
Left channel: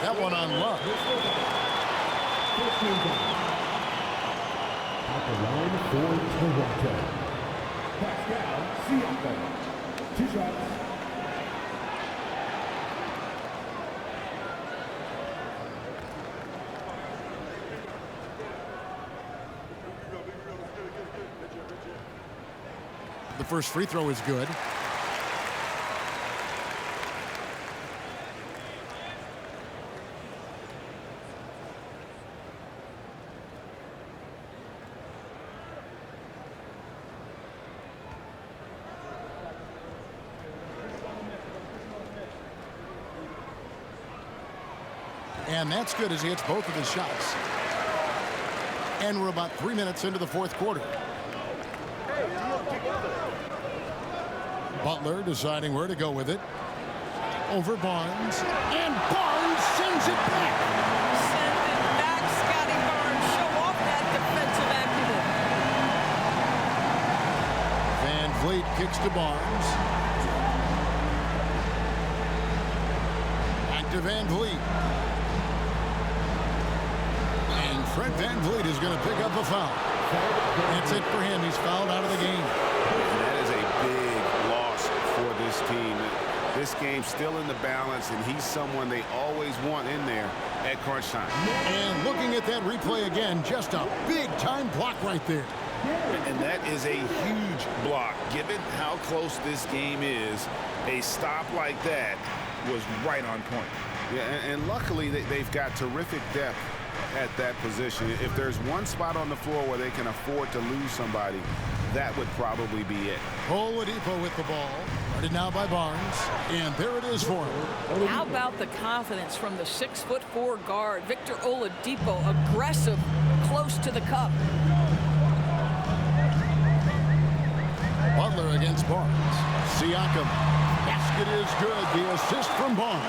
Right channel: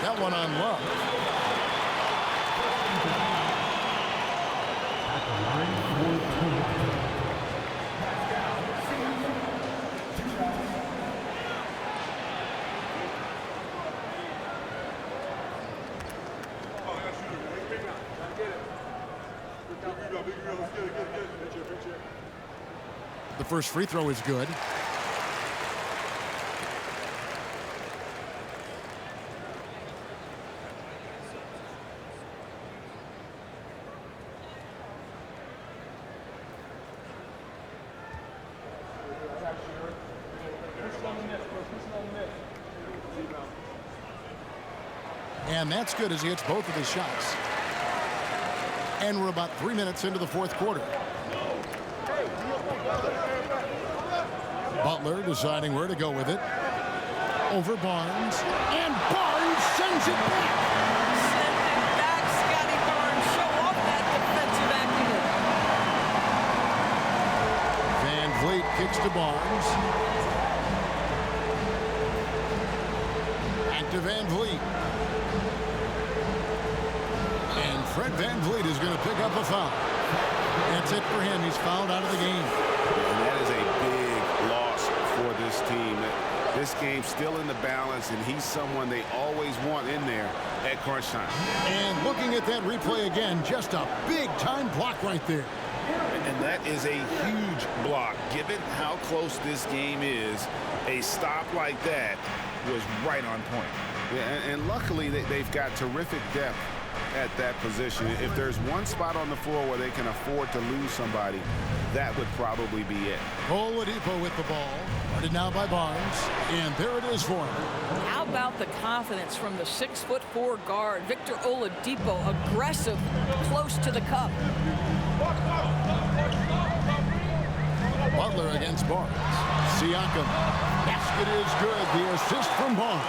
That one on Love. At the line for Toronto. Pass down, Siakam. 2 shots. The first free throw is good. And that's good as he hits both of his shots. And we're about 3 minutes into the fourth quarter. Butler deciding where to go with it. Over Barnes. And Barnes sends it back. Send it back, Scotty Barnes. Show off that defensive acumen. Van Vliet kicks to Barnes. Back to Van Vliet. And Fred VanVleet is going to pick up a foul. That's it for him. He's fouled out of the game. And that is a big loss for this team. This game's still in the balance, and he's someone they always want in there at crunch time. And looking at that replay again, just a big-time block right there. And that is a huge block. Given how close this game is, a stop like that was right on point. Yeah, and luckily, they've got terrific depth at that position. If there's one spot on the floor where they can afford to lose somebody, that would probably be it. Oladipo with the ball. Guarded now by Barnes. And there it is for him. How about the confidence from the 6'4" guard, Victor Oladipo, aggressive, close to the cup. Butler against Barnes. Siakam. Basket is good. The assist from Barnes.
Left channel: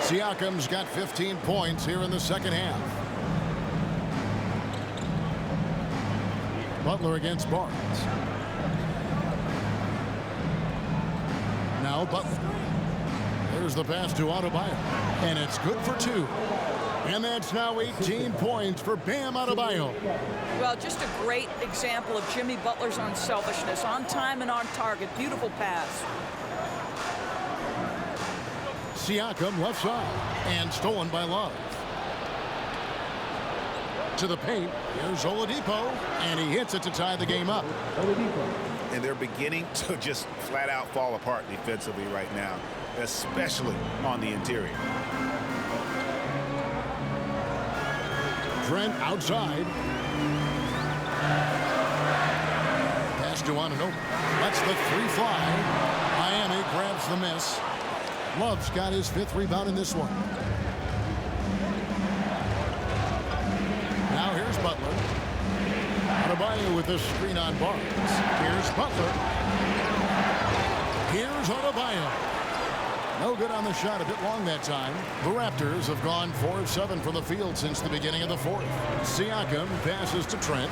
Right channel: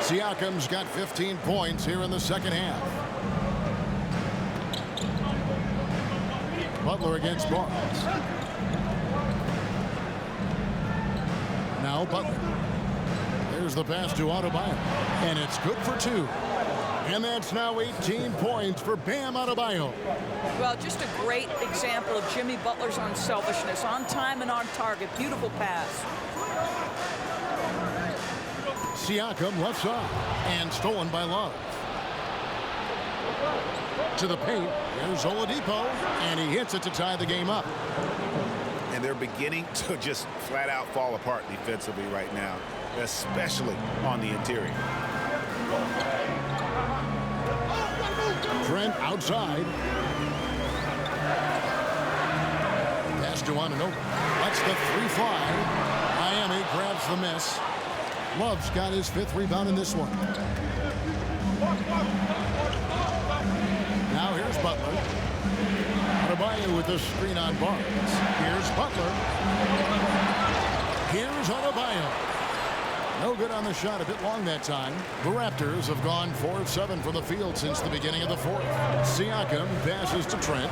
Siakam's got 15 points here in the second half. Butler against Barnes. Now Butler. There's the pass to Adebayo. And it's good for 2. And that's now 18 points for Bam Adebayo. Well, just a great example of Jimmy Butler's unselfishness. On time and on target. Beautiful pass. Siakam left side. And stolen by Love. To the paint. Here's Oladipo. And he hits it to tie the game up. And they're beginning to just flat out fall apart defensively right now, especially on the interior. Trent outside. Pass to Anunoby. Lets the 3 fly. Miami grabs the miss. Love's got his 5th rebound in this one. Now here's Butler. Adebayo with the screen on Barnes. Here's Butler. Here's Adebayo. No good on the shot, a bit long that time. The Raptors have gone 4 of 7 from the field since the beginning of the 4th. Siakam passes to Trent.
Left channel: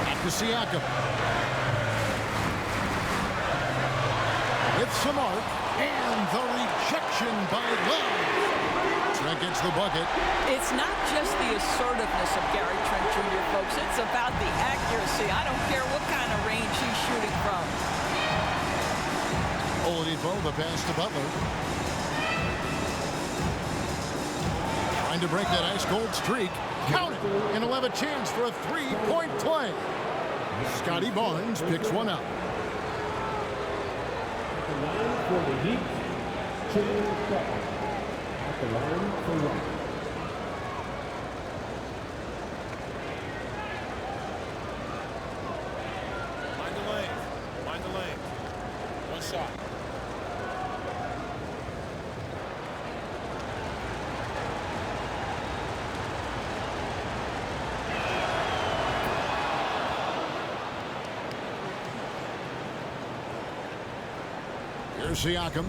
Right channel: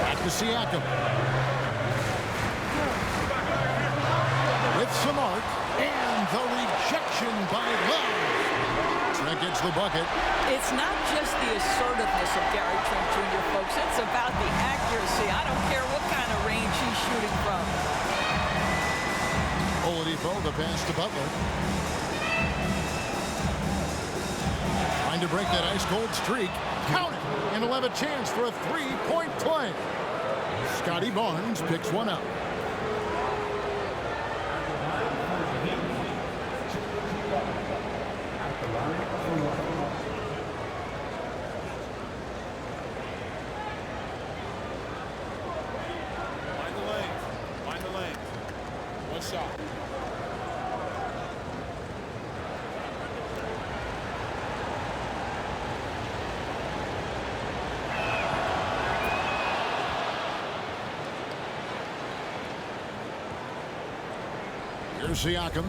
Back to Siakam. With some arc, and the rejection by Love. Trent gets the bucket. It's not just the assertiveness of Gary Trent Jr., folks. It's about the accuracy. I don't care what kind of range he's shooting from. Oladipo, the pass to Butler. Trying to break that ice-cold streak. Count it! And he'll have a chance for a 3-point play. Scotty Barnes picks one up. At the line for the Heat, James Butler. At the line for 1. Mind the lane. Mind the lane. 1 shot. Here's Siakam.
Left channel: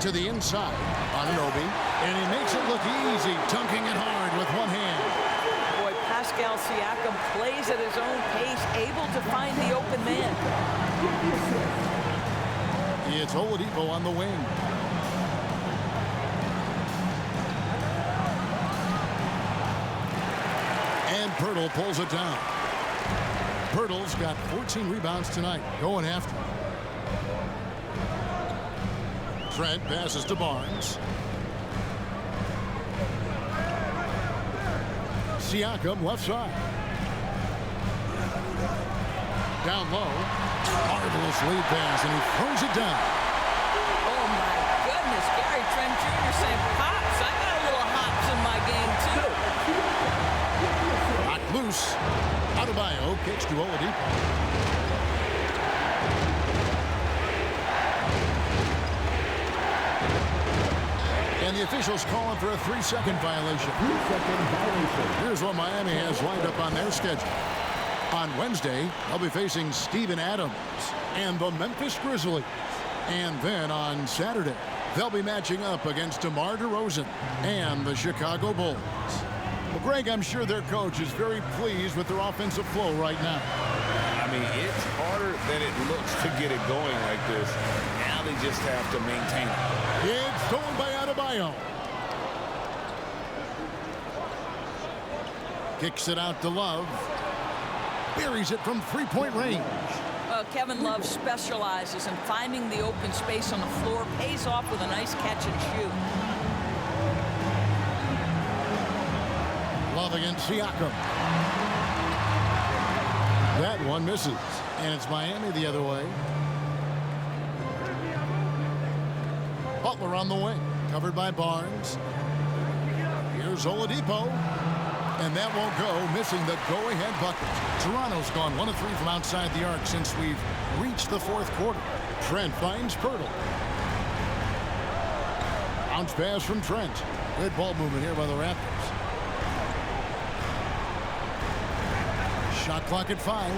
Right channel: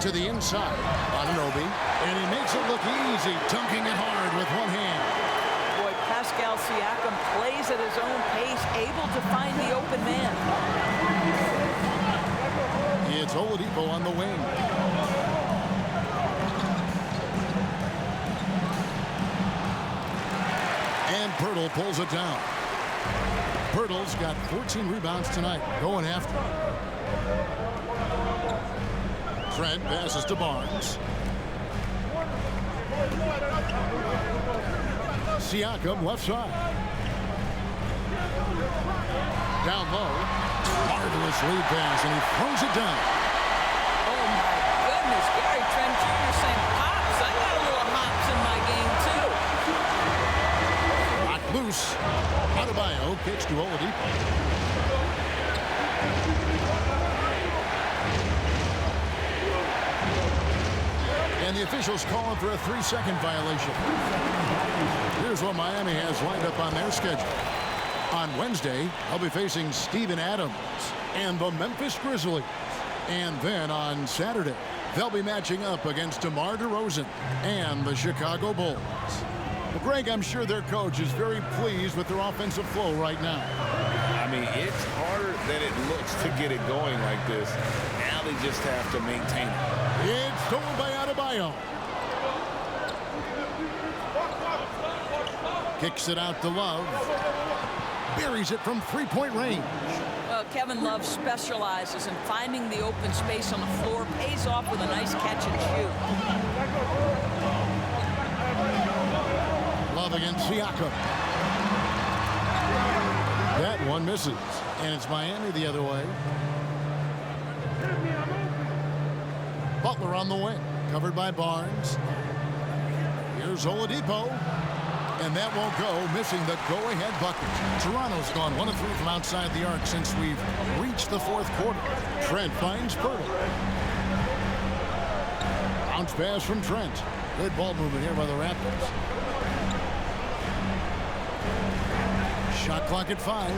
To the inside, Anunoby, and he makes it look easy, dunking it hard with one hand. Boy, Pascal Siakam plays at his own pace, able to find the open man. It's Oladipo on the wing. And Pirtle pulls it down. Pirtle's got 14 rebounds tonight, going after him. Trent passes to Barnes. Siakam left side. Down low. Marvelous lead pass, and he throws it down. Oh, my goodness. Gary Trent Jr. saying, Pops, I got a little hops in my game, too. Knocked loose. Adebayo kicks to Oladipo. And the officials calling for a 3-second violation. Here's what Miami has lined up on their schedule. On Wednesday, they'll be facing Steven Adams and the Memphis Grizzlies. And then on Saturday, they'll be matching up against DeMar DeRozan and the Chicago Bulls. Well, Greg, I'm sure their coach is very pleased with their offensive flow right now. I mean, it's harder than it looks to get it going like this. Now they just have to maintain it. It's stolen by Adebayo. Kicks it out to Love. Buries it from 3-point range. Kevin Love specializes in finding the open space on the floor, pays off with a nice catch and shoot. Love against Siakam. That one misses, and it's Miami the other way. Butler on the wing, covered by Barnes. Here's Oladipo, and that won't go, missing the go-ahead bucket. Toronto's gone 1 of 3 from outside the arc since we've reached the 4th quarter. Trent finds Pirtle. Bounce pass from Trent. Good ball movement here by the Raptors. Shot clock at 5.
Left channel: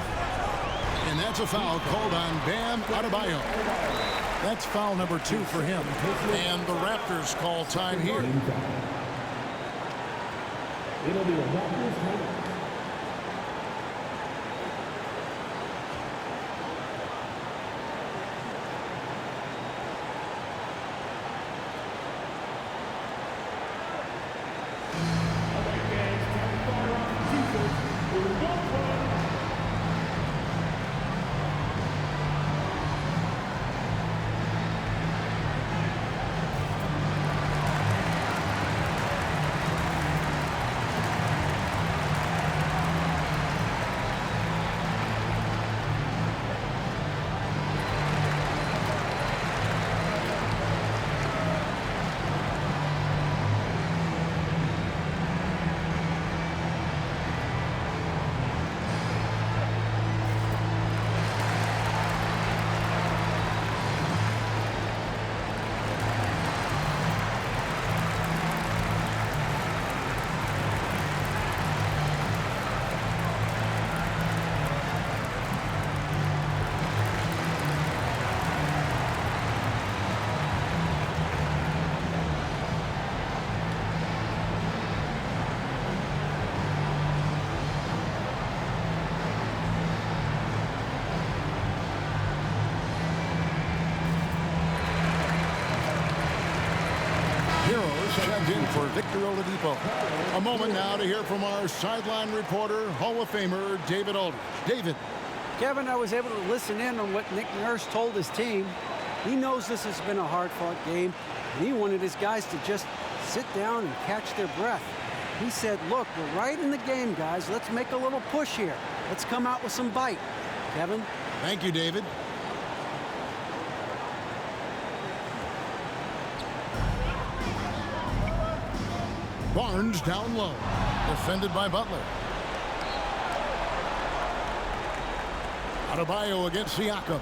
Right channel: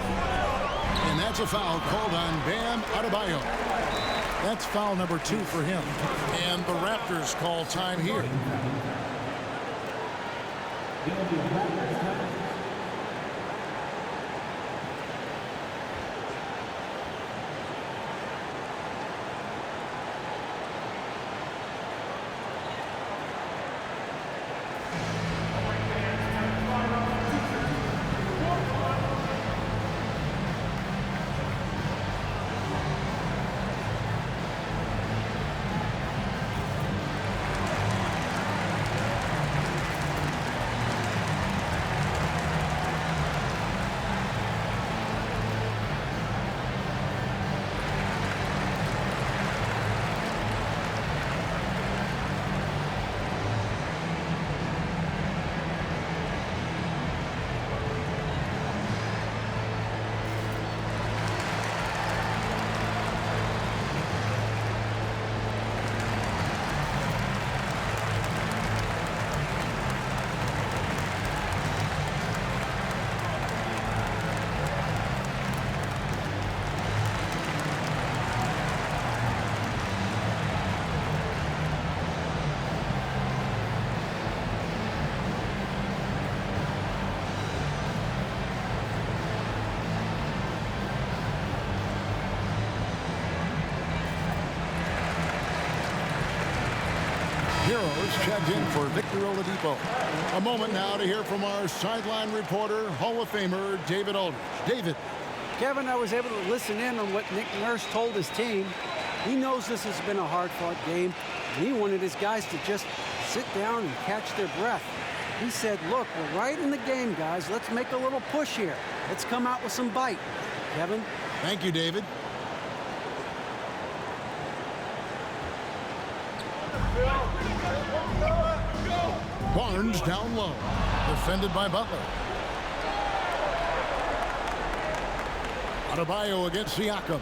And that's a foul called on Bam Adebayo. That's foul number 2 for him. And the Raptors call time here. It'll be a Raptors time. Heroes checked in for Victor Oladipo. A moment now to hear from our sideline reporter, Hall of Famer David Aldridge. David. Kevin, I was able to listen in on what Nick Nurse told his team. He knows this has been a hard-fought game, and he wanted his guys to just sit down and catch their breath. He said, look, we're right in the game, guys. Let's make a little push here. Let's come out with some bite. Kevin? Thank you, David. Barnes down low. Defended by Butler. Adebayo against Siakam.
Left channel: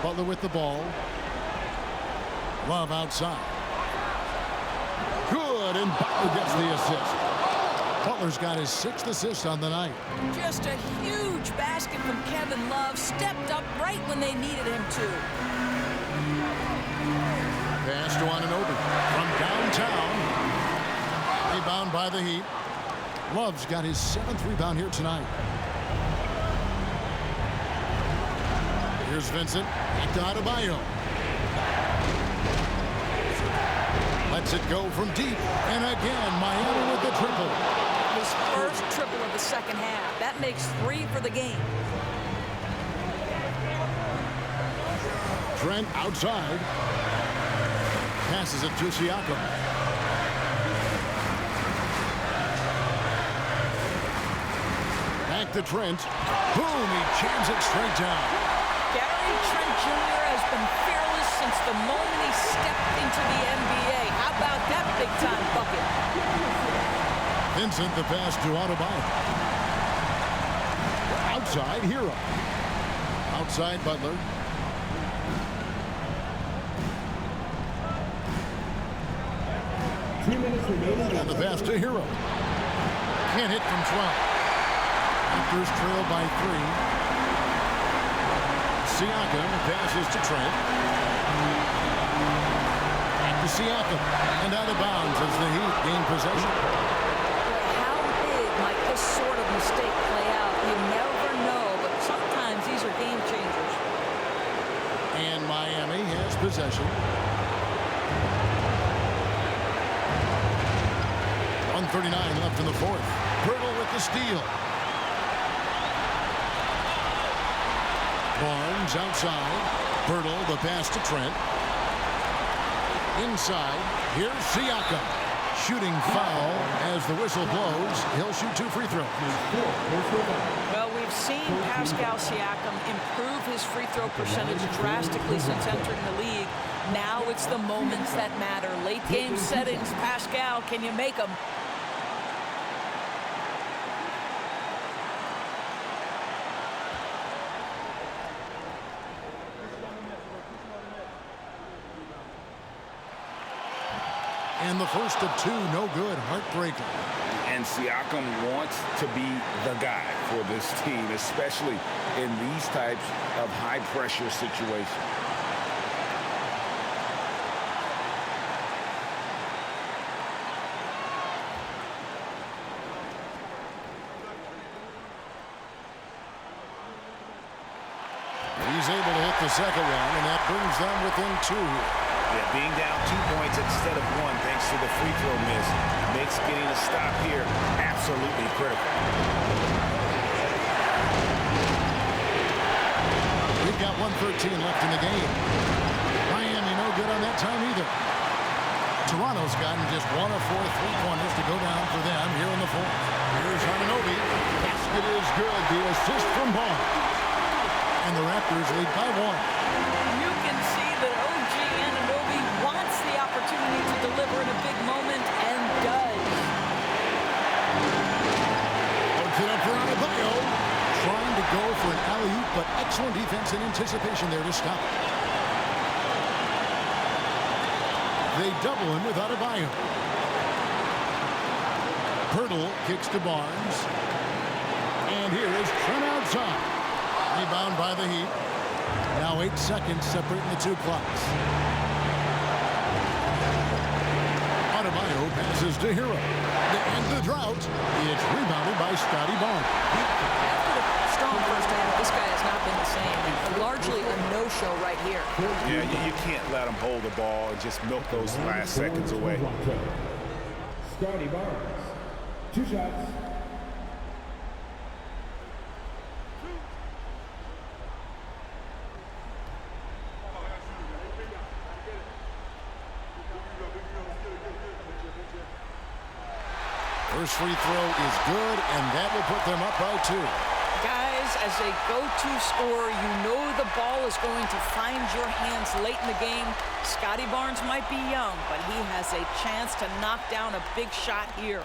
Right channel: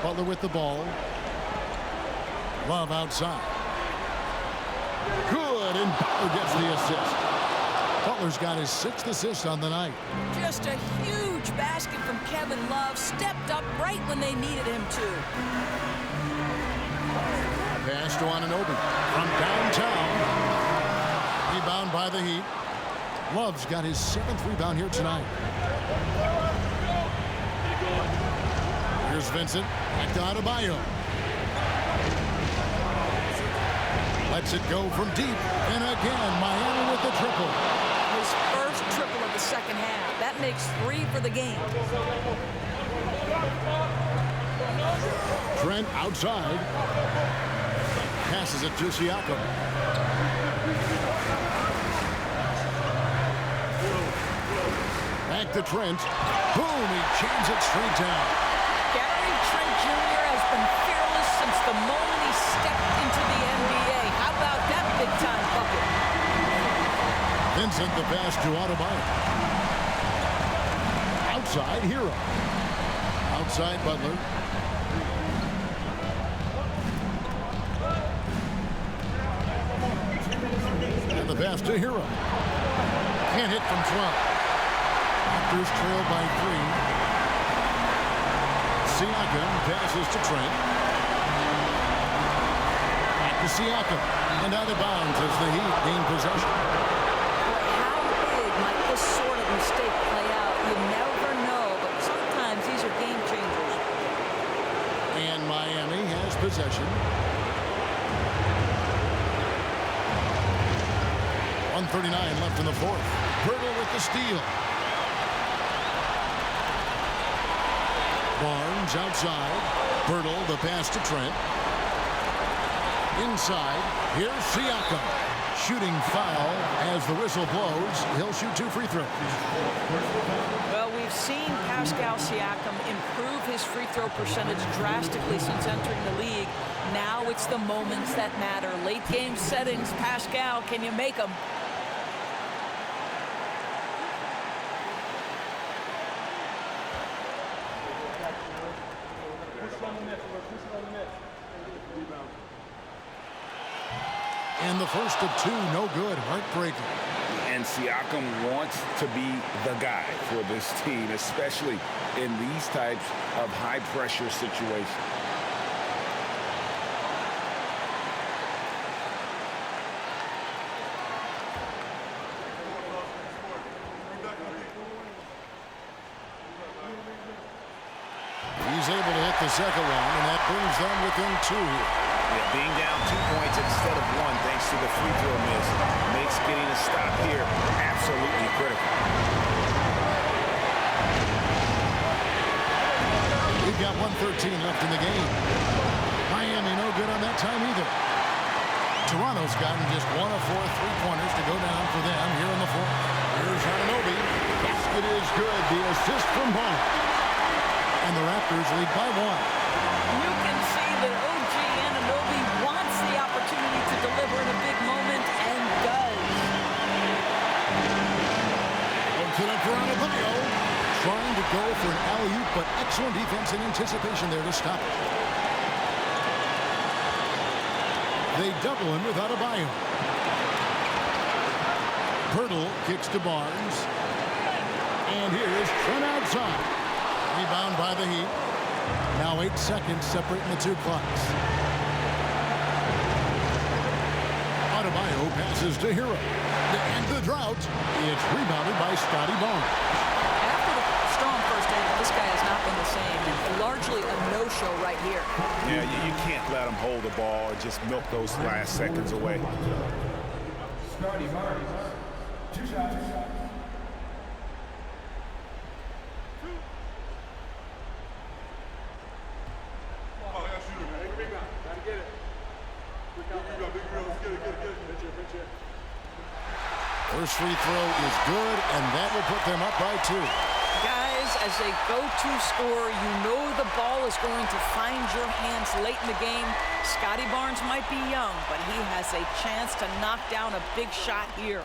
Butler with the ball. Love outside. Good, and Butler gets the assist. Butler's got his 6th assist on the night. Just a huge basket from Kevin Love. Stepped up right when they needed him to. Pass to Anunoby from downtown. Rebound by the Heat. Love's got his 7th rebound here tonight. Here's Vincent. Back to Adebayo. Lets it go from deep. And again, Miami with the triple. His first triple of the second half. That makes 3 for the game. Trent outside. Passes it to Siakam. Back to Trent. Boom, he jams it straight down. Gary Trent Jr. has been fearless since the moment he stepped into the NBA. How about that big-time bucket? Vincent, the pass to Adebayo. Outside, Hero. Outside, Butler. And the pass to Hero. Can't hit from 12. Raptors trail by 3. Siakam passes to Trent. Back to Siakam. And out of bounds as the Heat gain possession. Boy, how big might this sort of mistake play out? You never know, but sometimes these are game changers. And Miami has possession. 1:39 left in the 4th. Pirtle with the steal. Barnes outside. Pirtle, the pass to Trent. Inside. Here's Siakam. Shooting foul as the whistle blows. He'll shoot 2 free throws. Well, we've seen Pascal Siakam improve his free throw percentage drastically since entering the league. Now it's the moments that matter. Late game settings. Pascal, can you make them? And the first of 2, no good. Heartbreaker. And Siakam wants to be the guy for this team, especially in these types of high-pressure situations. He's able to hit the second one, and that brings them within 2 here. Yeah, being down 2 points instead of 1 thanks to the free throw miss makes getting a stop here absolutely critical. We've got 1:13 left in the game. Miami no good on that time either. Toronto's gotten just 1 of 4 3-pointers to go down for them here in the fourth. Here's Anunoby. Basket is good. The assist from Barnes. And the Raptors lead by 1. You can see that OG Anunoby wants the opportunity to deliver in a big moment and does. Works it up for Adebayo. Trying to go for an alley-oop, but excellent defense and anticipation there to stop it. They double him with Adebayo. Pirtle kicks to Barnes. And here is Trent outside. Rebound by the Heat. Now 8 seconds separating the 2 clocks. Adebayo passes to Hero. To end the drought, it's rebounded by Scotty Barnes. After the strong first half, this guy has not been the same, and largely a no-show right here. Yeah, you can't let him hold the ball and just milk those last seconds away. Scotty Barnes, 2 shots. First free throw is good, and that will put them up by 2. Guys, as a go-to scorer, you know the ball is going to find your hands late in the game. Scotty Barnes might be young, but he has a chance to knock down a big shot here.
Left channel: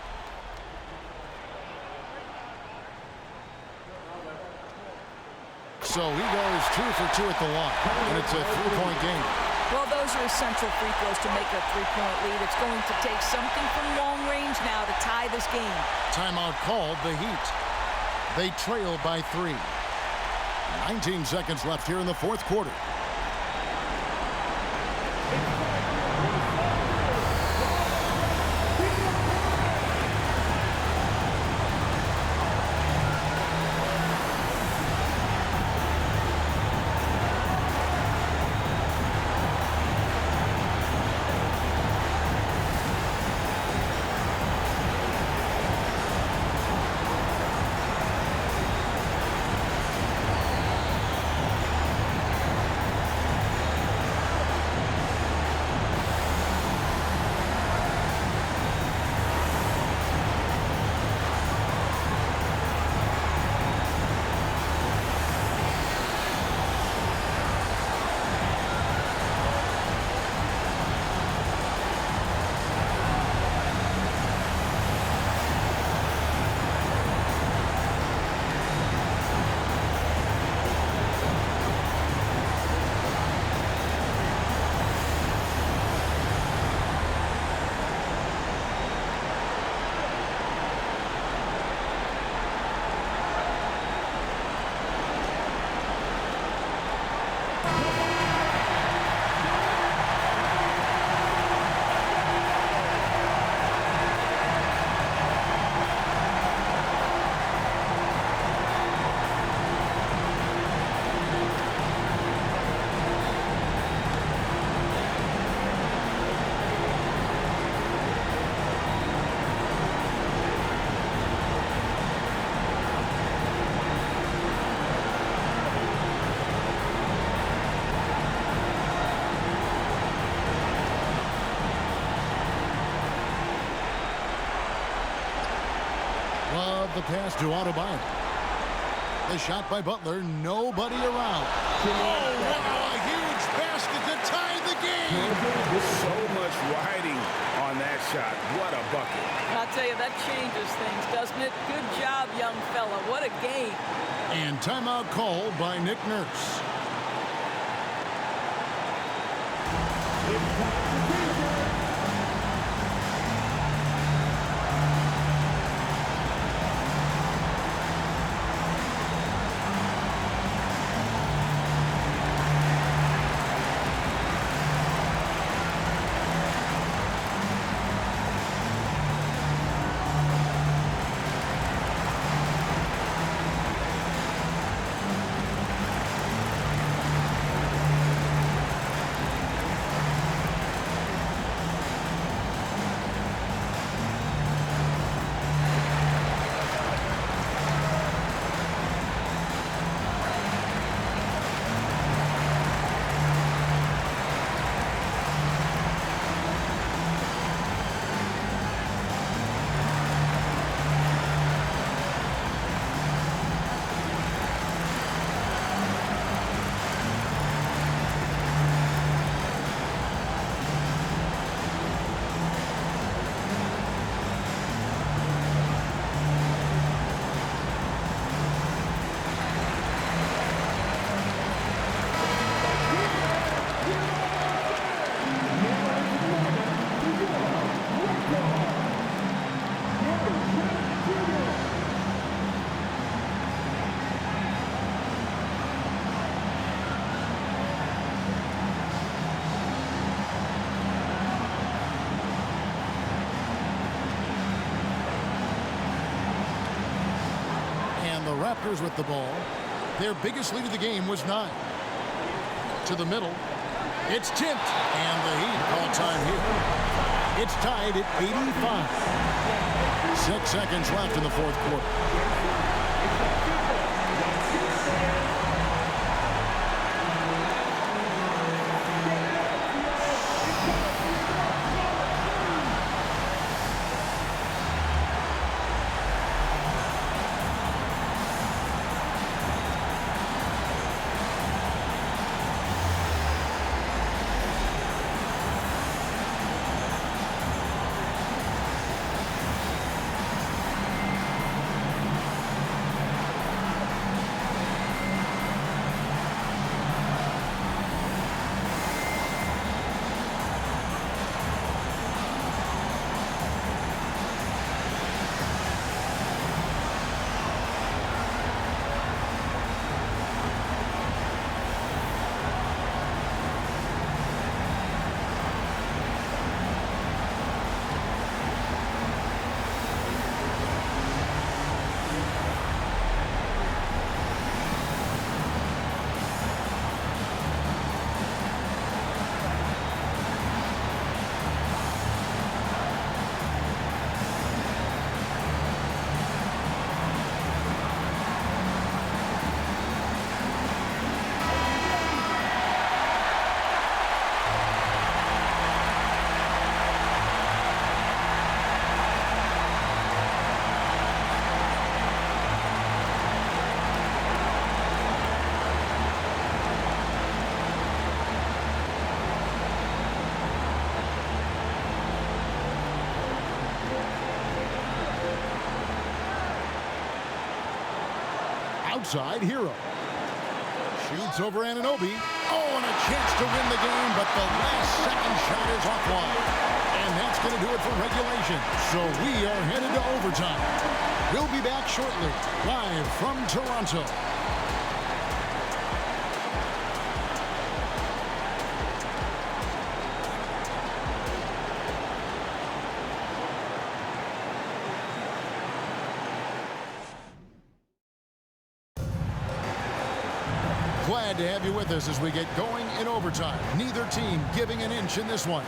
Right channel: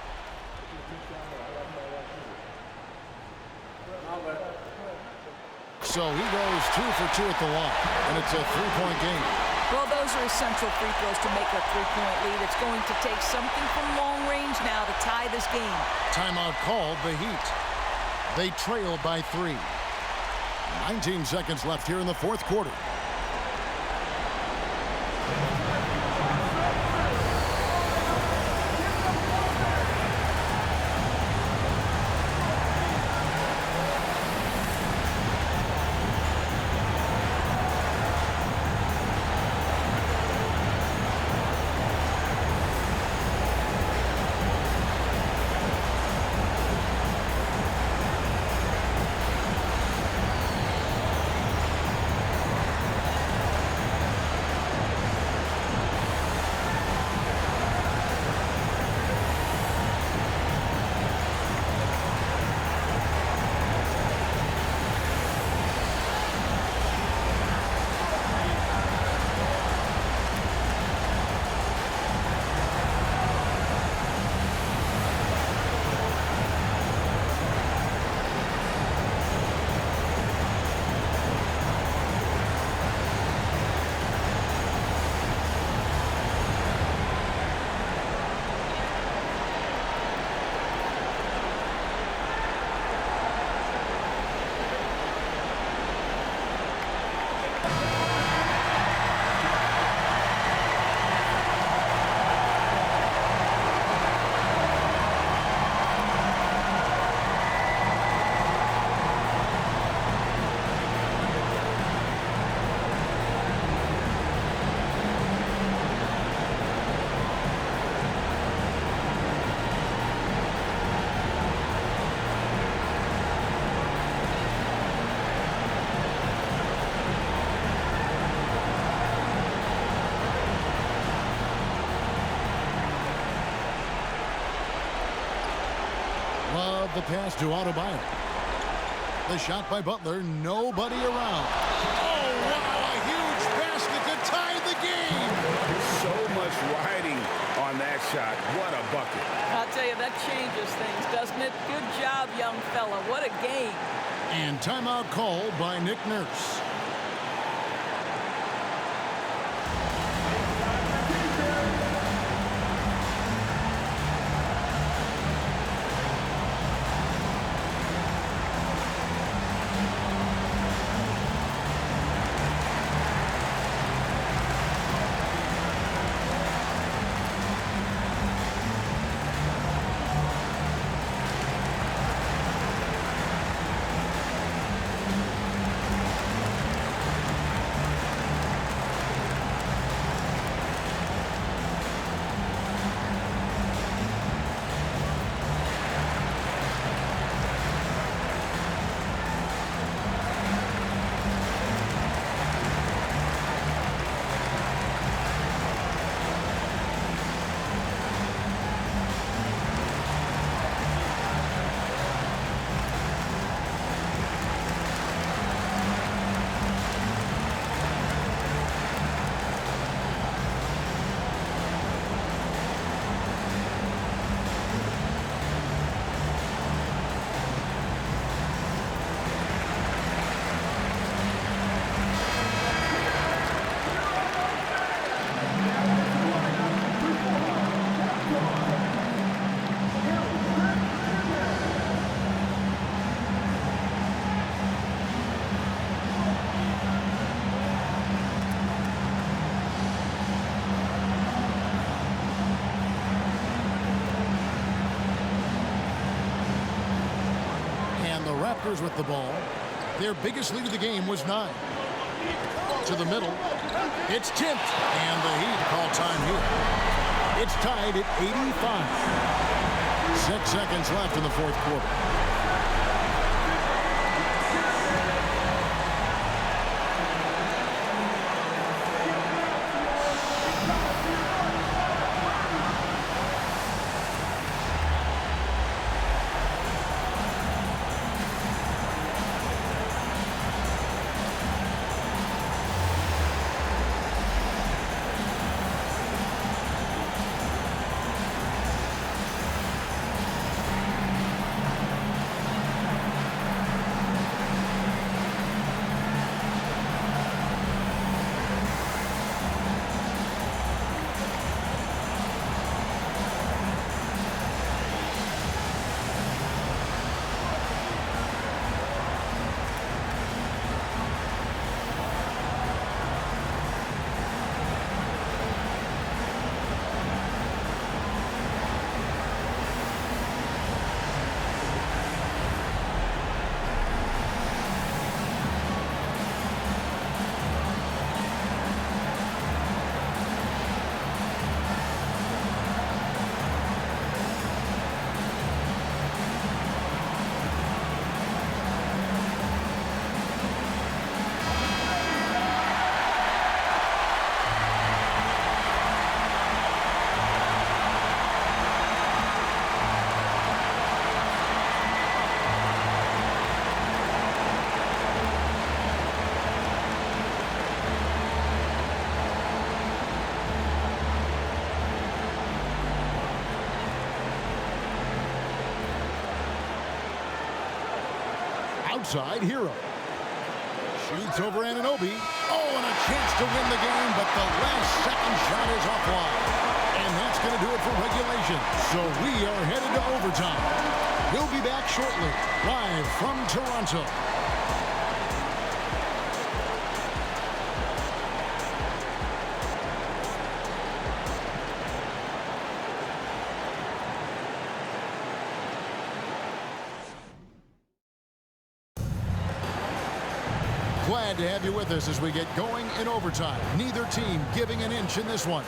So he goes 2 for 2 at the line, and it's a 3-point game. Well, those are essential free throws to make a 3-point lead. It's going to take something from long range now to tie this game. Timeout called, the Heat. They trail by 3. 19 seconds left here in the fourth quarter. Love the pass to Adebayo. The shot by Butler, nobody around. Oh, wow, a huge basket to tie the game. So much riding on that shot. What a bucket. I'll tell you, that changes things, doesn't it? Good job, young fella. What a game. And timeout called by Nick Nurse. And the Raptors with the ball. Their biggest lead of the game was 9. To the middle. It's tipped. And the Heat call time here. It's tied at 85. 6 seconds left in the fourth quarter. Outside Hero. Shoots over Anunoby. Oh, and a chance to win the game, but the last second shot is offline. And that's going to do it for regulation. So we are headed to overtime. We'll be back shortly, live from Toronto. Glad to have you with us as we get going in overtime. Neither team giving an inch in this one.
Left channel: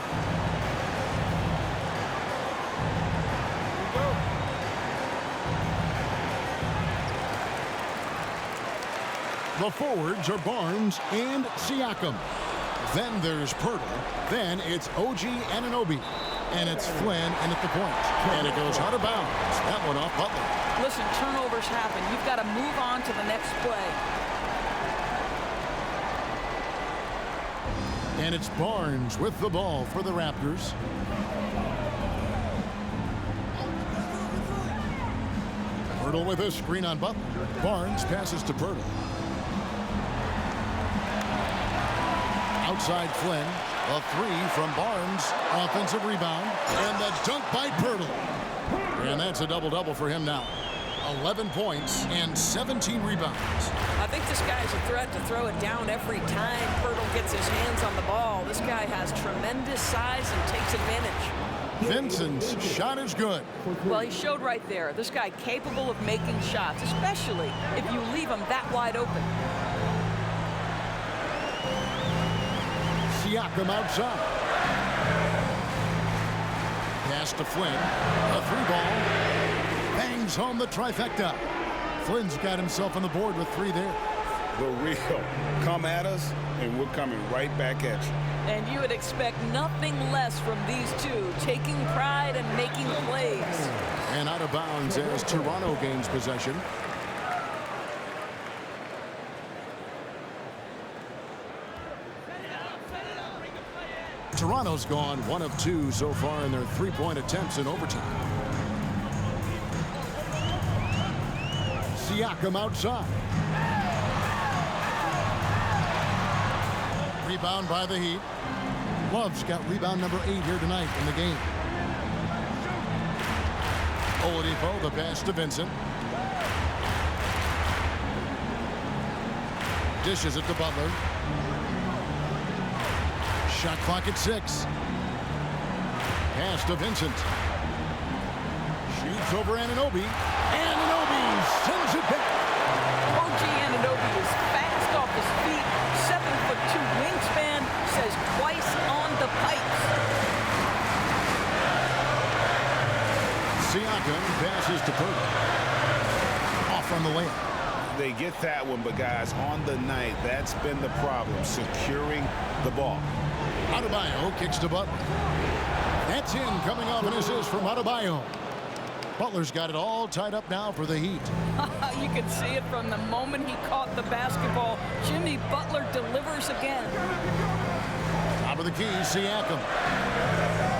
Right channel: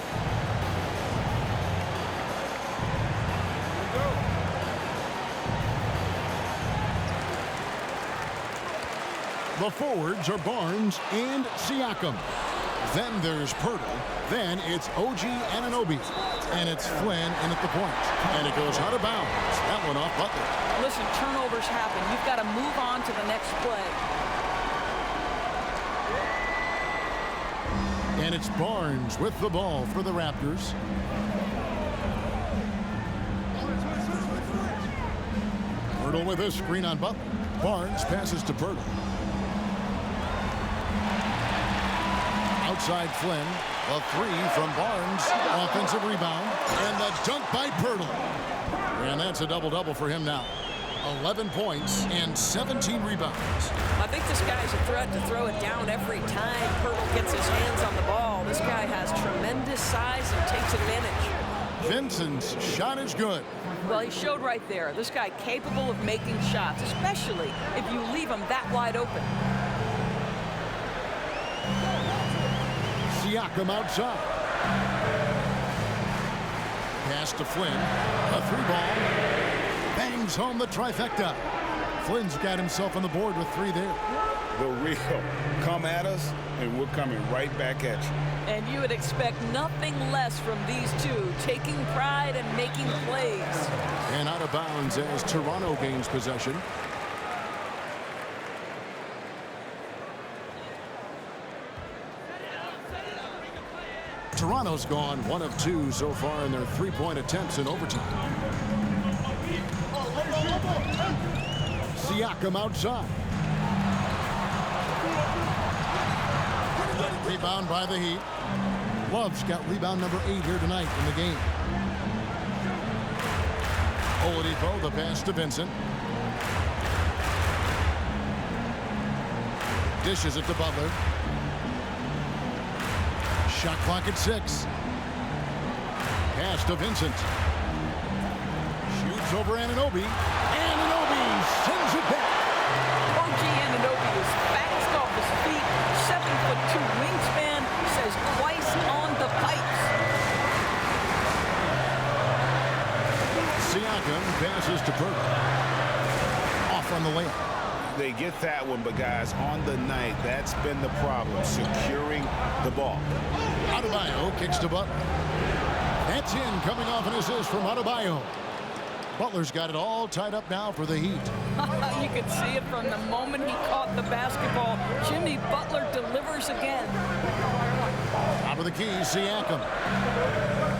Here we go. The forwards are Barnes and Siakam. Then there's Pirtle. Then it's OG Anunoby. And it's Flynn in at the point. And it goes out of bounds. That one off Butler. Listen, turnovers happen. You've got to move on to the next play. And it's Barnes with the ball for the Raptors. Pirtle with a screen on Butler. Barnes passes to Pirtle. Outside Flynn. A three from Barnes. Offensive rebound. And the dunk by Pirtle. And that's a double-double for him now. 11 points and 17 rebounds. I think this guy's a threat to throw it down every time Pirtle gets his hands on the ball. This guy has tremendous size and takes advantage. Vincent's shot is good. Well, he showed right there. This guy capable of making shots, especially if you leave him that wide open. Siakam outside. Pass to Flynn. A three ball. Bangs home the trifecta. Flynn's got himself on the board with 3 there. The real. Come at us, and we're coming right back at you. And you would expect nothing less from these two, taking pride and making plays. And out of bounds as Toronto gains possession. Toronto's gone 1 of 2 so far in their three-point attempts in overtime. Siakam outside. Rebound by the Heat. Love's got rebound number 8 here tonight in the game. Oladipo, the pass to Vincent. Dishes it to Butler. Shot clock at 6. Pass to Vincent. Shoots over Anunoby. Anunoby sends it back. OG Anunoby is fast off his feet, 7'2" wingspan, says twice on the pipes. Siakam passes to Pirtle. Off on the layup. They get that one, but guys, on the night, that's been the problem, securing the ball. Adebayo kicks to Butler. That's in, coming off an assist from Adebayo. Butler's got it all tied up now for the Heat. You can see it from the moment he caught the basketball. Jimmy Butler delivers again. Top of the key, Siakam.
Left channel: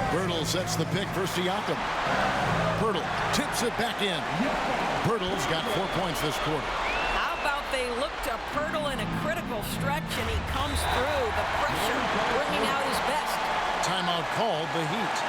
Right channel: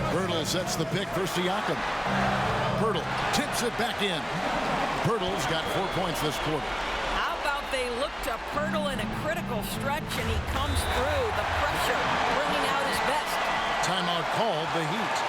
Pirtle sets the pick for Siakam. Pirtle tips it back in. Pirtle's got 4 points this quarter. How about they look to Pirtle in a critical stretch, and he comes through. The pressure bringing out his best. Timeout called, the Heat.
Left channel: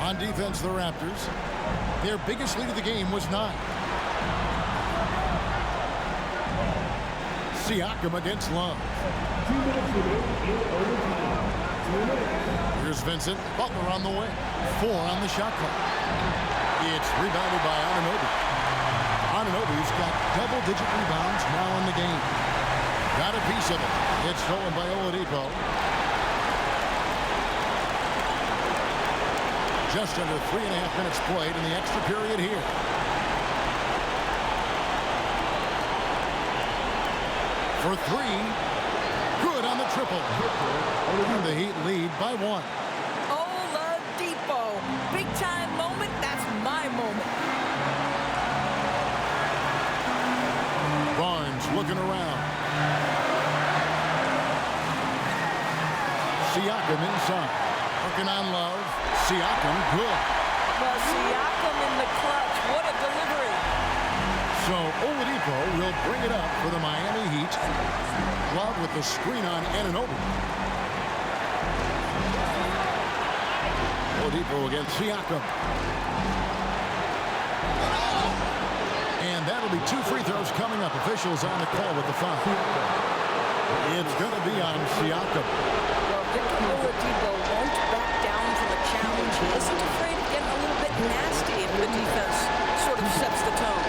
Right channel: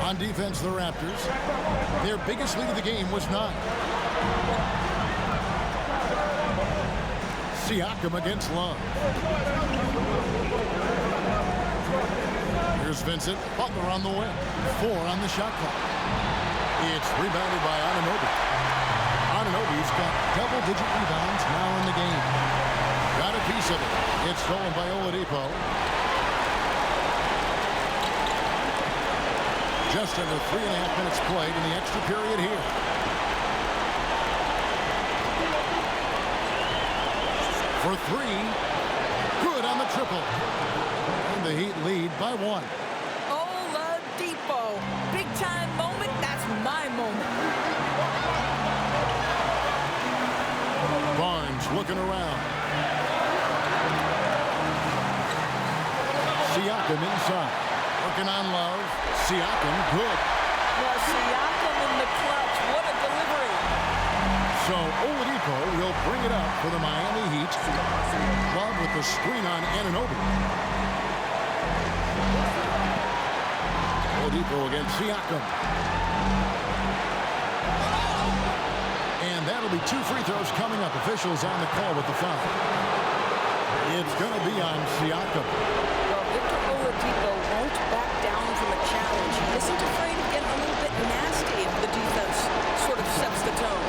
On defense, the Raptors. Their biggest lead of the game was 9. Siakam against Love. Here's Vincent. Butler on the wing. 4 on the shot clock. It's rebounded by Anunoby. Anunoby's got double-digit rebounds now in the game. Got a piece of it. It's stolen by Oladipo. Just under 3.5 minutes played in the extra period here. For 3. Good on the triple. And the Heat lead by 1. Oladipo. Big time moment. That's my moment. Barnes looking around. Siakam inside. Working on Love. Siakam, good. Well, Siakam in the clutch. What a delivery. So Oladipo will bring it up for the Miami Heat. Love with the screen on Anunoby. Oladipo against Siakam. And that'll be 2 free throws coming up. Officials on the call with the foul. It's going to be on Siakam. Well, Victor Oladipo won't back down from a challenge. He isn't afraid of getting a little bit nasty if the defense sort of sets the tone.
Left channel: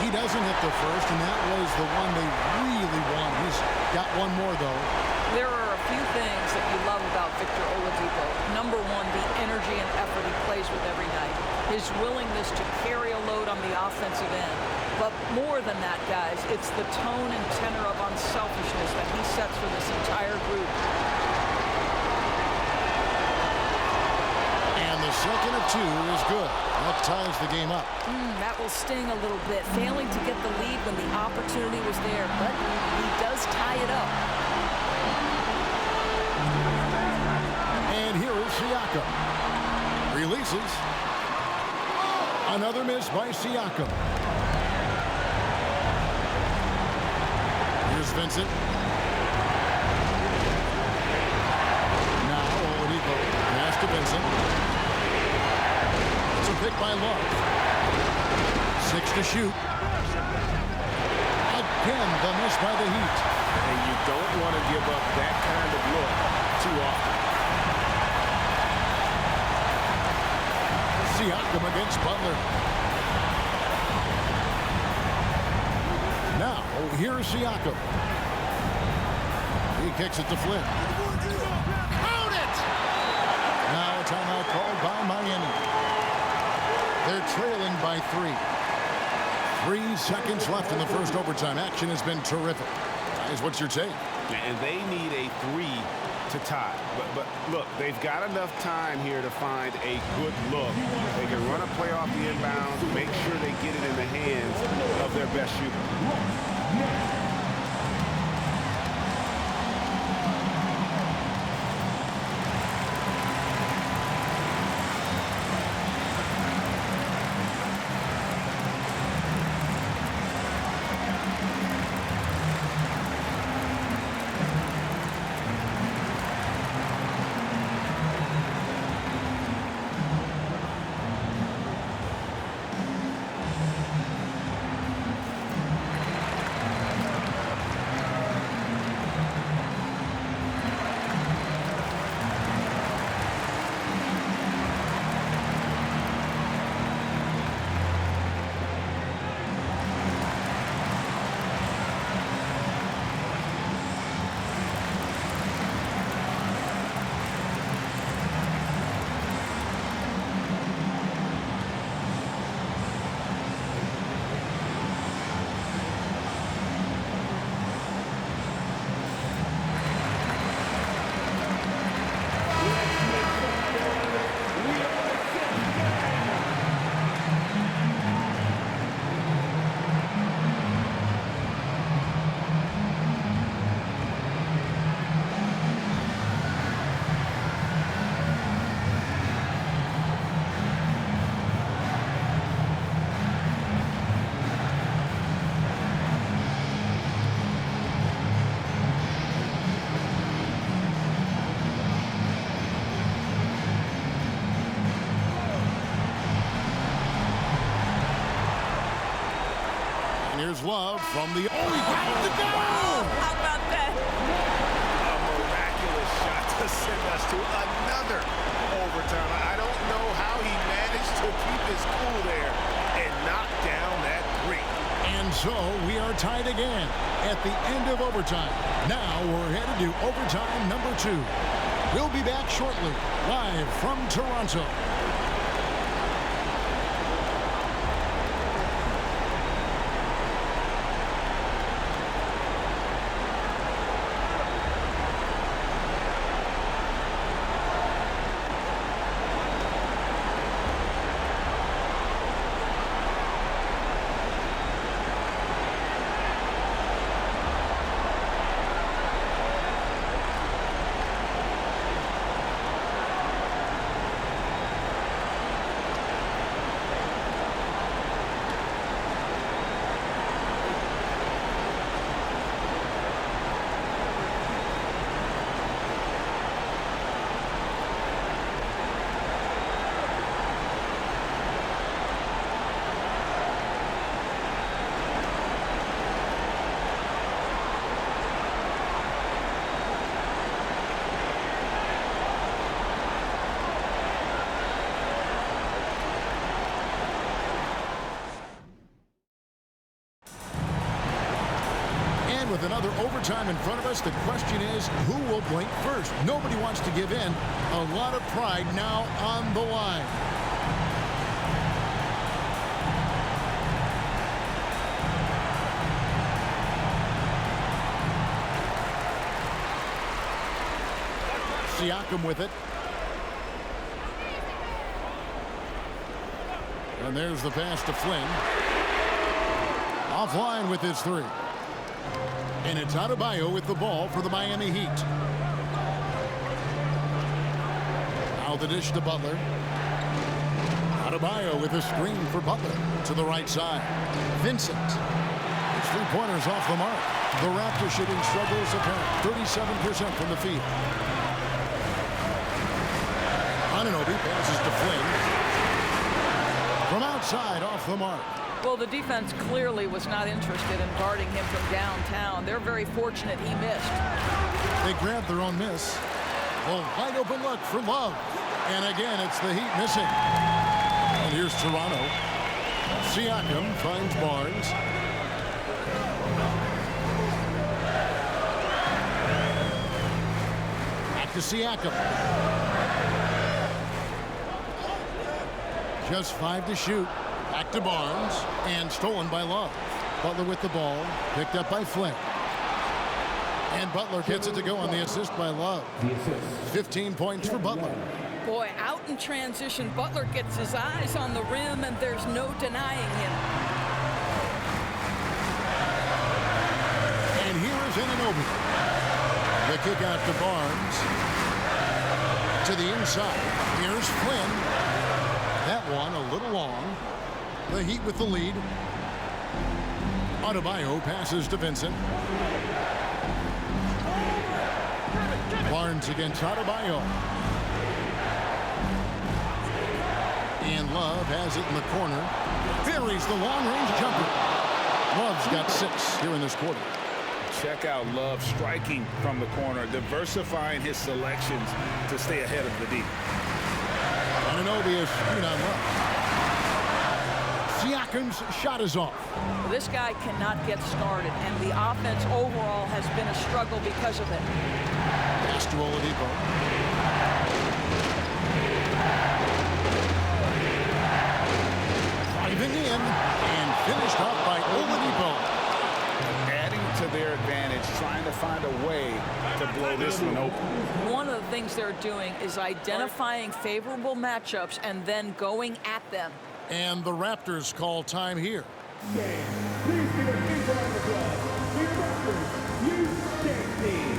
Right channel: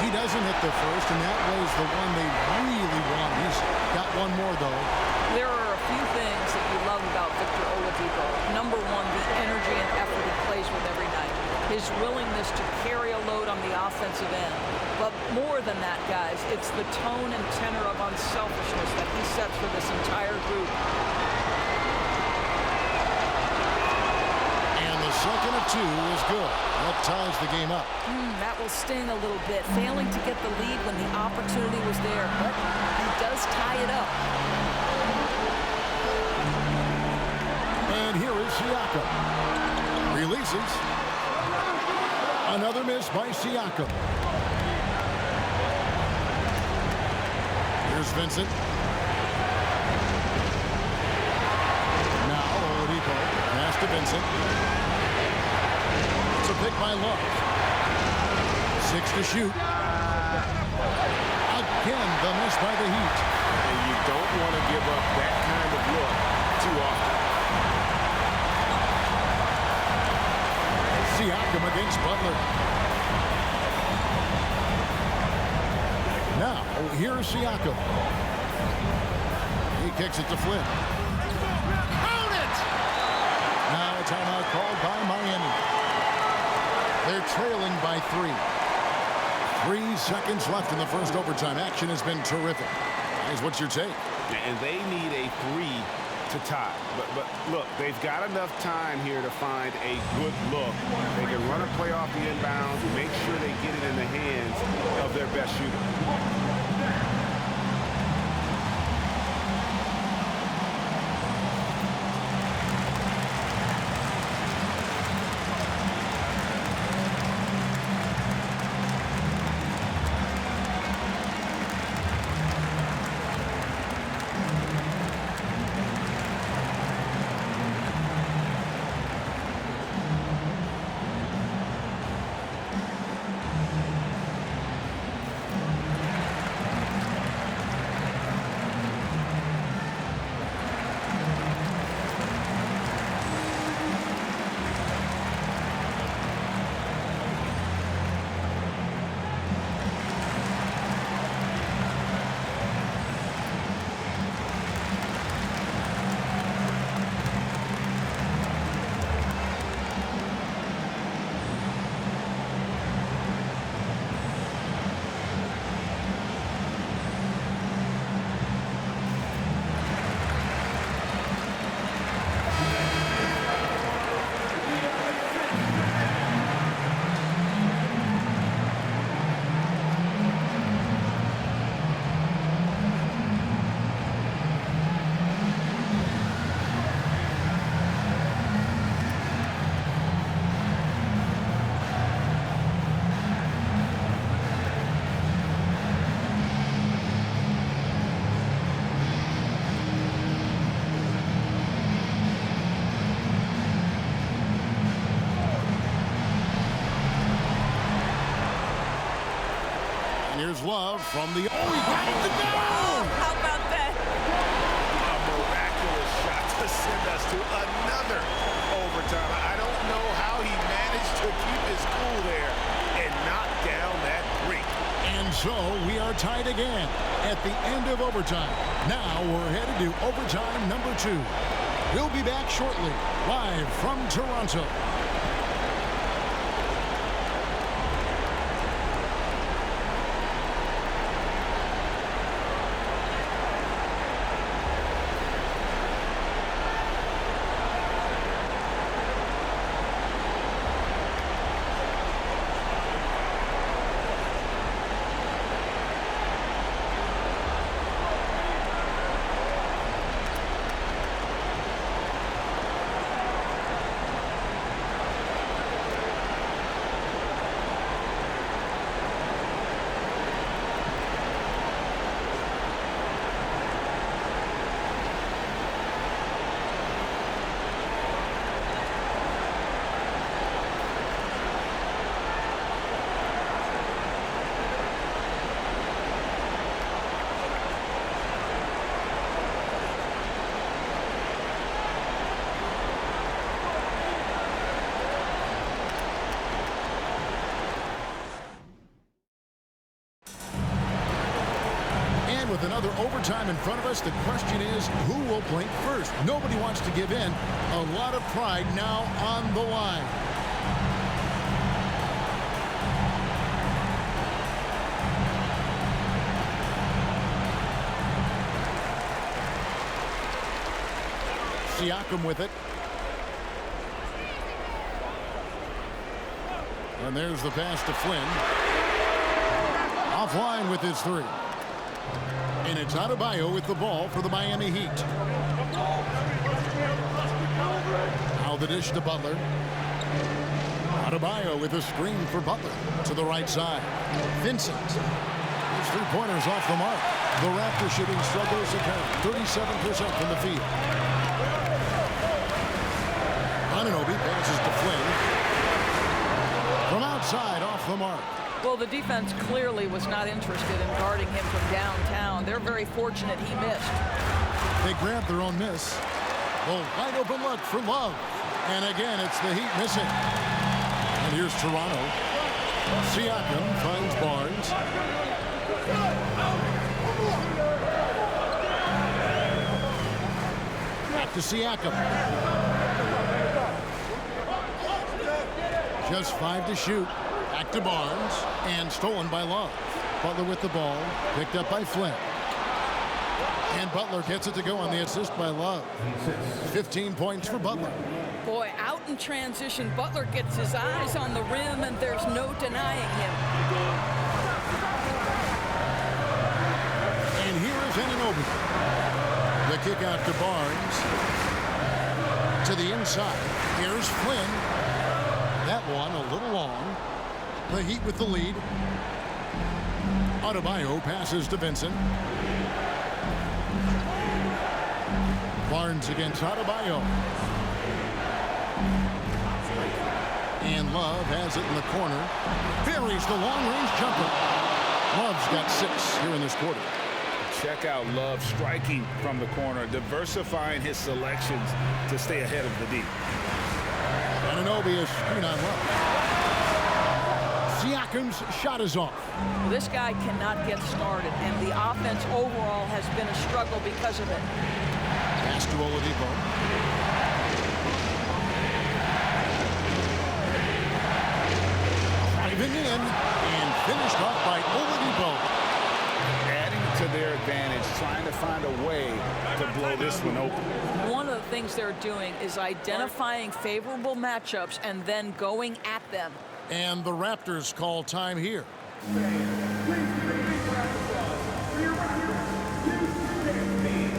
He doesn't hit the first, and that was the one they really want. He's got one more, though. There are a few things that you love about Victor Oladipo. Number 1, the energy and effort he plays with every night. His willingness to carry a load on the offensive end. But more than that, guys, it's the tone and tenor of unselfishness that he sets for this entire group. And the second of 2 is good. That ties the game up. That will sting a little bit, failing to get the lead when the opportunity was there, but he does tie it up. And here is Siakam. Releases. Another miss by Siakam. Here's Vincent. Now Oladipo. Pass to Vincent. It's a pick by Love. 6 to shoot. Again, the miss by the Heat. And you don't want to give up that kind of look too often. Siakam against Butler. Now, here's Siakam. He kicks it to Flynn. Count it! Now a timeout called by Miami. They're trailing by 3. 3 seconds left in the first overtime. Action has been terrific. Guys, what's your take? And they need a 3 to tie. But look, they've got enough time here to find a good look. They can run a play off the inbounds and make sure they get it in the hands of their best shooter. And here's Love from the... Oh, he got it to go! How about that? A miraculous shot to send us to another overtime. I don't know how he managed to keep his cool there and knock down that 3. And so we are tied again at the end of overtime. Now we're headed to overtime number 2. We'll be back shortly, live from Toronto. And with another overtime in front of us, the question is, who will blink first? Nobody wants to give in. A lot of pride now on the line. Siakam with it. And there's the pass to Flynn. Offline with his three. And it's Adebayo with the ball for the Miami Heat. Now the dish to Butler. Adebayo with a screen for Butler to the right side. Vincent. His three-pointers off the mark. The Raptors shooting struggles apparent. 37% from the field. Anunoby passes to Flynn. From outside, off the mark. Well, the defense clearly was not interested in guarding him from downtown. They're very fortunate he missed. They grabbed their own miss. Well, wide open look for Love. And again, it's the Heat missing. And here's Toronto. Siakam finds Barnes. Back to Siakam. Just 5 to shoot. Back to Barnes. And stolen by Love. Butler with the ball. Picked up by Flynn. And Butler gets it to go on the assist by Love. 15 points for Butler. Boy, out in transition, Butler gets his eyes on the rim, and there's no denying him. And here is Anunoby. The kick out to Barnes. To the inside. Here's Flynn. That one a little long. The Heat with the lead. Adebayo passes to Vincent. Barnes against Adebayo. And Love has it in the corner. Buries the long-range jumper. Love's got 6 here in this quarter. Check out Love striking from the corner, diversifying his selections to stay ahead of the D. Anunoby is screen on Love. Siakam's shot is off. Well, this guy cannot get started, and the offense overall has been a struggle because of it. Pass to Oladipo. Driving in and finished off by Oladipo. Adding to their advantage, trying to find a way to blow this one open. One of the things they're doing is identifying favorable matchups and then going at them. And the Raptors call time here. Please give a big round of applause for your Raptors youth dance team.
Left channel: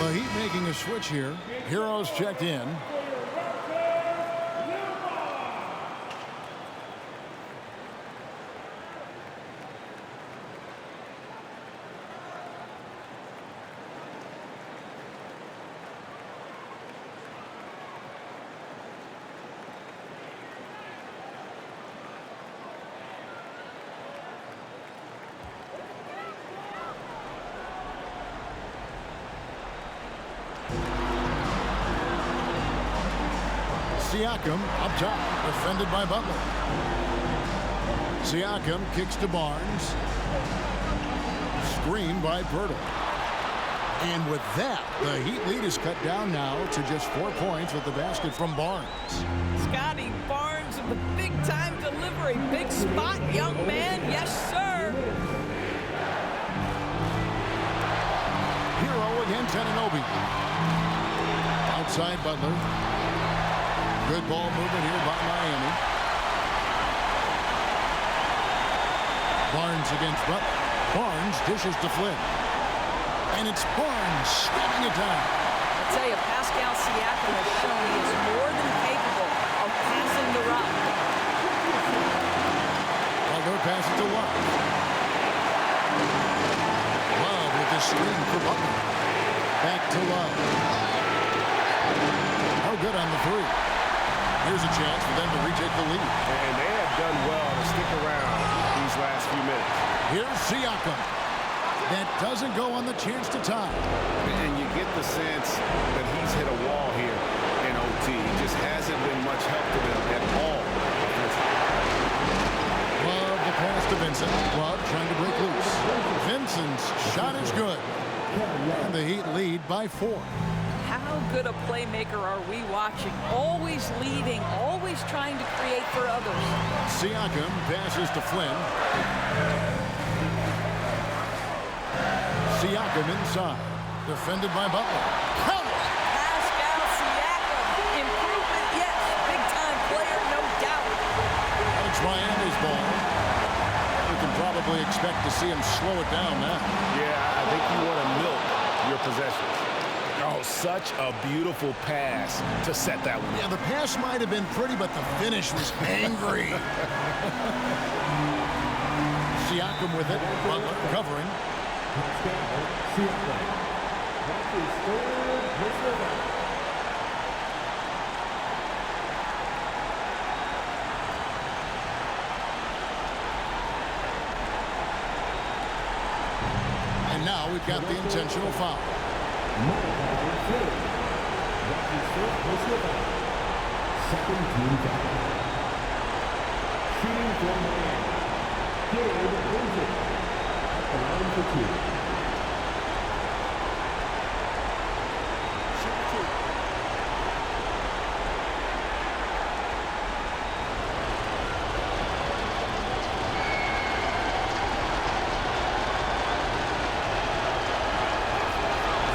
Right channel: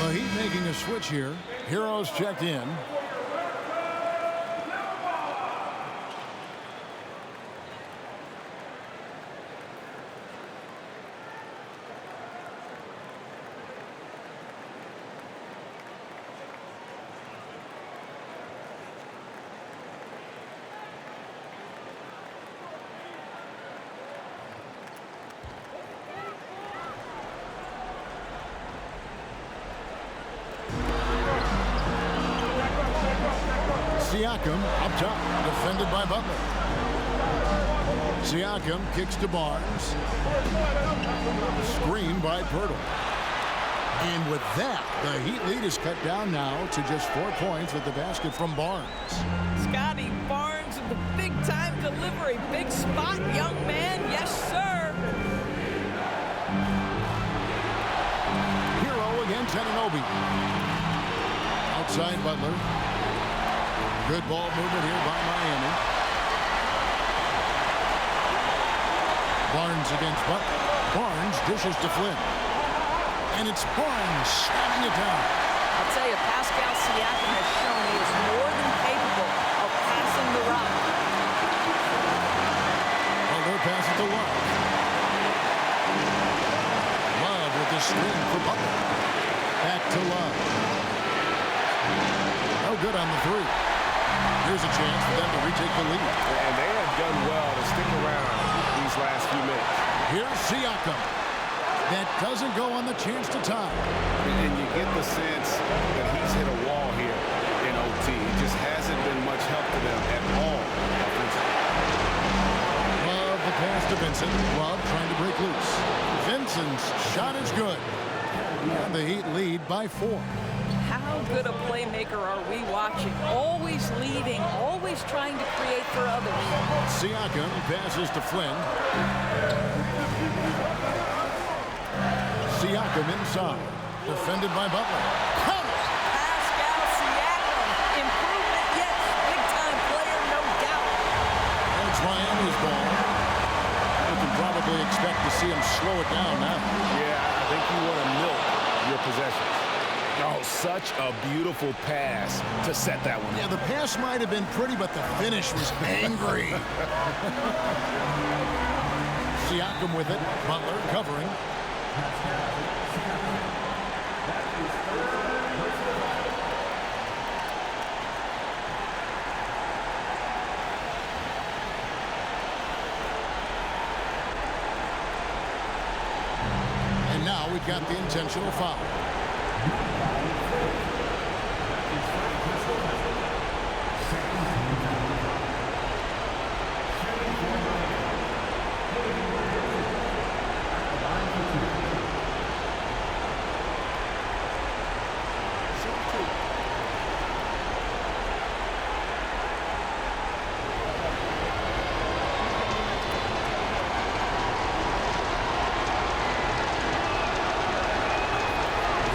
The Heat making a switch here. Heroes checked in. Siakam up top, defended by Butler. Siakam kicks to Barnes. Screen by Pirtle. And with that, the Heat lead is cut down now to just 4 points with the basket from Barnes. Scotty Barnes with the big-time delivery. Big spot, young man. Yes, sir. Hero against Anunoby. Outside Butler. Good ball movement here by Miami. Barnes against Butler. Barnes dishes to Flynn. And it's Barnes slamming it down. I'll tell you, Pascal Siakam has shown he is more than capable of passing the rock. Butler passes to Love. Love with the screen for Butler. Back to Love. No good on the three. Here's a chance for them to retake the lead. And they have done well to stick around these last few minutes. Here's Siakam. That doesn't go on the chance to tie. And you get the sense that he's hit a wall here in OT. It just hasn't been much help to them at all offensively. Love the pass to Vincent. Love trying to break loose. Vincent's shot is good. And the Heat lead by 4. How good a playmaker are we watching? Always leading, always trying to create for others. Siakam passes to Flynn. Siakam inside. Defended by Butler. Counters! Pascal Siakam. Improvement, yes. Big-time player, no doubt. And it's Miami's ball. We can probably expect to see him slow it down now. Yeah, I think you want to milk your possessions. Oh, such a beautiful pass to set that one up. Yeah, the pass might have been pretty, but the finish was angry. Siakam with it. Butler covering. That's his third personal foul. And now we've got the intentional foul. That's his first personal foul. Second team foul. Shooting for Miami. Gabe Vincent at the line for 2. Shoot 2.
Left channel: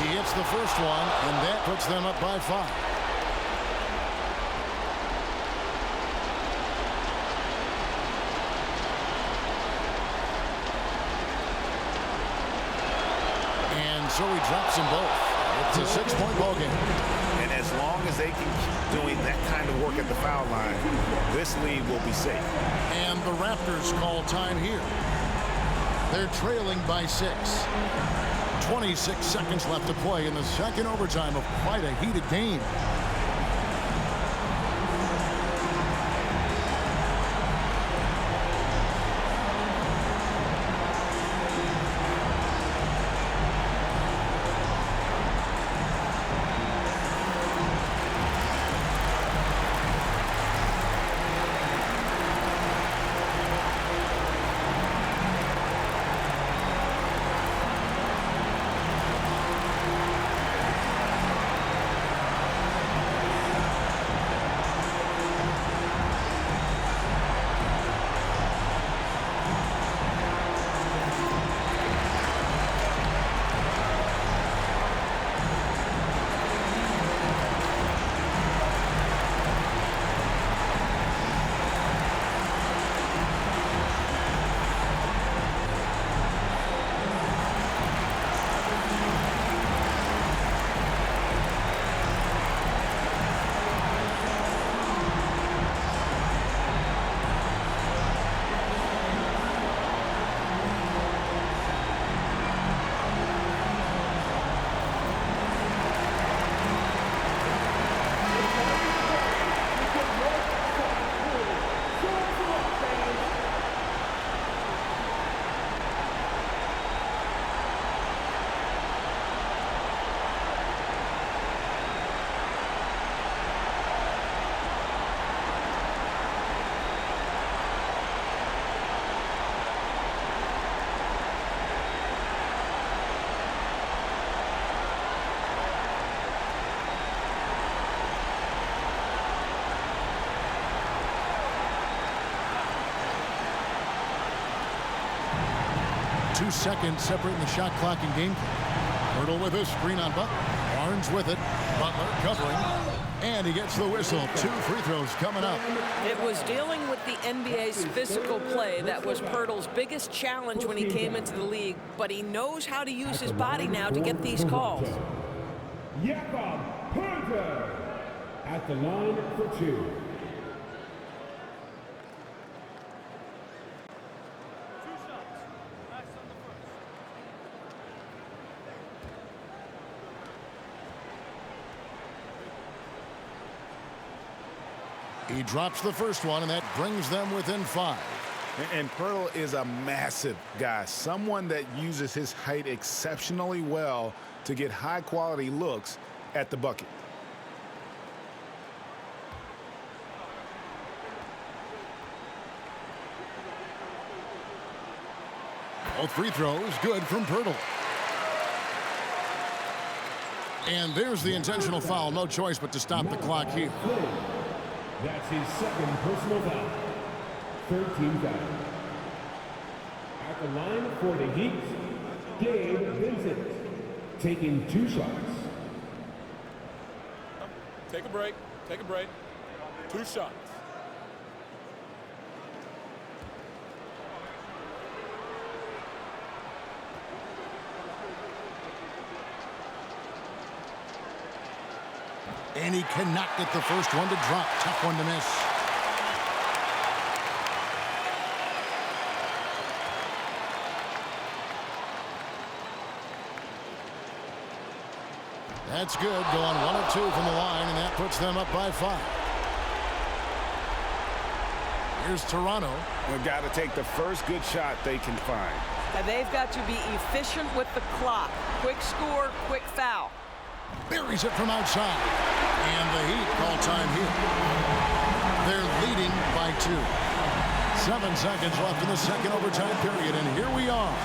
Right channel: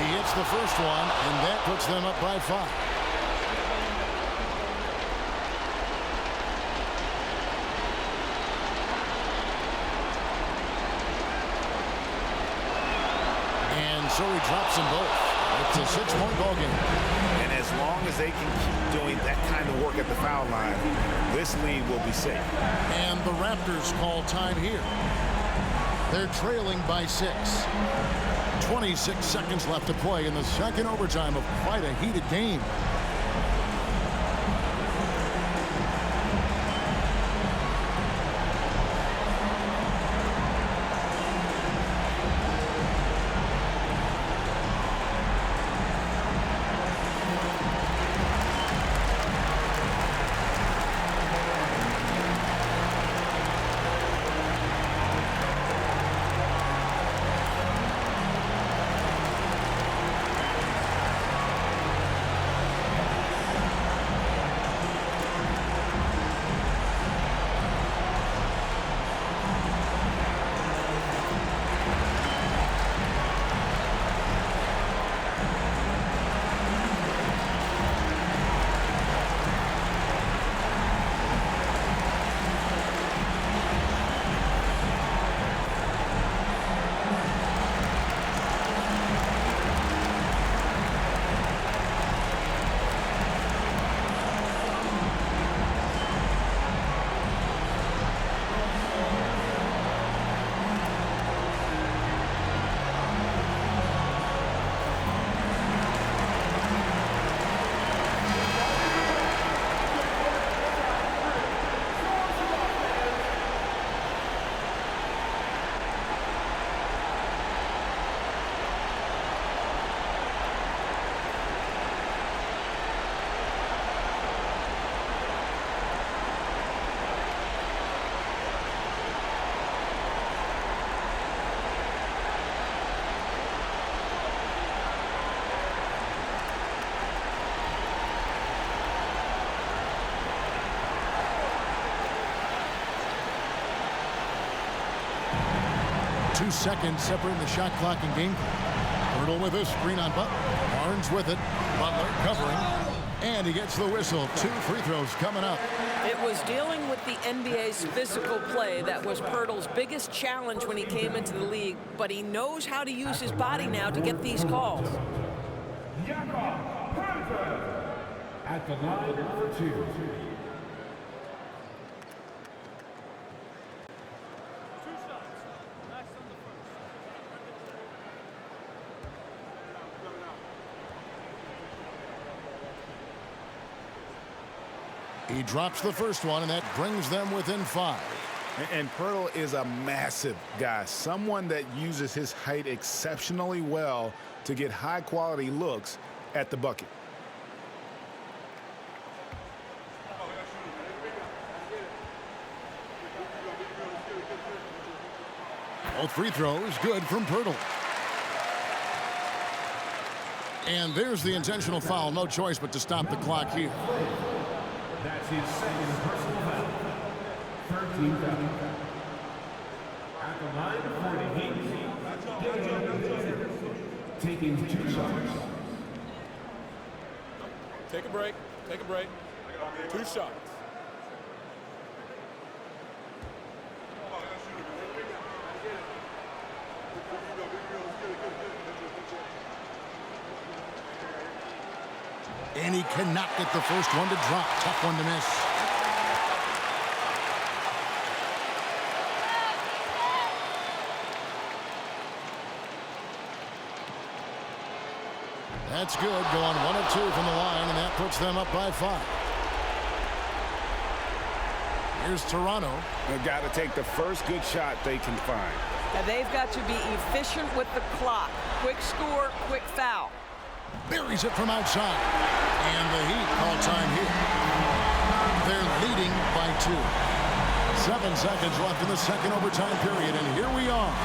He hits the first one, and that puts them up by 5. And so he drops them both. It's a 6-point ball game. And as long as they can keep doing that kind of work at the foul line, this lead will be safe. And the Raptors call time here. They're trailing by 6. 26 seconds left to play in the second overtime of quite a heated game. Two seconds separating the shot clock and game clock. Hurdle with a screen on Butler. Barnes with it. Butler covering, and he gets the whistle. 2 free throws coming up. It was dealing with the NBA's physical play that was Pirtle's biggest challenge when he came into the league, but he knows how to use his body now to get these calls. Jakob Poeltl at the line for 2. He drops the first one, and that brings them within 5. And Poeltl is a massive guy, someone that uses his height exceptionally well to get high-quality looks at the bucket. Both free throws good from Poeltl. And there's the intentional foul. No choice but to stop the clock here. That's his second personal foul. 13th foul. At the line for the Heat, Gabe Vincent, taking 2 shots. Take a break. Take a break. 2 shots. And he cannot get the first one to drop. Tough one to miss. That's good. Going 1 of 2 from the line, and that puts them up by 5. Here's Toronto. They've got to take the first good shot they can find. Now they've got to be efficient with the clock. Quick score, quick foul. Buries it from outside. And the Heat call time here. They're leading by 2. 7 seconds left in the second overtime period, and here we are.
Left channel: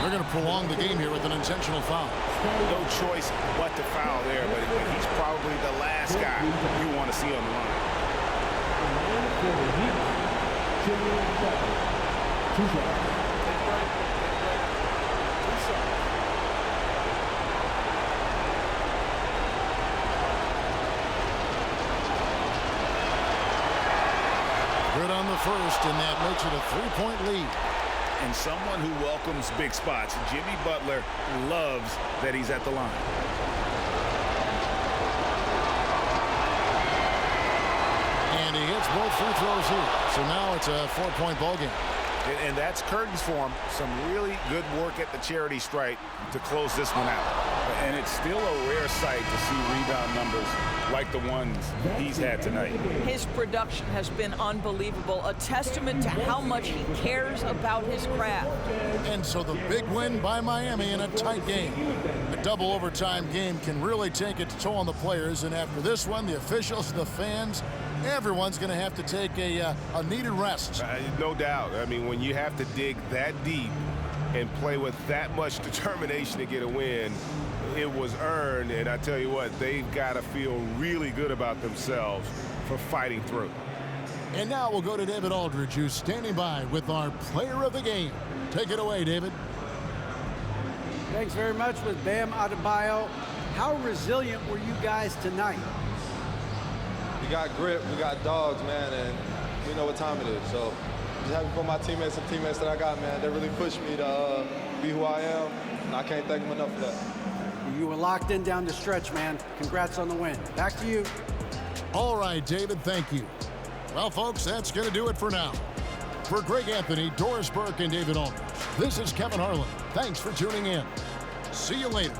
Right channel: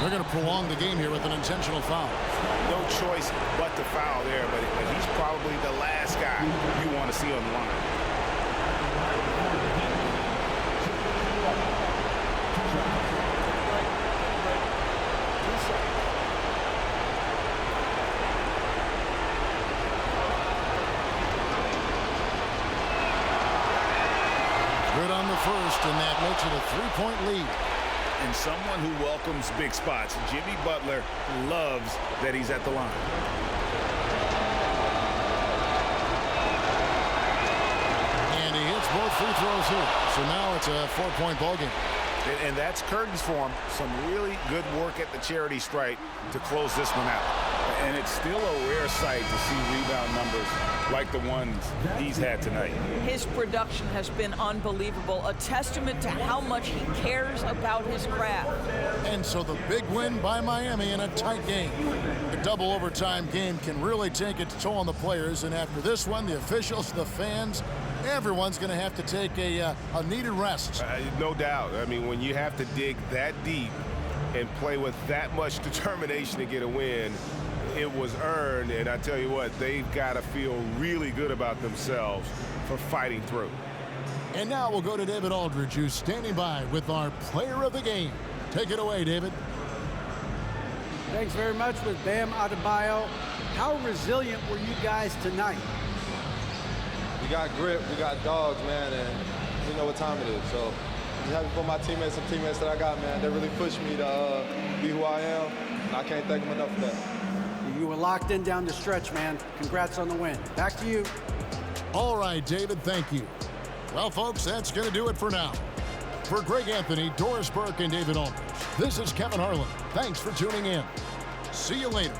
They're going to prolong the game here with an intentional foul. No choice but to foul there, but he's probably the last guy you want to see on the line. Take a break. Take a break. 2 shots. Good on the first, and that makes it a 3-point lead. And someone who welcomes big spots. Jimmy Butler loves that he's at the line. And he hits both free throws here. So now it's a 4-point ball game. And that's curtains for him. Some really good work at the charity stripe to close this one out. And it's still a rare sight to see rebound numbers like the ones he's had tonight. His production has been unbelievable, a testament to how much he cares about his craft. And so the big win by Miami in a tight game. A double overtime game can really take its toll on the players, and after this one, the officials, the fans, everyone's going to have to take a needed rest. No doubt. I mean, when you have to dig that deep and play with that much determination to get a win, it was earned, and I tell you what, they've got to feel really good about themselves for fighting through. And now we'll go to David Aldridge, who's standing by with our player of the game. Take it away, David. Thanks very much with Bam Adebayo. How resilient were you guys tonight? We got grit, we got dogs, man, and we know what time it is. So I'm just happy for my teammates and teammates that I got, man. They really pushed me to be who I am, and I can't thank them enough for that. You were locked in down the stretch, man. Congrats on the win. Back to you. All right, David, thank you. Well, folks, that's going to do it for now. For Greg Anthony, Doris Burke, and David Aldridge, this is Kevin Harlan. Thanks for tuning in. See you later.